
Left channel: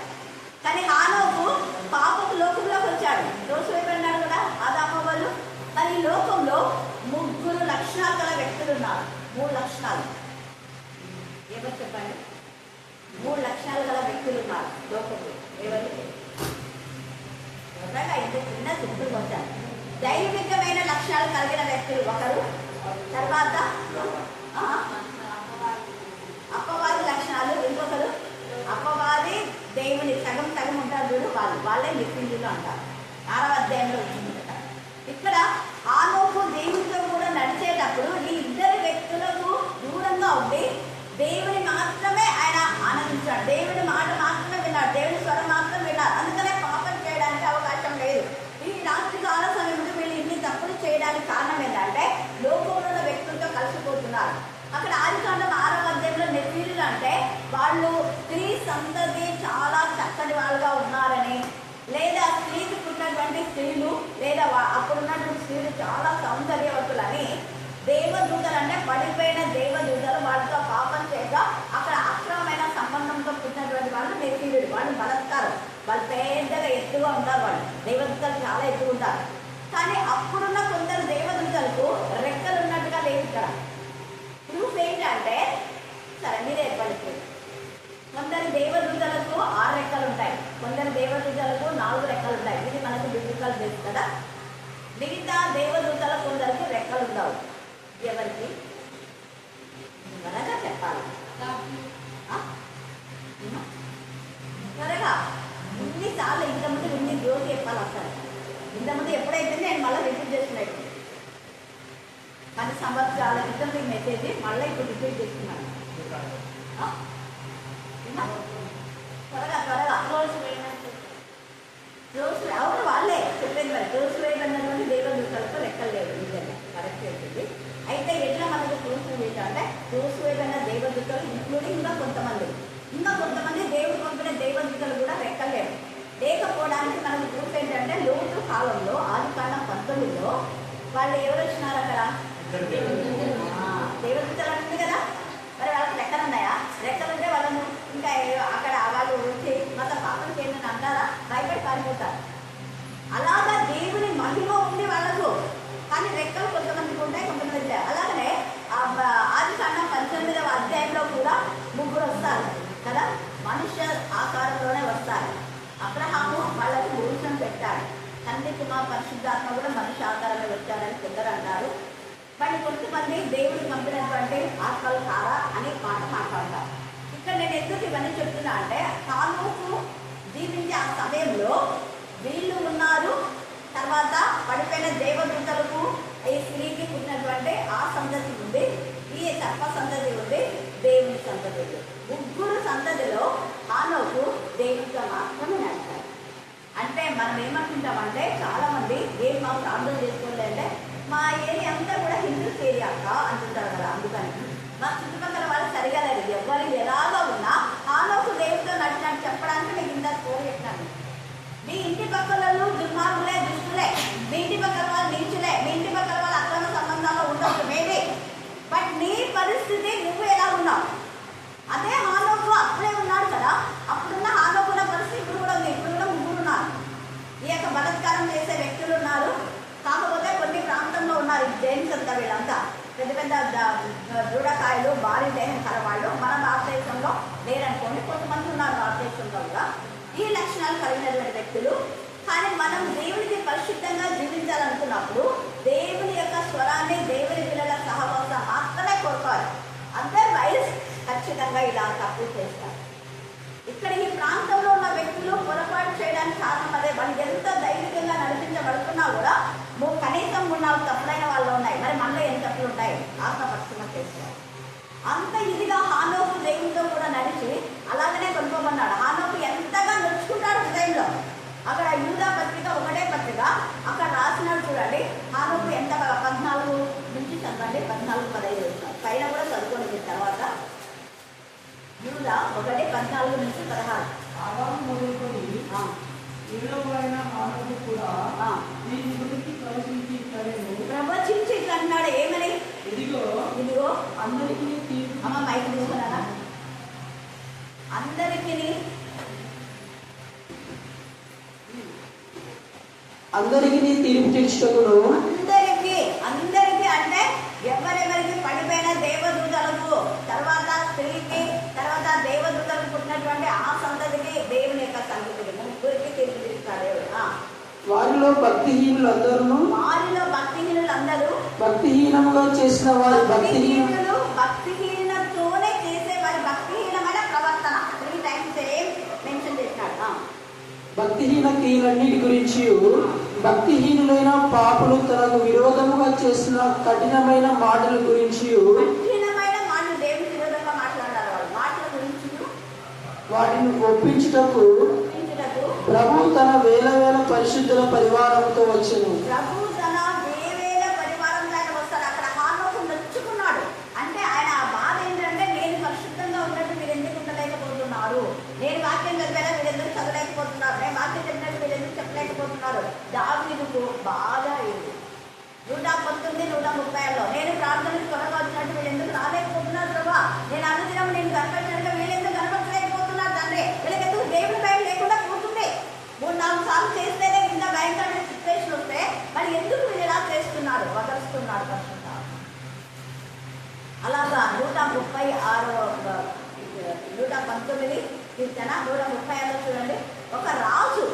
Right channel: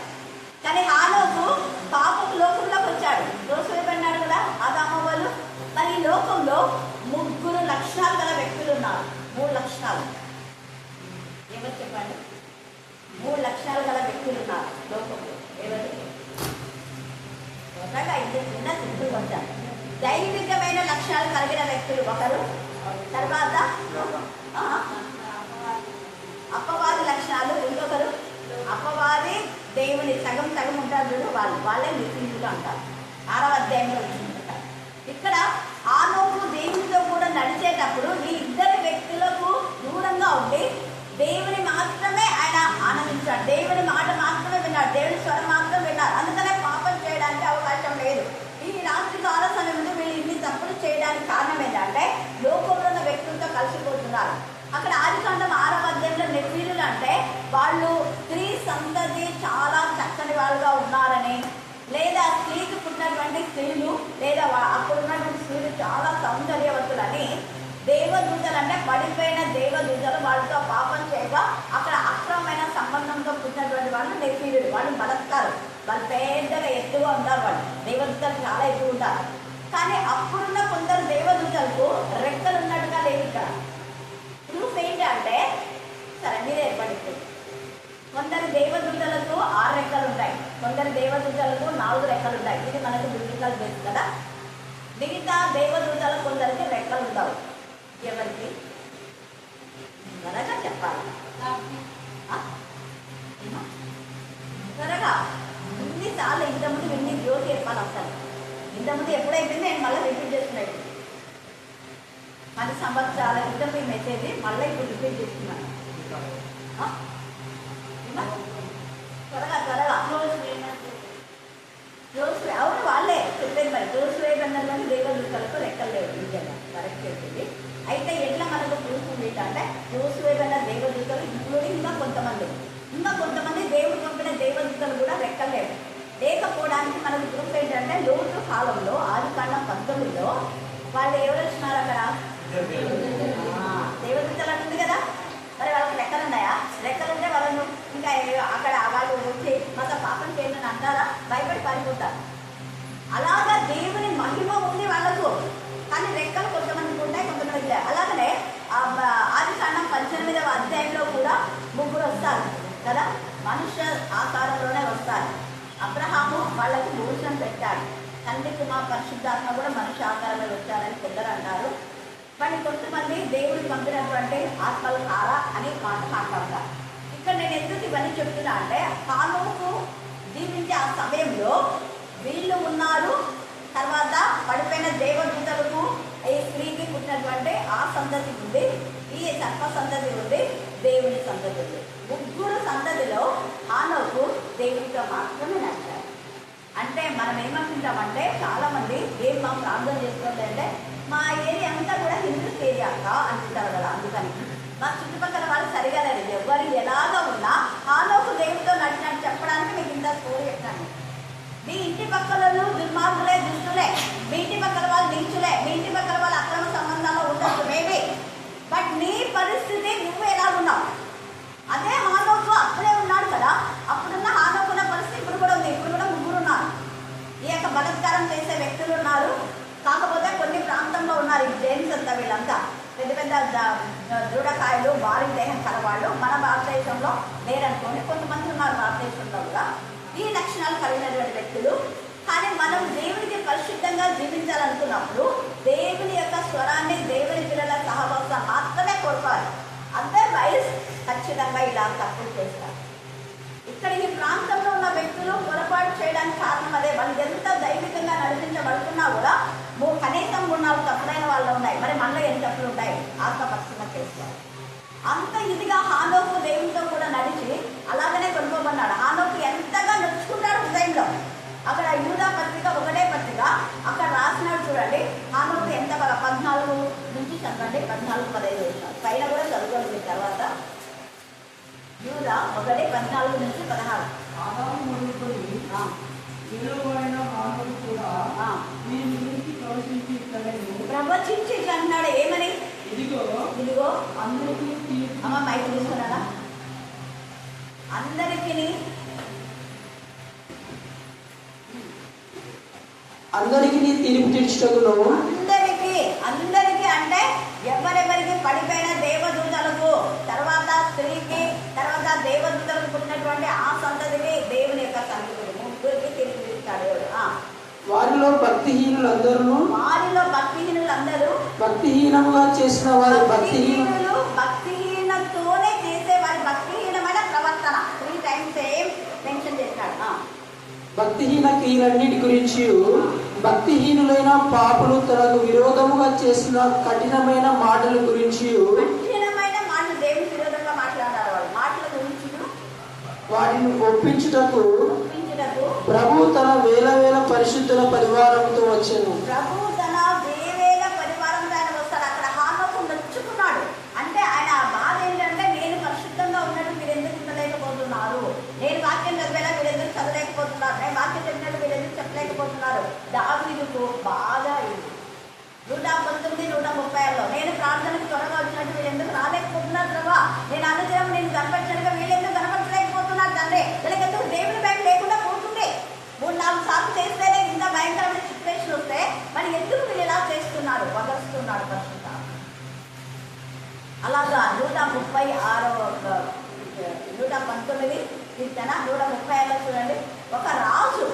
కానీ హానోకు పాపపు లోకంలోకి వచ్చాడు. రోజు వైపు అన్నాడు కదా ఆదాము వాళ్ళు. మరి ఈ లోకంలో 3 లక్షణాలు గల వ్యక్తులు ఉన్నారు. 3 లక్షణాలు ఎవరు చెప్పండి? 3 లక్షణాలు గల వ్యక్తులు ఉన్నారు లోకంలో. ఎవరు? త్వరగా ఇంత చిన్న చుట్టూ వచ్చారు. దైవికమైన లక్షణాలు కలిగిన వ్యక్తులు ఒకరు. తర్వాత అపవాది లక్షణాలు ఇంకొకరు. అపవాది దేవుని సగం సగం ఉంటారు చూడు, వాళ్ళే నిపుణులు అంటారు. 6వ అధ్యాయంలో వచ్చిందట. ఇక్కడ హానోకు దేవునితో కూడా నడిచేటప్పుడు ఈ 2 వ్యక్తులకు దూరంగా ఉండి దేవుని మాత్రమే ఆయన ఆనందించాడు. దేవుని మాట మాత్రమే విన్నాడు. దేవుని స్వరం మాత్రం విన్నారు. అందుకనే పాపం చేయడానికి అవకాశం లేదు. ఈ రాత్రి కాల సమయంలో వీళ్ళు ఇన్ని తప్పులు చేయడానికి కారణం ఏంటంటే లోకంలో ఉన్న వ్యక్తులతో కలిసిపోతున్నారు. అక్కడ ఆదికాండం 6వ అధ్యాయంలో నెఫీలీలు అంటే వాళ్ళు స్త్రీ సంతతి చాలా చక్కని వాళ్ళుగా ఉన్నారని, లేదా స్త్రీకి పుట్టినటువంటి స్త్రీలు లేదా అప్పుడున్నటువంటి స్త్రీలు చాలా సౌందర్యవతులని, దేవదూతలు అంటే పడిపోయిన దేవదూతలు వాళ్ళతో పాపం చేయగా అక్కడ అక్రమమైన సంబంధంతో పుట్టినటువంటి వాళ్ళు నెఫీలీలు. వాళ్ళు బలత్కారం, వాళ్ళు పెద్దగా ఎత్తుగా ఉంటారు. వాళ్ళు దేవదూతలు చాలా ఎత్తుగా ఉంటారు. కానీ అప్పుడున్న కొందరు దేవదూతలకు రెక్కలు ఉన్నట్టుగా లేవు. ఇక్కడ ప్రూఫ్ ఏంటంటే సరే మీరే ఏర్పడుతుంది. కొందరు దేవదూతలకు 6 రెక్కలు ఉంటాయి, కొందరు దేవదూతలకు 4 రెక్కలు ఉంటాయి. ఇది మనకు బిబ్లికల్ బేస్ కదా. మిగతా దేవదూతల కొందరికి రెక్కలు ఉండవు. ఎవరికి? త్వరగా చెప్పాలి, త్వరగా. ఇన్నిసార్లు ఇంతకుముందు ఇన్ని జ్యోతి చెప్పాలి. అసలు ఇంతకుముందు ఎప్పుడైతే నేను మళ్ళీ రిపీట్ చేస్తున్నాయి 10 సంవత్సరాల క్రితం ఈ మెసేజ్ మళ్ళీ ఇప్పుడు రిపీట్ చేస్తున్నాను. త్వరగా రోజు అవును వాళ్ళే చెప్పేది. మరి రోజు వేయబడినటువంటి దేవదూతలకు రెక్కలు లేవు. నిజంగా కరెక్ట్ అవుతుంది. అయితే ఎట్లా మనకు ప్రూఫ్ ఏంటంటే రోజు వేయబడిన దేవదూతలు ఇంక్లూడింగ్ ఇంకా కొంతమంది దేవుడు పంపిన దేవదూతలు కూడా రెక్కలు లేవు. లేకపోవడానికి మనకు ప్రూఫ్ ఏంటంటే లోతు కాలంలో ఆదికాండం 19లో వాళ్ళు ఎవరు వచ్చినారు అక్కడ? దేవదూతలు ఉంది కదా. మరి వాళ్ళకి రెక్కలు ఉన్నాయా? రెక్కలు ఉంటే వాళ్ళను ఇంకా అక్కడ వాళ్ళు వచ్చి మొత్తం పాపం చేయండి అంటారా? భయపడి పారిపోతారు. అలాగా దేవుని మహిమ ఉంది వాళ్ళకు, కానీ రెక్కలు కొంతమందికి ఉంటాయి, కొంతమందికి లేవు. అలాగనే ఆదికాండం 18వ అధ్యాయంలో కూడా 3 వస్తారు కదా, మనుష్య ఆకారంలోనే వస్తారు. అబ్రహాము వాళ్లకు భోజనం పెట్టాడు. తండ్రి కుమార్ పరిశుద్ధాత్మ కూడా మనుష్య ఆకారమే వచ్చాడని కొందరు అంటారు. కానీ కొంతమంది దేవుడికి పంపినటువంటి ఆత్మలు కారా అనే మాట మాట్లాడతారు. ఇక్కడ నేను ఎందుకు ఇవన్నీ చెప్తున్నా అంటే హానోకు జీవించే ఆ సమయంలో వీళ్ళు ఉన్నారు. తర్వాత పడిపోయిన దేవదూతలకు ఈ స్త్రీకి పుట్టినటువంటి ఆ సంతతి ఉంది, ఈ సర్ప సంతతి ఉంది, దేవుని సంతతి ఉంది. 3 సంతతిలో హానోకు దేవుడితో మాత్రమే నడిచారు. అంటే మనం ఏమనుకుంటామంటే చాలా మంది ఏం మా ప్రార్థన చేసుకోవాలంటే మా ఏరియా అంతా కూడా హిందూస్ ఏరియాగా అంటుంటారు కదా. అందుకని మా చుట్టుపక్కల వాళ్ళు సరిగా లేదు. ఎవరు ఎలాగా ఉన్నా హానోకు దేవుడితో నడిచినట్టు చెప్పడానికి మీకు ఇంత స్టోరీ చెప్తాను. మీ ఇంటి పక్కల దుర్మార్గులే, దుష్టులే, మీ ఇంటి పక్కల వాళ్ళు నీచులే, మీ ఇంటి పక్కల వాళ్ళు అక్రమ సంబంధాల్లో ఉండొచ్చు మేబీ, బట్ నీ పరిస్థితి నువ్వు ఎలా ఉన్నావు? అదే హానోకు అప్పుడే ఉన్నాడు కదా. అప్పుడున్న హానోకున్న పరిస్థితి ఇప్పుడు కూడా ఉంది. ఇప్పుడు కూడా 3 ఉన్నారు. ఈ యొక్క బలత్కారం చేసే వ్యక్తులు ఉన్నారు. కాకపోతే కొన్ని ప్రాంతంలో ఉన్నారు ఈ జైన్స్ అంతా. వీళ్ళంతా పెద్ద పెద్ద దృఢకాయలు, భారీ దేహం కలవాళ్ళు. మన భారతదేశంలో లేరనుకోండి, కొంతమంది ఉన్నారు భారతదేశంలో కూడా ఈ లక్షణాలు కలిగినటువంటి వ్యక్తులు. కానీ మనం దేవునికి పరిశుద్ధంగా జీవించాలనుకున్నప్పుడు దేవుని యొక్క స్వరాన్ని, దేవుని పిల్లల సహవాసం మాత్రమే కోరుకోవాలి. అదర్వైజ్ ఖచ్చితంగా ఇలా తప్పులు చేస్తారు. ఇక్కడ ఈ ప్రాంతంలో ఉన్న వ్యక్తులు పొరపాటు చేయడానికి కారణం అదే. వాళ్ళు ఎంత దైవికంగా నడిపించబడుతున్నా కూడా కనీసం 3-4 తప్పులైన వాళ్ళు ఉన్నాయి. మరి మనలో ఎన్ని తప్పులు ఉంటాయి? ఆత్మపక్షంగా చేసుకోవాలి. అంత ఇదిగా హానోకు దేవునితో కూడా నడిచి అలాగనే కొనుక్కోమన్నాడు. హానోకు ఎంతగా నొచ్చుకుంటాడు హృదయంలో. అక్కడ యూదా పత్రిక 1వ పత్రిక అక్కడ రాసినాడు చూడండి. హానోకు ఎంత 14 నుంచి చదవండి, 14-15 పైన కూడా చదువుకోలేదు. తర్వాత యూదా 1:14-16 ఆదాము మొదలుకొని ఏడవైన ఆమెకు కూడా ఆ. నీ గురించి ప్రవచించి ఇట్లనెను. ప్రవచించి ఇట్లా అన్నాడు, ఏమని? ఇదిగో ఇదిగో అందరికీ తీర్పు అమ్మ మైక్ తీసుకున్నారా? అందరికీ అందరికీ తీర్పు తీర్చుటకును అందరికీ అందరికీ అంటే ఎవరెవరికి పడిపోయిన దేవదూతలకు, తర్వాత స్త్రీకి, తర్వాత దేవదూతలకు పుట్టినటువంటి ఆ సంతతికి దేవుని యొక్క సంతతికి ముగ్గురికి తీర్పు తీస్తాడు దేవుడు. వారిలో భక్తిహీనులందరూ వారిలో భక్తిహీనులందరూ భక్తిహీనంగా చేసిన వారి భక్తిహీనులు భక్తిహీనతోనే చేసే వారి భక్తిహీనమైన ప్రవర్తన 3 times మెన్షన్ చేస్తాడు. భక్తిహీన క్రియలన్నిటి గురించి భక్తిహీనులైన పాపులు తనకు విరోధముగా చేసిన కఠినమైన మాటల గురించి కఠినమైన మాటలు దేవుని విరోధంగా మాట్లాడారు. వాళ్ళు మాటల గురించి వాటిని ఒప్పించుటకు ఒప్పించుటకు ప్రభు తన వేల వేల పరిశుద్ధుల పరివారంతో వచ్చెను. ప్రభు తన వేవేల పరివారంతో ఆయన వస్తాడు. అక్కడ హానోకు నొచ్చుకున్నాడు. అంటే ఆయన ఆ బాధ ఏంటంటే, నేను పరిశుద్ధంగా ఉన్నట్టు మీరు ఎందుకు ఉండలేకపోతున్నారు, నేను వాక్యం చదివేలా మీరు ఎందుకు చదవలేకపోతున్నారు, నేను వాక్యం చెప్పినట్టు మీరు ఎందుకు చెప్పలేకపోతున్నారు. దావీదుకు బాధ అయింది. 119, 130 నేను ప్రార్థనకు త్వరగా వచ్చినట్టు వీళ్ళు ఎందుకు రాలేకపోతున్నారు ప్రభా, నేను అనుదినం నేను కనపరిచినట్టుగా వీళ్ళు ఎందుకు కనపరచలేకపోతున్నారు తండ్రి, వీళ్ళకి ఎందుకు దేవుని భయం లేకుండా పోతుంది. 3-4 సార్లు చేస్తేనే ఇంత భయంకరమైన సిచ్యువేషన్ వస్తే మరి ఎందుకు వీళ్ళు ఇలా చేస్తున్నారు, వదలుస్తున్నాడు పరిశుద్ధ. అలాగా 136 119 కీర్తన 136 చూడండి. ఒక రాజు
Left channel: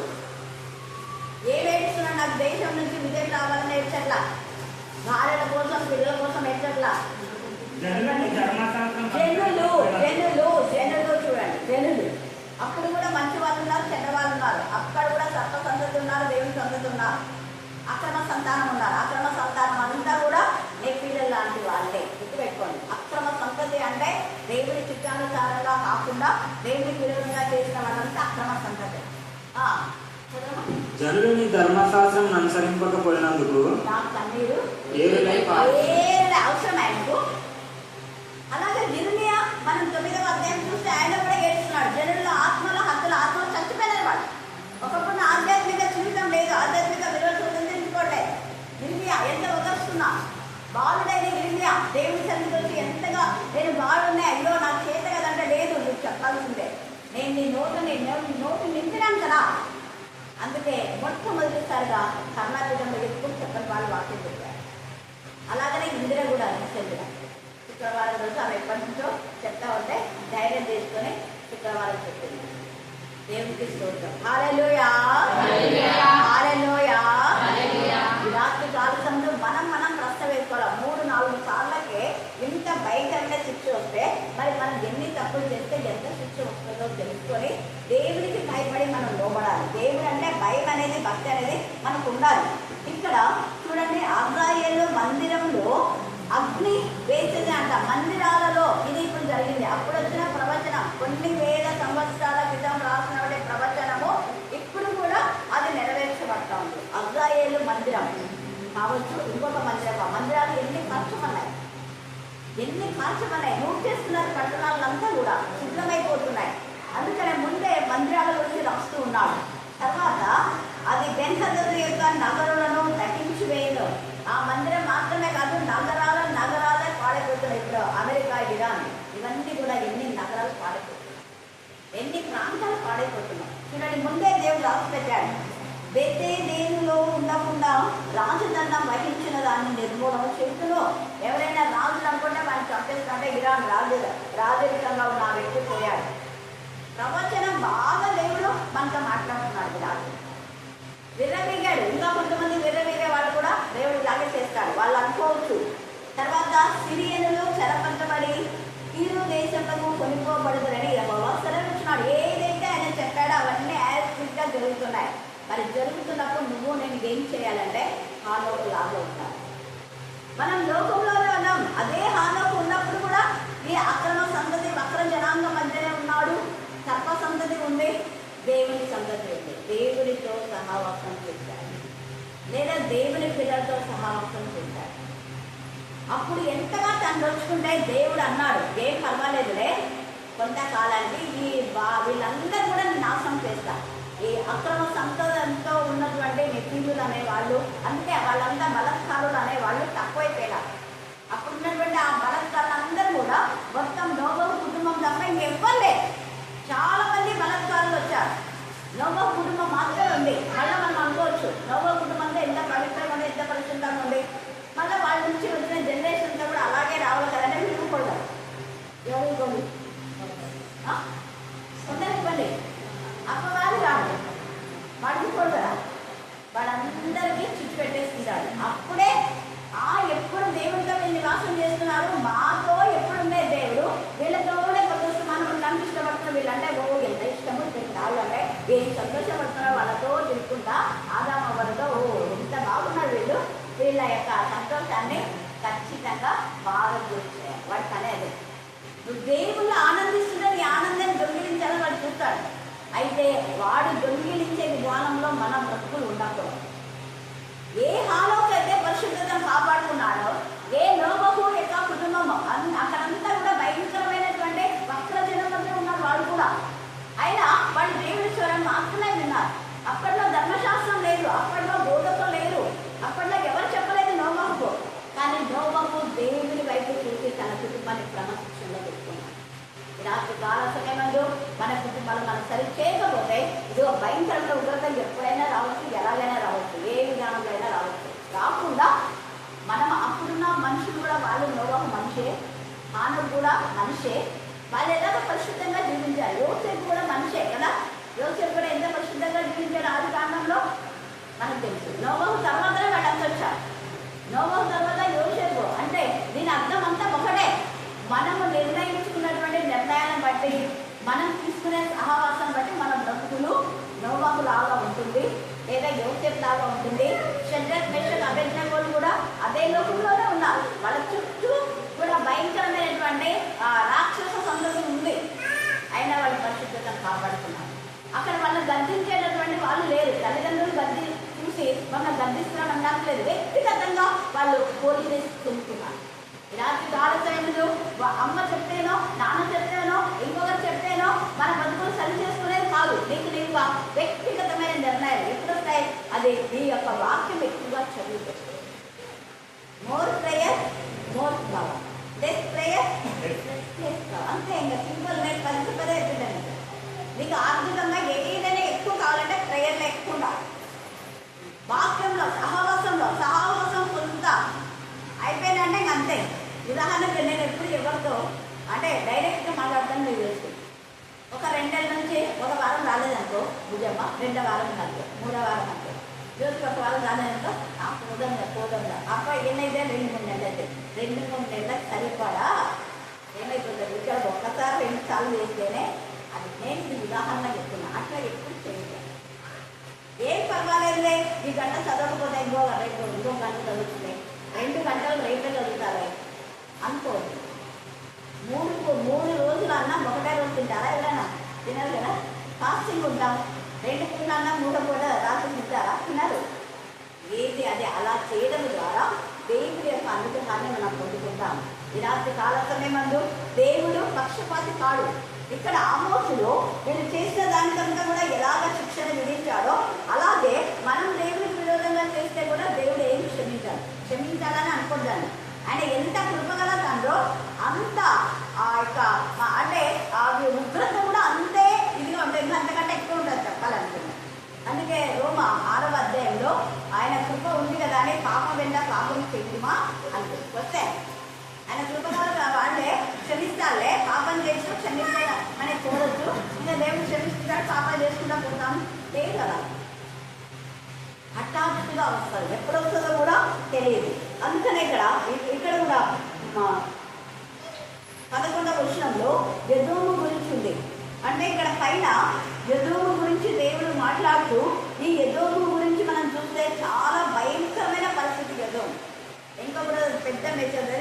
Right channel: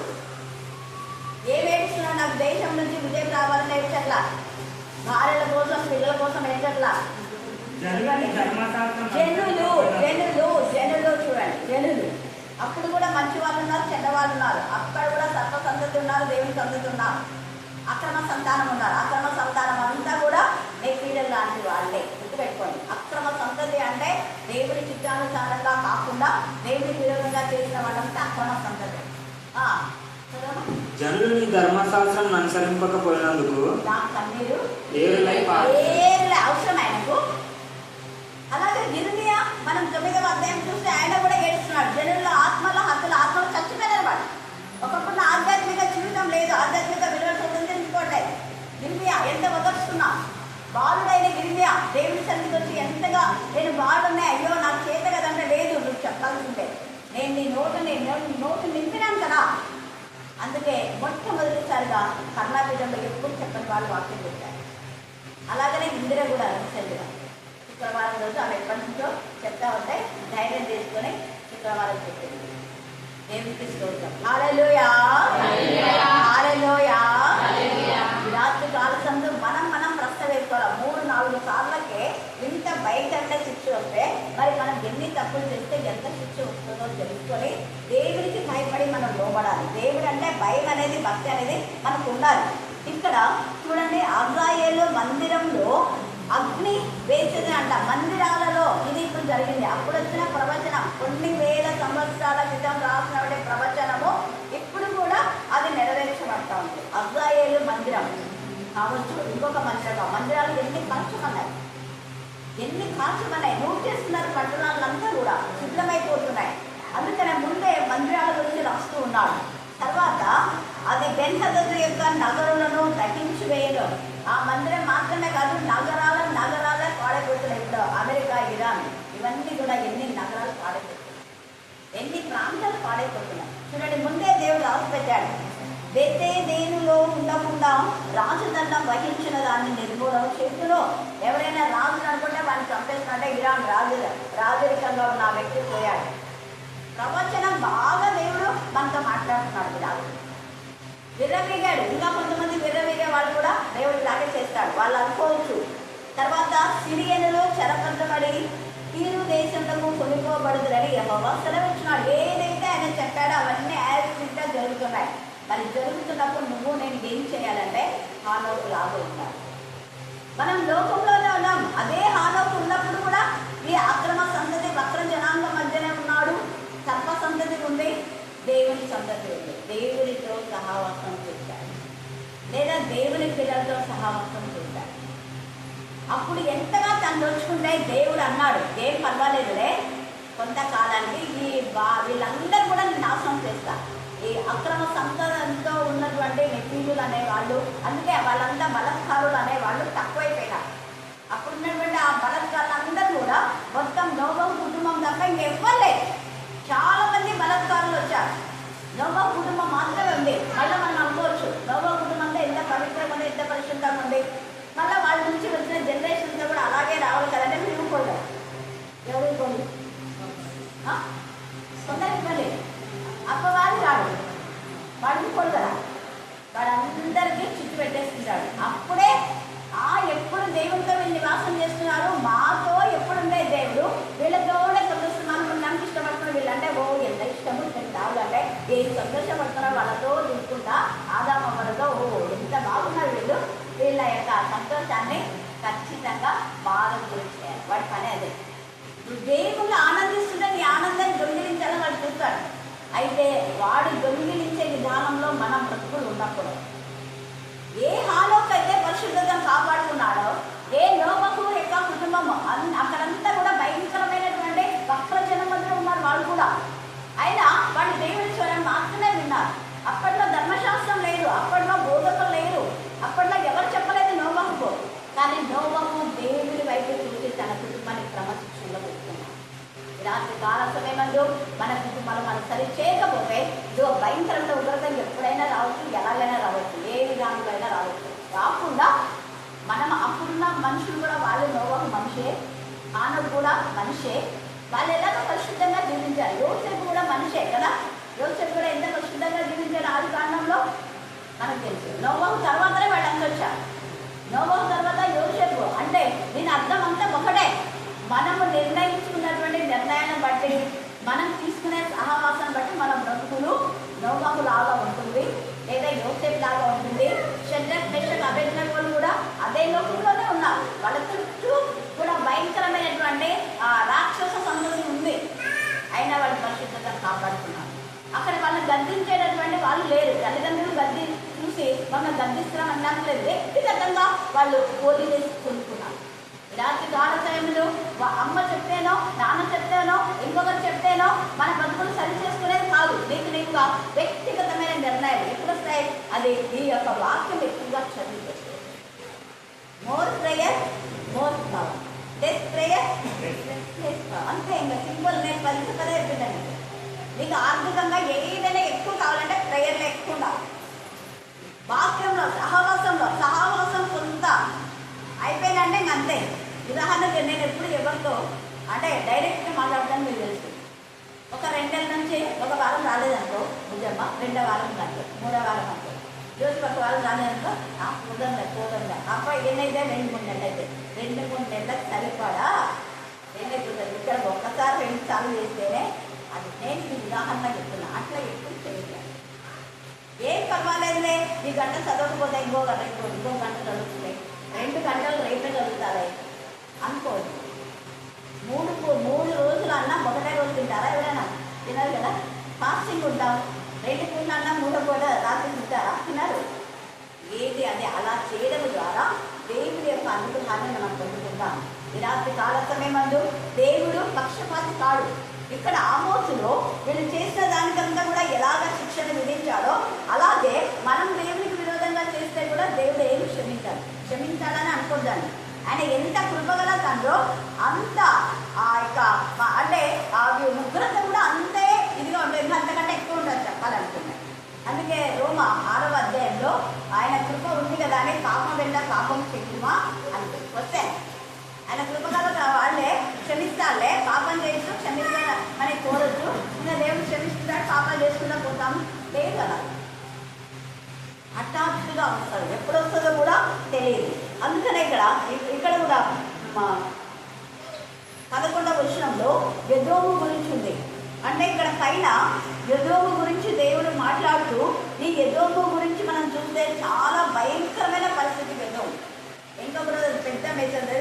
ఏమేడుస్తున్నాడు, నాకు దేశం నుంచి విజయం రావాలని ఏడ్చట్లా, భార్యల కోసం పిల్లల కోసం ఏడ్చట్లా. జనులు చూడండి, జనులు అప్పుడు కూడా మంచి వాళ్ళు ఉన్నారు, చెడ్డ వాళ్ళు ఉన్నారు. అక్కడ కూడా సర్వ సంతతి ఉన్నారు, దేవుని సంతతి ఉన్నారు, అక్రమ సంతానం ఉన్నారు. అక్రమ సంతానం అంతా కూడా నెక్కిడలు లాంటి వాళ్ళే. గుర్తుపెట్టుకోండి, అక్రమ సంతతి అంటే దేవుని చిత్తానుసారంగా కాకుండా దేవునికి విరోధంగా చేసిన వాళ్ళంతా అక్రమ సంతతి. జనులు నీ ధర్మశాస్త్రం అనుసరింపకపోయినందుకు నా కన్నీరు ఏరులై అవసరం ఆయనకు. అలాగే గిరినియా మనం 9వ అధ్యాయం చూస్తే ఆయన కూడా ఏడుస్తున్నాడు. జనుల్లో ఆత్మలో హత్తులు, ఆత్మలు చచ్చిపోయినారు వాళ్ళు. ఒకప్పుడు ఆధ్యాత్మిక జీవితం లేదు, ఆధ్యాత్మిక విలువలు తెలుసుకోవట్లేదు. గిరినియా ఎంత వదలుస్తున్నా, బాలుడైన గిరినియా దేవుని సన్నిధి వచ్చి ఎంతగా నేను బాలున్నాయి, అయ్యో నాకు చేత కదంటే, లేదు నువ్వు చెప్పాల్సిందే, నేను నీ నోటు నింపినాను కదా. అందుకే మొట్టమొదటిసారిగా కర్ణాపీఠంలో ఎప్పుడు చెప్పని వాళ్ళు వాక్యం చెప్పారు. అలాగనే ఇందిర కూడా రీసెంట్గా శుక్రవారం రోజు ఆమె ఎప్పటి నుంచో చెప్తా ఉంటే ధైర్యం చేసుకొని శుక్రవారం చెప్పింది. దేవునికి స్తోత్రం. హల్లెలూయా, హల్లెలూయా. ఈ రాత్రి కాల సమయంలో మనం ప్రశ్న వేసుకోవాలి. 3-4 సార్లకే ఇంత భయంకరమైన శిక్ష వస్తే మరి మనం ఎన్ని తప్పులు చేస్తే ఎంత శిక్ష వస్తుందో తెలుసుకొని దేవునికి భయపడి మనం లోబడాలి. దేవుడు అంటే భయం అనేది, భక్తి అనేది మనకు ఉండాలి. ఇక్కడ చూడండి, అబ్రాయేలు మందిరంలో అగ్ని వేసేది అంట. మందిరాలలో ఇది ఇప్పుడు జరిగింది. అప్పుడు వచ్చిన ప్రవచనం కొన్ని వేల సంవత్సరాల క్రితం రాసిన ప్రవచనము ఇప్పుడు కూడా అది నెరవేర్చబడతా ఉంది. అబ్రాయేలు మందిరం కావచ్చు, ఇంకొక మందిరాలు ఎన్ని మార్చమన్నాయి, నోట్ చేస్తున్నారు. పట్టణాలంతా కూడా శుద్ధమైపోతున్నాయి. అందుకనే ముందే మందిరాల గురించి రాస్తూ ఉన్నాడు. తర్వాత అది బెన్హదదు యొక్క నగరులను దహించి వేయను. ఆ మందిరం మాత్రమే కాదు, నగరాలే పాడైపోతున్నాయి. ఇప్పుడు అమెరికా, ఇరాన్ ఇవన్నీ కూడా ఎన్ని నగరాలు పాడైపోతున్నాయి, ఎన్ని ప్రాంతాలు పాడైపోతున్నాయి. చూడండి, ముందే దేవుడు రాసి పెట్టాడు. బెతేదేనులో ఉండకుండా రాజదండం వహించిన దాన్ని నిర్మూలన చేతులో ఎవరైనా రాజులు అనుకుంటే వాడిని చంపేస్తున్నట్టే ఇరాన్ రాజరికంగా ఉన్న ఆ వ్యక్తి పోయాడు. ప్రవచనం బాగా దేవుడు మనతో మాట్లాడుతున్నాడు. రాజు విర్రవీగాడు. ఇంకా కొంతమంది విర్రవీగే వాళ్ళు కూడా దేవుడు ఇలాగే చేస్తాడు, వాళ్ళు అనుకోవచ్చు. తర్వాత సిరియనులు చెరపట్టబడి తీరు దేశంలో కొనుక్కోబడుతుందని యెహోవా సెలవిచ్చినాడు. ఏదైతే ఆయన చెప్పాడో అవన్నీ యాజ్గా జరుగుతున్నాయి. మరి జరుగుతున్నప్పుడు నువ్వు నేను ఏం చేయాలంటే హానోకు లాగా ఉండాలి. మనం లోకంలోనే ఉన్నాం. అదే హానోకు ఉన్నప్పుడు కూడా ఈ అక్రమ సంతతి వక్ర జనాంగం మధ్యనే ఉన్నాడు. సర్ప సంతతి ఉంది, దేవుని సంతతి ఉంది. దేవునితో సహవాసం చేశాడు, లేదా దేవుని పిల్లలతో సహవాసం చేశాడు. అప్పుడు ఎంతగా తను నొచ్చుకుంటే దేవుడు అన్నాడు, ఏం పర్వాలేదులే, కొంతకాలానికి వీళ్ళందరూ కూడా నాశనం చేస్తారు. ఈ అక్రమ సంపదతో ఉన్నటువంటి నిపుణులు అనేవాళ్ళు, అందుకే వాళ్ళంతా బలత్కారులు అనేవాళ్ళు తక్కువైపోయినారు. అప్పుడున్నటువంటి ఆ బలత్కారులందరూ కూడా మొత్తం నోబహు కుటుంబం తప్ప ఇంకెవ్వరు లేదు. చాలా మంది బలత్కారులు వచ్చారు. నోబహు కుటుంబం మాత్రమే ఉంది. మళ్ళీ మనం అనుకోవచ్చు నోబహు కుటుంబంలో ఎంత పవిత్రంగా ఉంది, ఎంత పరిశుద్ధంగా ఉంది, మళ్ళీ వాళ్ళ నుంచి వచ్చిన జనరేషన్తో కూడా అలాగే రావాలి కదంటే మీరు ఊరుకోండి. ఎవరు ఊరుకోండి? కొందరు ఇవ్వండి. అప్పవాది రాడు, వాడు ఊరుకోడు కదా, వాడందరికీ చిచ్చు పెట్టేసుకుంటాడు. అప్పుడే ఎప్పుడు దేవుడితో వీళ్ళు నివాసం చేస్తున్నారు, మాతో ఎప్పుడుండే దేవుడు వీళ్ళతోనే కొత్త మనం ఉండడానికి ఇష్టపడుతున్నారు. వీళ్ళంటే ఓ ఎంత ఇష్టము రావాలంటే ఏం సంతోషపడుతున్నారు వాళ్ళతో తిరుగుకుంటా ఆదామవ్వలతో ఓ ఎంత బాగున్నారు వీళ్ళు, వీళ్ళ యొక్క సంతోషాన్ని ఖచ్చితంగా బాగా గురించారు. వాడి పని అదే. నువ్వు దేవుళ్ళు ఆనందిస్తుంటే నీ ఆనందాన్ని దొంగిలించాలని వాడు చూస్తాడు. అయితే వాడు దొంగిలించే విధానంలో మనం బ్రతుకులు ఉండకూడదు. ఏ హాలోకి అయితే పరిశుద్ధతను కాపాడుకున్నాడో, ఏ నోబహు యొక్క కుటుంబం అక్కడంతా కూడా భయంకరమైనటువంటి వక్రజనం మధ్య ఉన్నారు వాళ్ళు కూడా. అయినా వాళ్ళు దేవుడి స్వరం మాత్రమే విన్నారు. అప్పట్లో ధర్మశాస్త్రం లేదు, అప్పట్లో బోధకులు లేరు, అప్పట్లో ఎవరు చెప్పలేదు నోబహుకు. కానీ నోబహు దేవుడి వైపు చూసి తన కుటుంబాన్ని క్రమశిక్షణలో పెట్టుకున్నాడు. రాత్రి కాల సమయంలో మన కుటుంబాలు మనం సరి చేయకపోతే ఇదిగో భయంకరమైన ఉగ్రత ఎప్పుడైనా రావచ్చు, ఎలాగైనా రావచ్చు, ఏ విధానంలో అయినా రావచ్చు. కాకుండా మనం అప్పుడున్న మనుషులు కూడా వాళ్ళు నోబహు మనిషే, ఆనవుడు కూడా మనిషే, వాళ్ళు ఎలాగో పరిశుద్ధంగా జీవించారు. యోసేపు కూడా మనిషే కదా, యోసేపు కూడా ఎంత పరిశుద్ధంగా జీవించాడు ఆది కాండంలో మనకు తెలుసు. నోబహు తర్వాతనే వాడంతా వచ్చారు. నోబహు తర్వాత యోసేపు అంటే దీని అర్థం అంతా ఒకటే. మనము నిర్ణయించుకున్నటువంటి నిర్ణయాన్ని బట్టి, మనం తీసుకునే సహవాసాన్ని బట్టి మన బ్రతుకులు నోబహు లాగా ఉంటుంది, లేదా యోసేపు లాగా ఉంటుంది. షడ్రక్ మేషక్ అబేద్నెగోలు కూడా అదే లోకంలోనే ఉన్నారు. వాళ్ళ చుట్టూ కూడా భయంకరమైనటువంటి రాక్షస సంతతి ఉంది. అయినా వాళ్ళ పరిశుద్ధతను కాపాడుతున్నారు. అక్కడ వాళ్ళని గద్దించేటటువంటి వాళ్ళు లేరు. తల్లిదండ్రులు గద్ది చూసి మనం గద్దిస్తున్నాం అనట్లేదు, వ్యక్తిగతంగా వాళ్ళు పోటీ చేసి కొనుక్కున్నారు. రాత్రి కాల సమయంలో అమ్మ చెప్తేనో, నాన్న చెప్తేనో, ఇంకొకరు చెప్తేనో మన బతుకులు సరి చేసుకునేది కాదు. నీకు వ్యక్తిగతమైన నిర్ణయాలు ఎప్పుడు వస్తాయి? అది ఈ యొక్క వాక్యం ఎక్కువగా చదివితే. More prayer more power, less prayer less power. అంతే, ఇంకా సింపుల్. నేను పదే చెప్పండి, నీకు ఆర్థికంగా ఏదైనా ఎక్కువ కావాలంటే ప్రేయర్లో ఎక్కువ ఉండాలి. వాక్యంలో సహవాసం కొంత అయిపోయినంటే ఇంక అంతే. ఉదాహరణకు నేను ఎప్పుడు ఎవరితో అంటే డైరెక్ట్గా మాట్లాడతాను మీరు తెలుసు. ఒక 2 నెలల నుంచి ఒక వారం రాలేదనుకో భుజమ్మ, 2వ వారం కాదు 3వ వారం అనుకో, రోజు 1 వారం రాలేదనుకో పోదాం అప్ప ఎన్నైతే 2-3 నెలలు అయితే 2-3 నెలలకు సరిపడా ఏమైపోతుంది. ఇక్కడ ఒక్కసారి 2 సార్లు వేస్తేనే అది నేను ఉదాహరణ చెప్తున్నా. అట్లా ఎప్పుడు చేయలేదు. ఏం పర్వాలేదులే, ఈ గంట చదవకపోతే ఇంకో గంట చదువుతుంది, 2 గంటలు రేపే చదువుతారే అనుకోదు. 3 రోజులు అన్నం ఒకటే రోజు తింటారా? ఎవరైనా తినరు కదా. ఫాస్టింగ్ ఉంటాం, 2 పూట అన్నం 3వ పూట రాత్రి తింటారా? తినరు. ఏది అది అలా చేయడం ద్వారా దేవుడి యొక్క అనుగ్రహాన్ని మనం పొందుకుంటాం. ఈ రాత్రి కాల సమయమందు దేవుడు పక్షపాతి కాడు. ఇక్కడ ఆమోసులో వీళ్ళు చేసిన దానికంతా కూడా ఎలాగ శిక్షణ విధించాడో అలాగే మనం దేవుడికి విరోధంగా చేస్తే కూడా దేవుడు ఏమి క్షమించాలని అనుకుంటాను. ఆయన ఎంత కృపగల తండ్రో అంత ఆ యొక్క అంటే ఆ ఉగ్రత కూడా అంతే ఇదిగా ఉంటుంది, అంతకంటే ఎక్కువ ఉంటుంది చెప్పాలనుకున్నాను. అందుకే రోమా 6వ అధ్యాయంలో ఆయన కృప ఉంది కదా అని పాపం వెళ్ళా పాపం చెప్పుమా అని వస్తే ఆయన కృపగల వాళ్ళే క్షమిస్తాలే, పాపం చేస్తూ క్షమిస్తామని కోరచ్చు. ఇంకా దేవుడు క్షమిస్తున్నాడు, పాపాలు చేసుకుంటా పోతాం లేదు కదా. హఠాత్తుగా వస్తుంది, ఎప్పుడు వస్తుందో కూడా తెలియదు. అందుకనే ఇక్కడ కూడా 11వ వచనంలో ఎదోము గురించి ఉంది. అంటే ఇక్కడ పైన ఎదోము గురించి దేవుడు మాట్లాడుతూ, ఈ ఎదోము గురించి మనం చూస్తే చాలా భయంకరమైన పరిస్థితి ఎదోము. ఇంకా కూడా పెద్ద మెసేజ్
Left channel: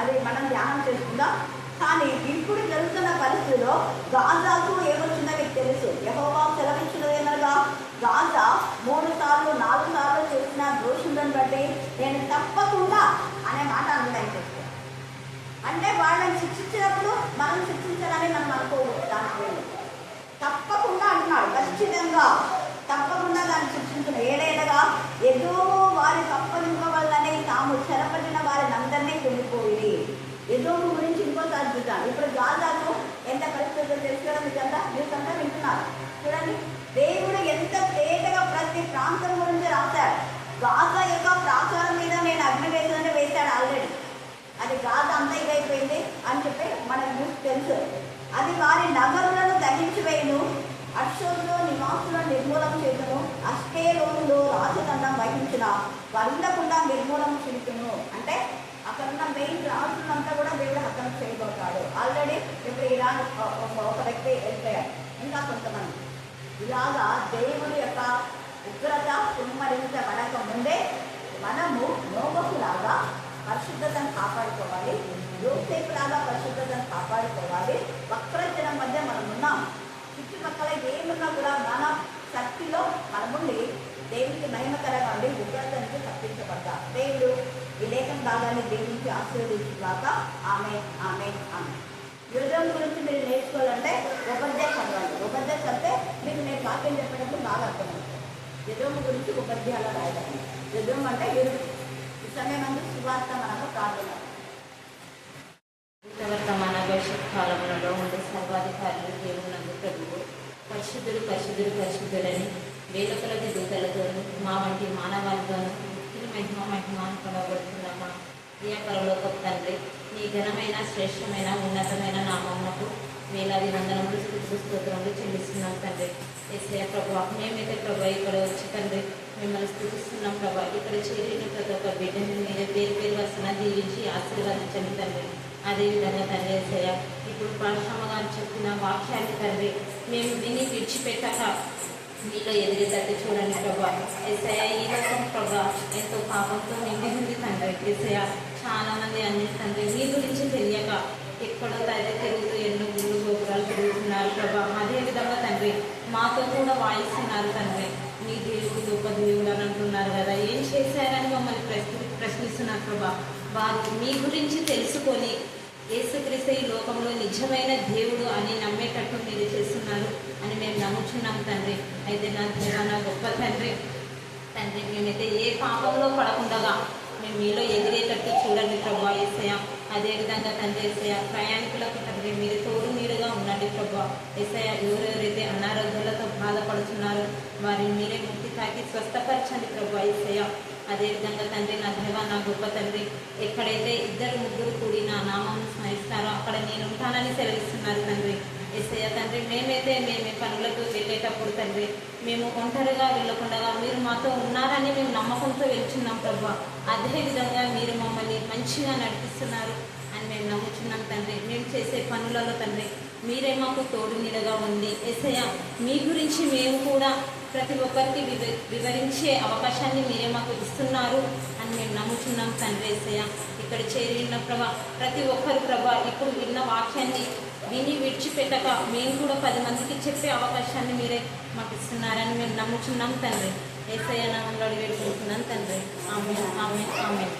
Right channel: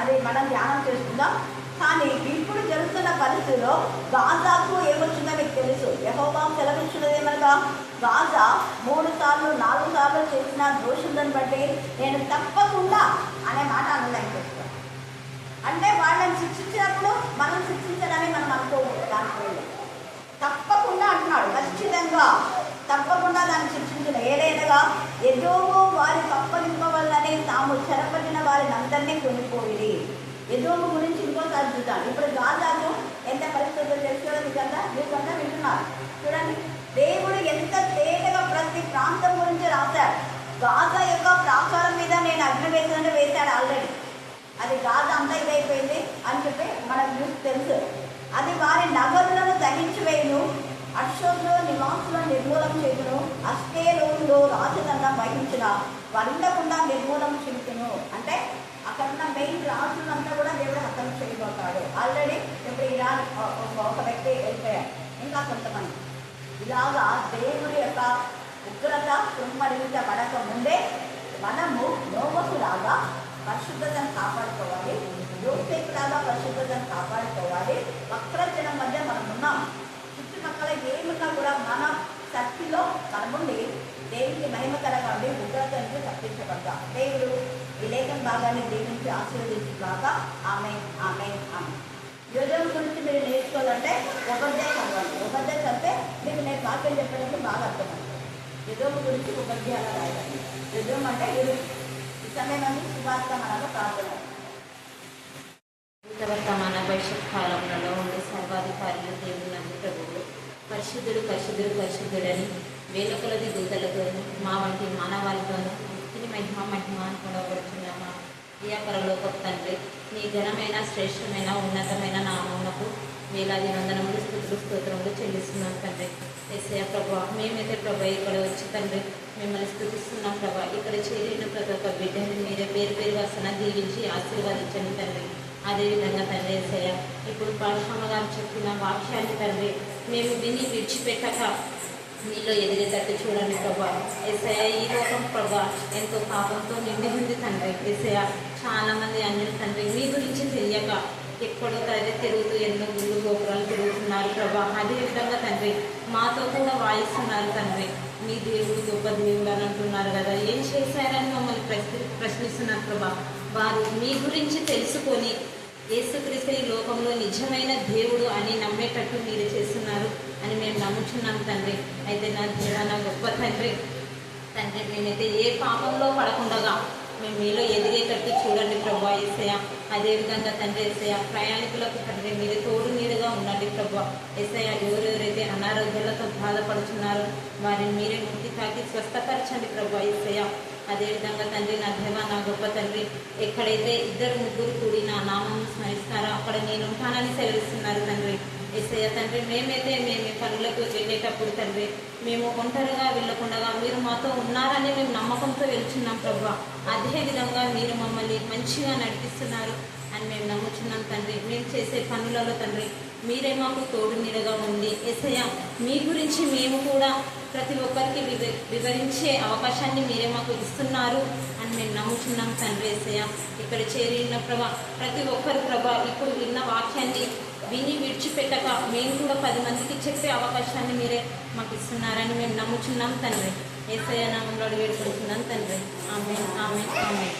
అది మనం ధ్యానం చేసుకుందాం. కానీ ఇప్పుడు జరుగుతున్న పరిస్థితిలో గాజాకు ఏమొచ్చిందో మీకు తెలుసు. యెహోవా సెలవిచ్చినదేమనగా, గాజా 3 సార్లు 4 సార్లు చేసిన దోషులను బట్టి నేను తప్పకుండా అనే మాట అండర్లైన్ చేస్తాను. అంటే వాళ్ళని శిక్షించినప్పుడు మనం శిక్షించాలని మనం అనుకోకూడదు. దానికి తప్పకుండా అంటున్నాడు ఖచ్చితంగా తప్పకుండా దాన్ని శిక్షించును. ఏలైనగా ఎదోము వారికి అప్పగింపవలనని తాము చెరపట్టిన వారిని అందరినీ కొనిపోయింది. ఎదోము గురించి ఇంకోసారి చూద్దాం. ఇప్పుడు గాజాకు ఎంత పరిస్థితులు తెలుసు కదా నిజంగా మీకంతా వింటున్నారు. చూడండి, దేవుడు ఎంత తేటగా ప్రతి ప్రాంతం గురించి రాశాడు. గాజా యొక్క ప్రాకారం మీద నేను అగ్ని వేశాడు ఆల్రెడీ. అది గాజా అంతా ఇదైపోయింది అని చెప్పి మనకు న్యూస్ తెలుసు. అది వారి నగరులను దహించి వేయును, అక్షోలో నివాసులను నిర్మూలం చేయును, అష్కేలోనులో రాజదండం వహించిన వండకుండా నిర్మూలం చేయును. అంటే అక్కడున్న మెయిన్ రాజులంతా కూడా దేవుడు హతం చేయబోతాడు. ఆల్రెడీ ఇప్పుడు ఇరాన్ ఒక వ్యక్తి వెళ్ళిపోయాడు, ఇంకా కొంతమంది. ఇలాగా దేవుడి యొక్క ఉగ్రత కుమ్మరించబడక ముందే మనము నోబహులాగా పరిశుద్ధతను కాపాడుకోవాలి, యోసేపులాగా పరిశుద్ధతను కాపాడుకోవాలి. వక్రజనం మధ్య మనం ఉన్నాం. చుట్టుపక్కల ఏమున్నా కూడా మన శక్తిలో మనముండి దేవునికి మహిమకరంగా ఉండి ఉగ్రత నుంచి తప్పించబడతాం. దేవుడు ఈ లేఖన భాగాన్ని దీవించి ఆశీర్వదించుగాక. ఆమె ఆమె ఆమె. యోజనం గురించి మీరు నేర్చుకోవాలంటే ఉపధ్యాయ చదవండి. ఉపధ్యాయ చదివితే మీకు నేను వాక్యం చెప్పినప్పుడు బాగా అర్థమవుతుంది. యుద్ధం గురించి ఉపధ్యాయాలు రాయాలి. యుద్ధం అంటే ఈ సమయం సువార్త మనకు ప్రార్థన. వర్తమాన భవిష్యత్ కాలంలో ఉండే సర్వాధికారులు దేవుని ప్రభువు పరిశుద్ధుడు పరిశుద్ధుడు పరిశుద్ధుడని వేల కొలది దూతలతోనూ మా వంటి మానవాళితోనూ ఇది మహిమ మహిమ అని కొనబడుతున్నామా. ప్రియ పరలోకపు తండ్రి, నీ ఘనమైన శ్రేష్టమైన ఉన్నతమైన నామమునకు వేలాది వందనములు స్తుతులు స్తోత్రములు చెల్లిస్తున్నాం తండ్రి. యేసయ్య ప్రభా, మేమైతే ప్రభా ఇక్కడ వచ్చి తండ్రి మిమ్మల్ని స్తుతిస్తున్నాం ప్రభా. ఇక్కడ చేరిన ప్రతి ఒక్క బిడ్డని మీరే పేరు పేరు వరుసన దీవించి ఆశీర్వదించండి తండ్రి. అదేవిధంగా తండ్రి యేసయ్య, ఇప్పుడు పాశ్రమ గారు చెప్పిన వాక్యాన్ని తండ్రి మేము విని విడిచిపెట్టక నీలో ఎదిగేటట్టు చూడండి ప్రభా. యేసయ్య, ఈ లోకం ప్రభా ఎంతో పాపంతో నిండి ఉంది తండ్రి. యేసయ్య, చాలా మంది అన్యులు తండ్రి మీ గురించి తెలియక ఎక్కడో తండ్రి తిరుగుతూ ఎన్నో గుళ్ళు గోపురాలు తిరుగుతున్నారు ప్రభా. అదేవిధంగా తండ్రి మాతో కూడా వాయిస్తున్నారు తండ్రి. మీ దేవుడు గొప్ప దేవుడు అని అంటున్నారు కదా, ఏం చేశారని మమ్మల్ని ప్రశ్నిస్తున్నారు ప్రభా. వారు మీ గురించి తెలుసుకొని యేసుక్రీస్తు ఈ లోకంలో నిజమైన దేవుడు అని నమ్మేటట్టు మీరు చేస్తున్నారు అని మేము నమ్ముచున్నాం తండ్రి. అయితే నా దేవా, నా గొప్ప తండ్రి మేమైతే ఏ పాపంలో పడకుండా మేము మీలో ఎదిగేటట్టు చూడండి ప్రభా యేసయ్య. అదేవిధంగా తండ్రి యేసయ్య, ప్రయాణికులకు తండ్రి మీరు తోడు నీడుగా ఉండండి ప్రభా యేసయ్య. ఎవరెవరైతే అనారోగ్యాలతో బాధపడుతున్నారో వారిని మీరే ముక్తి తాకి స్వస్థపరచండి ప్రభా యేసయ్య. అదేవిధంగా తండ్రి నా దేవా, నా గొప్ప తండ్రి, ఎక్కడైతే 2-3 కూడి నా నామం స్మరిస్తారో అక్కడ నేను ఉంటానని సెలవిస్తున్నారు తండ్రి యేసయ్య. తండ్రి మేమైతే మేము పనులకు వెళ్ళేటప్పుడు తండ్రి మేము ఒంటరిగా వెళ్ళకుండా మీరు మాతో ఉన్నారని మేము నమ్మకంతో వెళ్తున్నాం ప్రభా. అదేవిధంగా మీరు మమ్మల్ని మంచిగా నడిపిస్తున్నారు అని మేము నమ్ముచున్నాం తండ్రి. మేము చేసే పనులలో తండ్రి మీరే మాకు తోడు నీడగా ఉండి యేసయ్య, మీ గురించి మేము కూడా ప్రతి ఒక్కరికి వివరించే అవకాశాన్ని మీరే మాకు ఇస్తున్నారు అని మేము నమ్ముచున్నాం తండ్రి యేసయ్య. ఇక్కడ చేరిన ప్రభా ప్రతి ఒక్కరు ప్రభా ఇప్పుడు విన్న వాక్యాన్ని విని విడిచిపెట్టక మేము కూడా 10 మందికి చెప్పే అవకాశాన్ని మీరే మాకు ఇస్తున్నారని మేము నమ్ముచున్నాం తండ్రి. యేసయ్య నామములో వేడుకుంటున్నాం తండ్రి. ఆమేన్ ఆమేన్ ఆమేన్.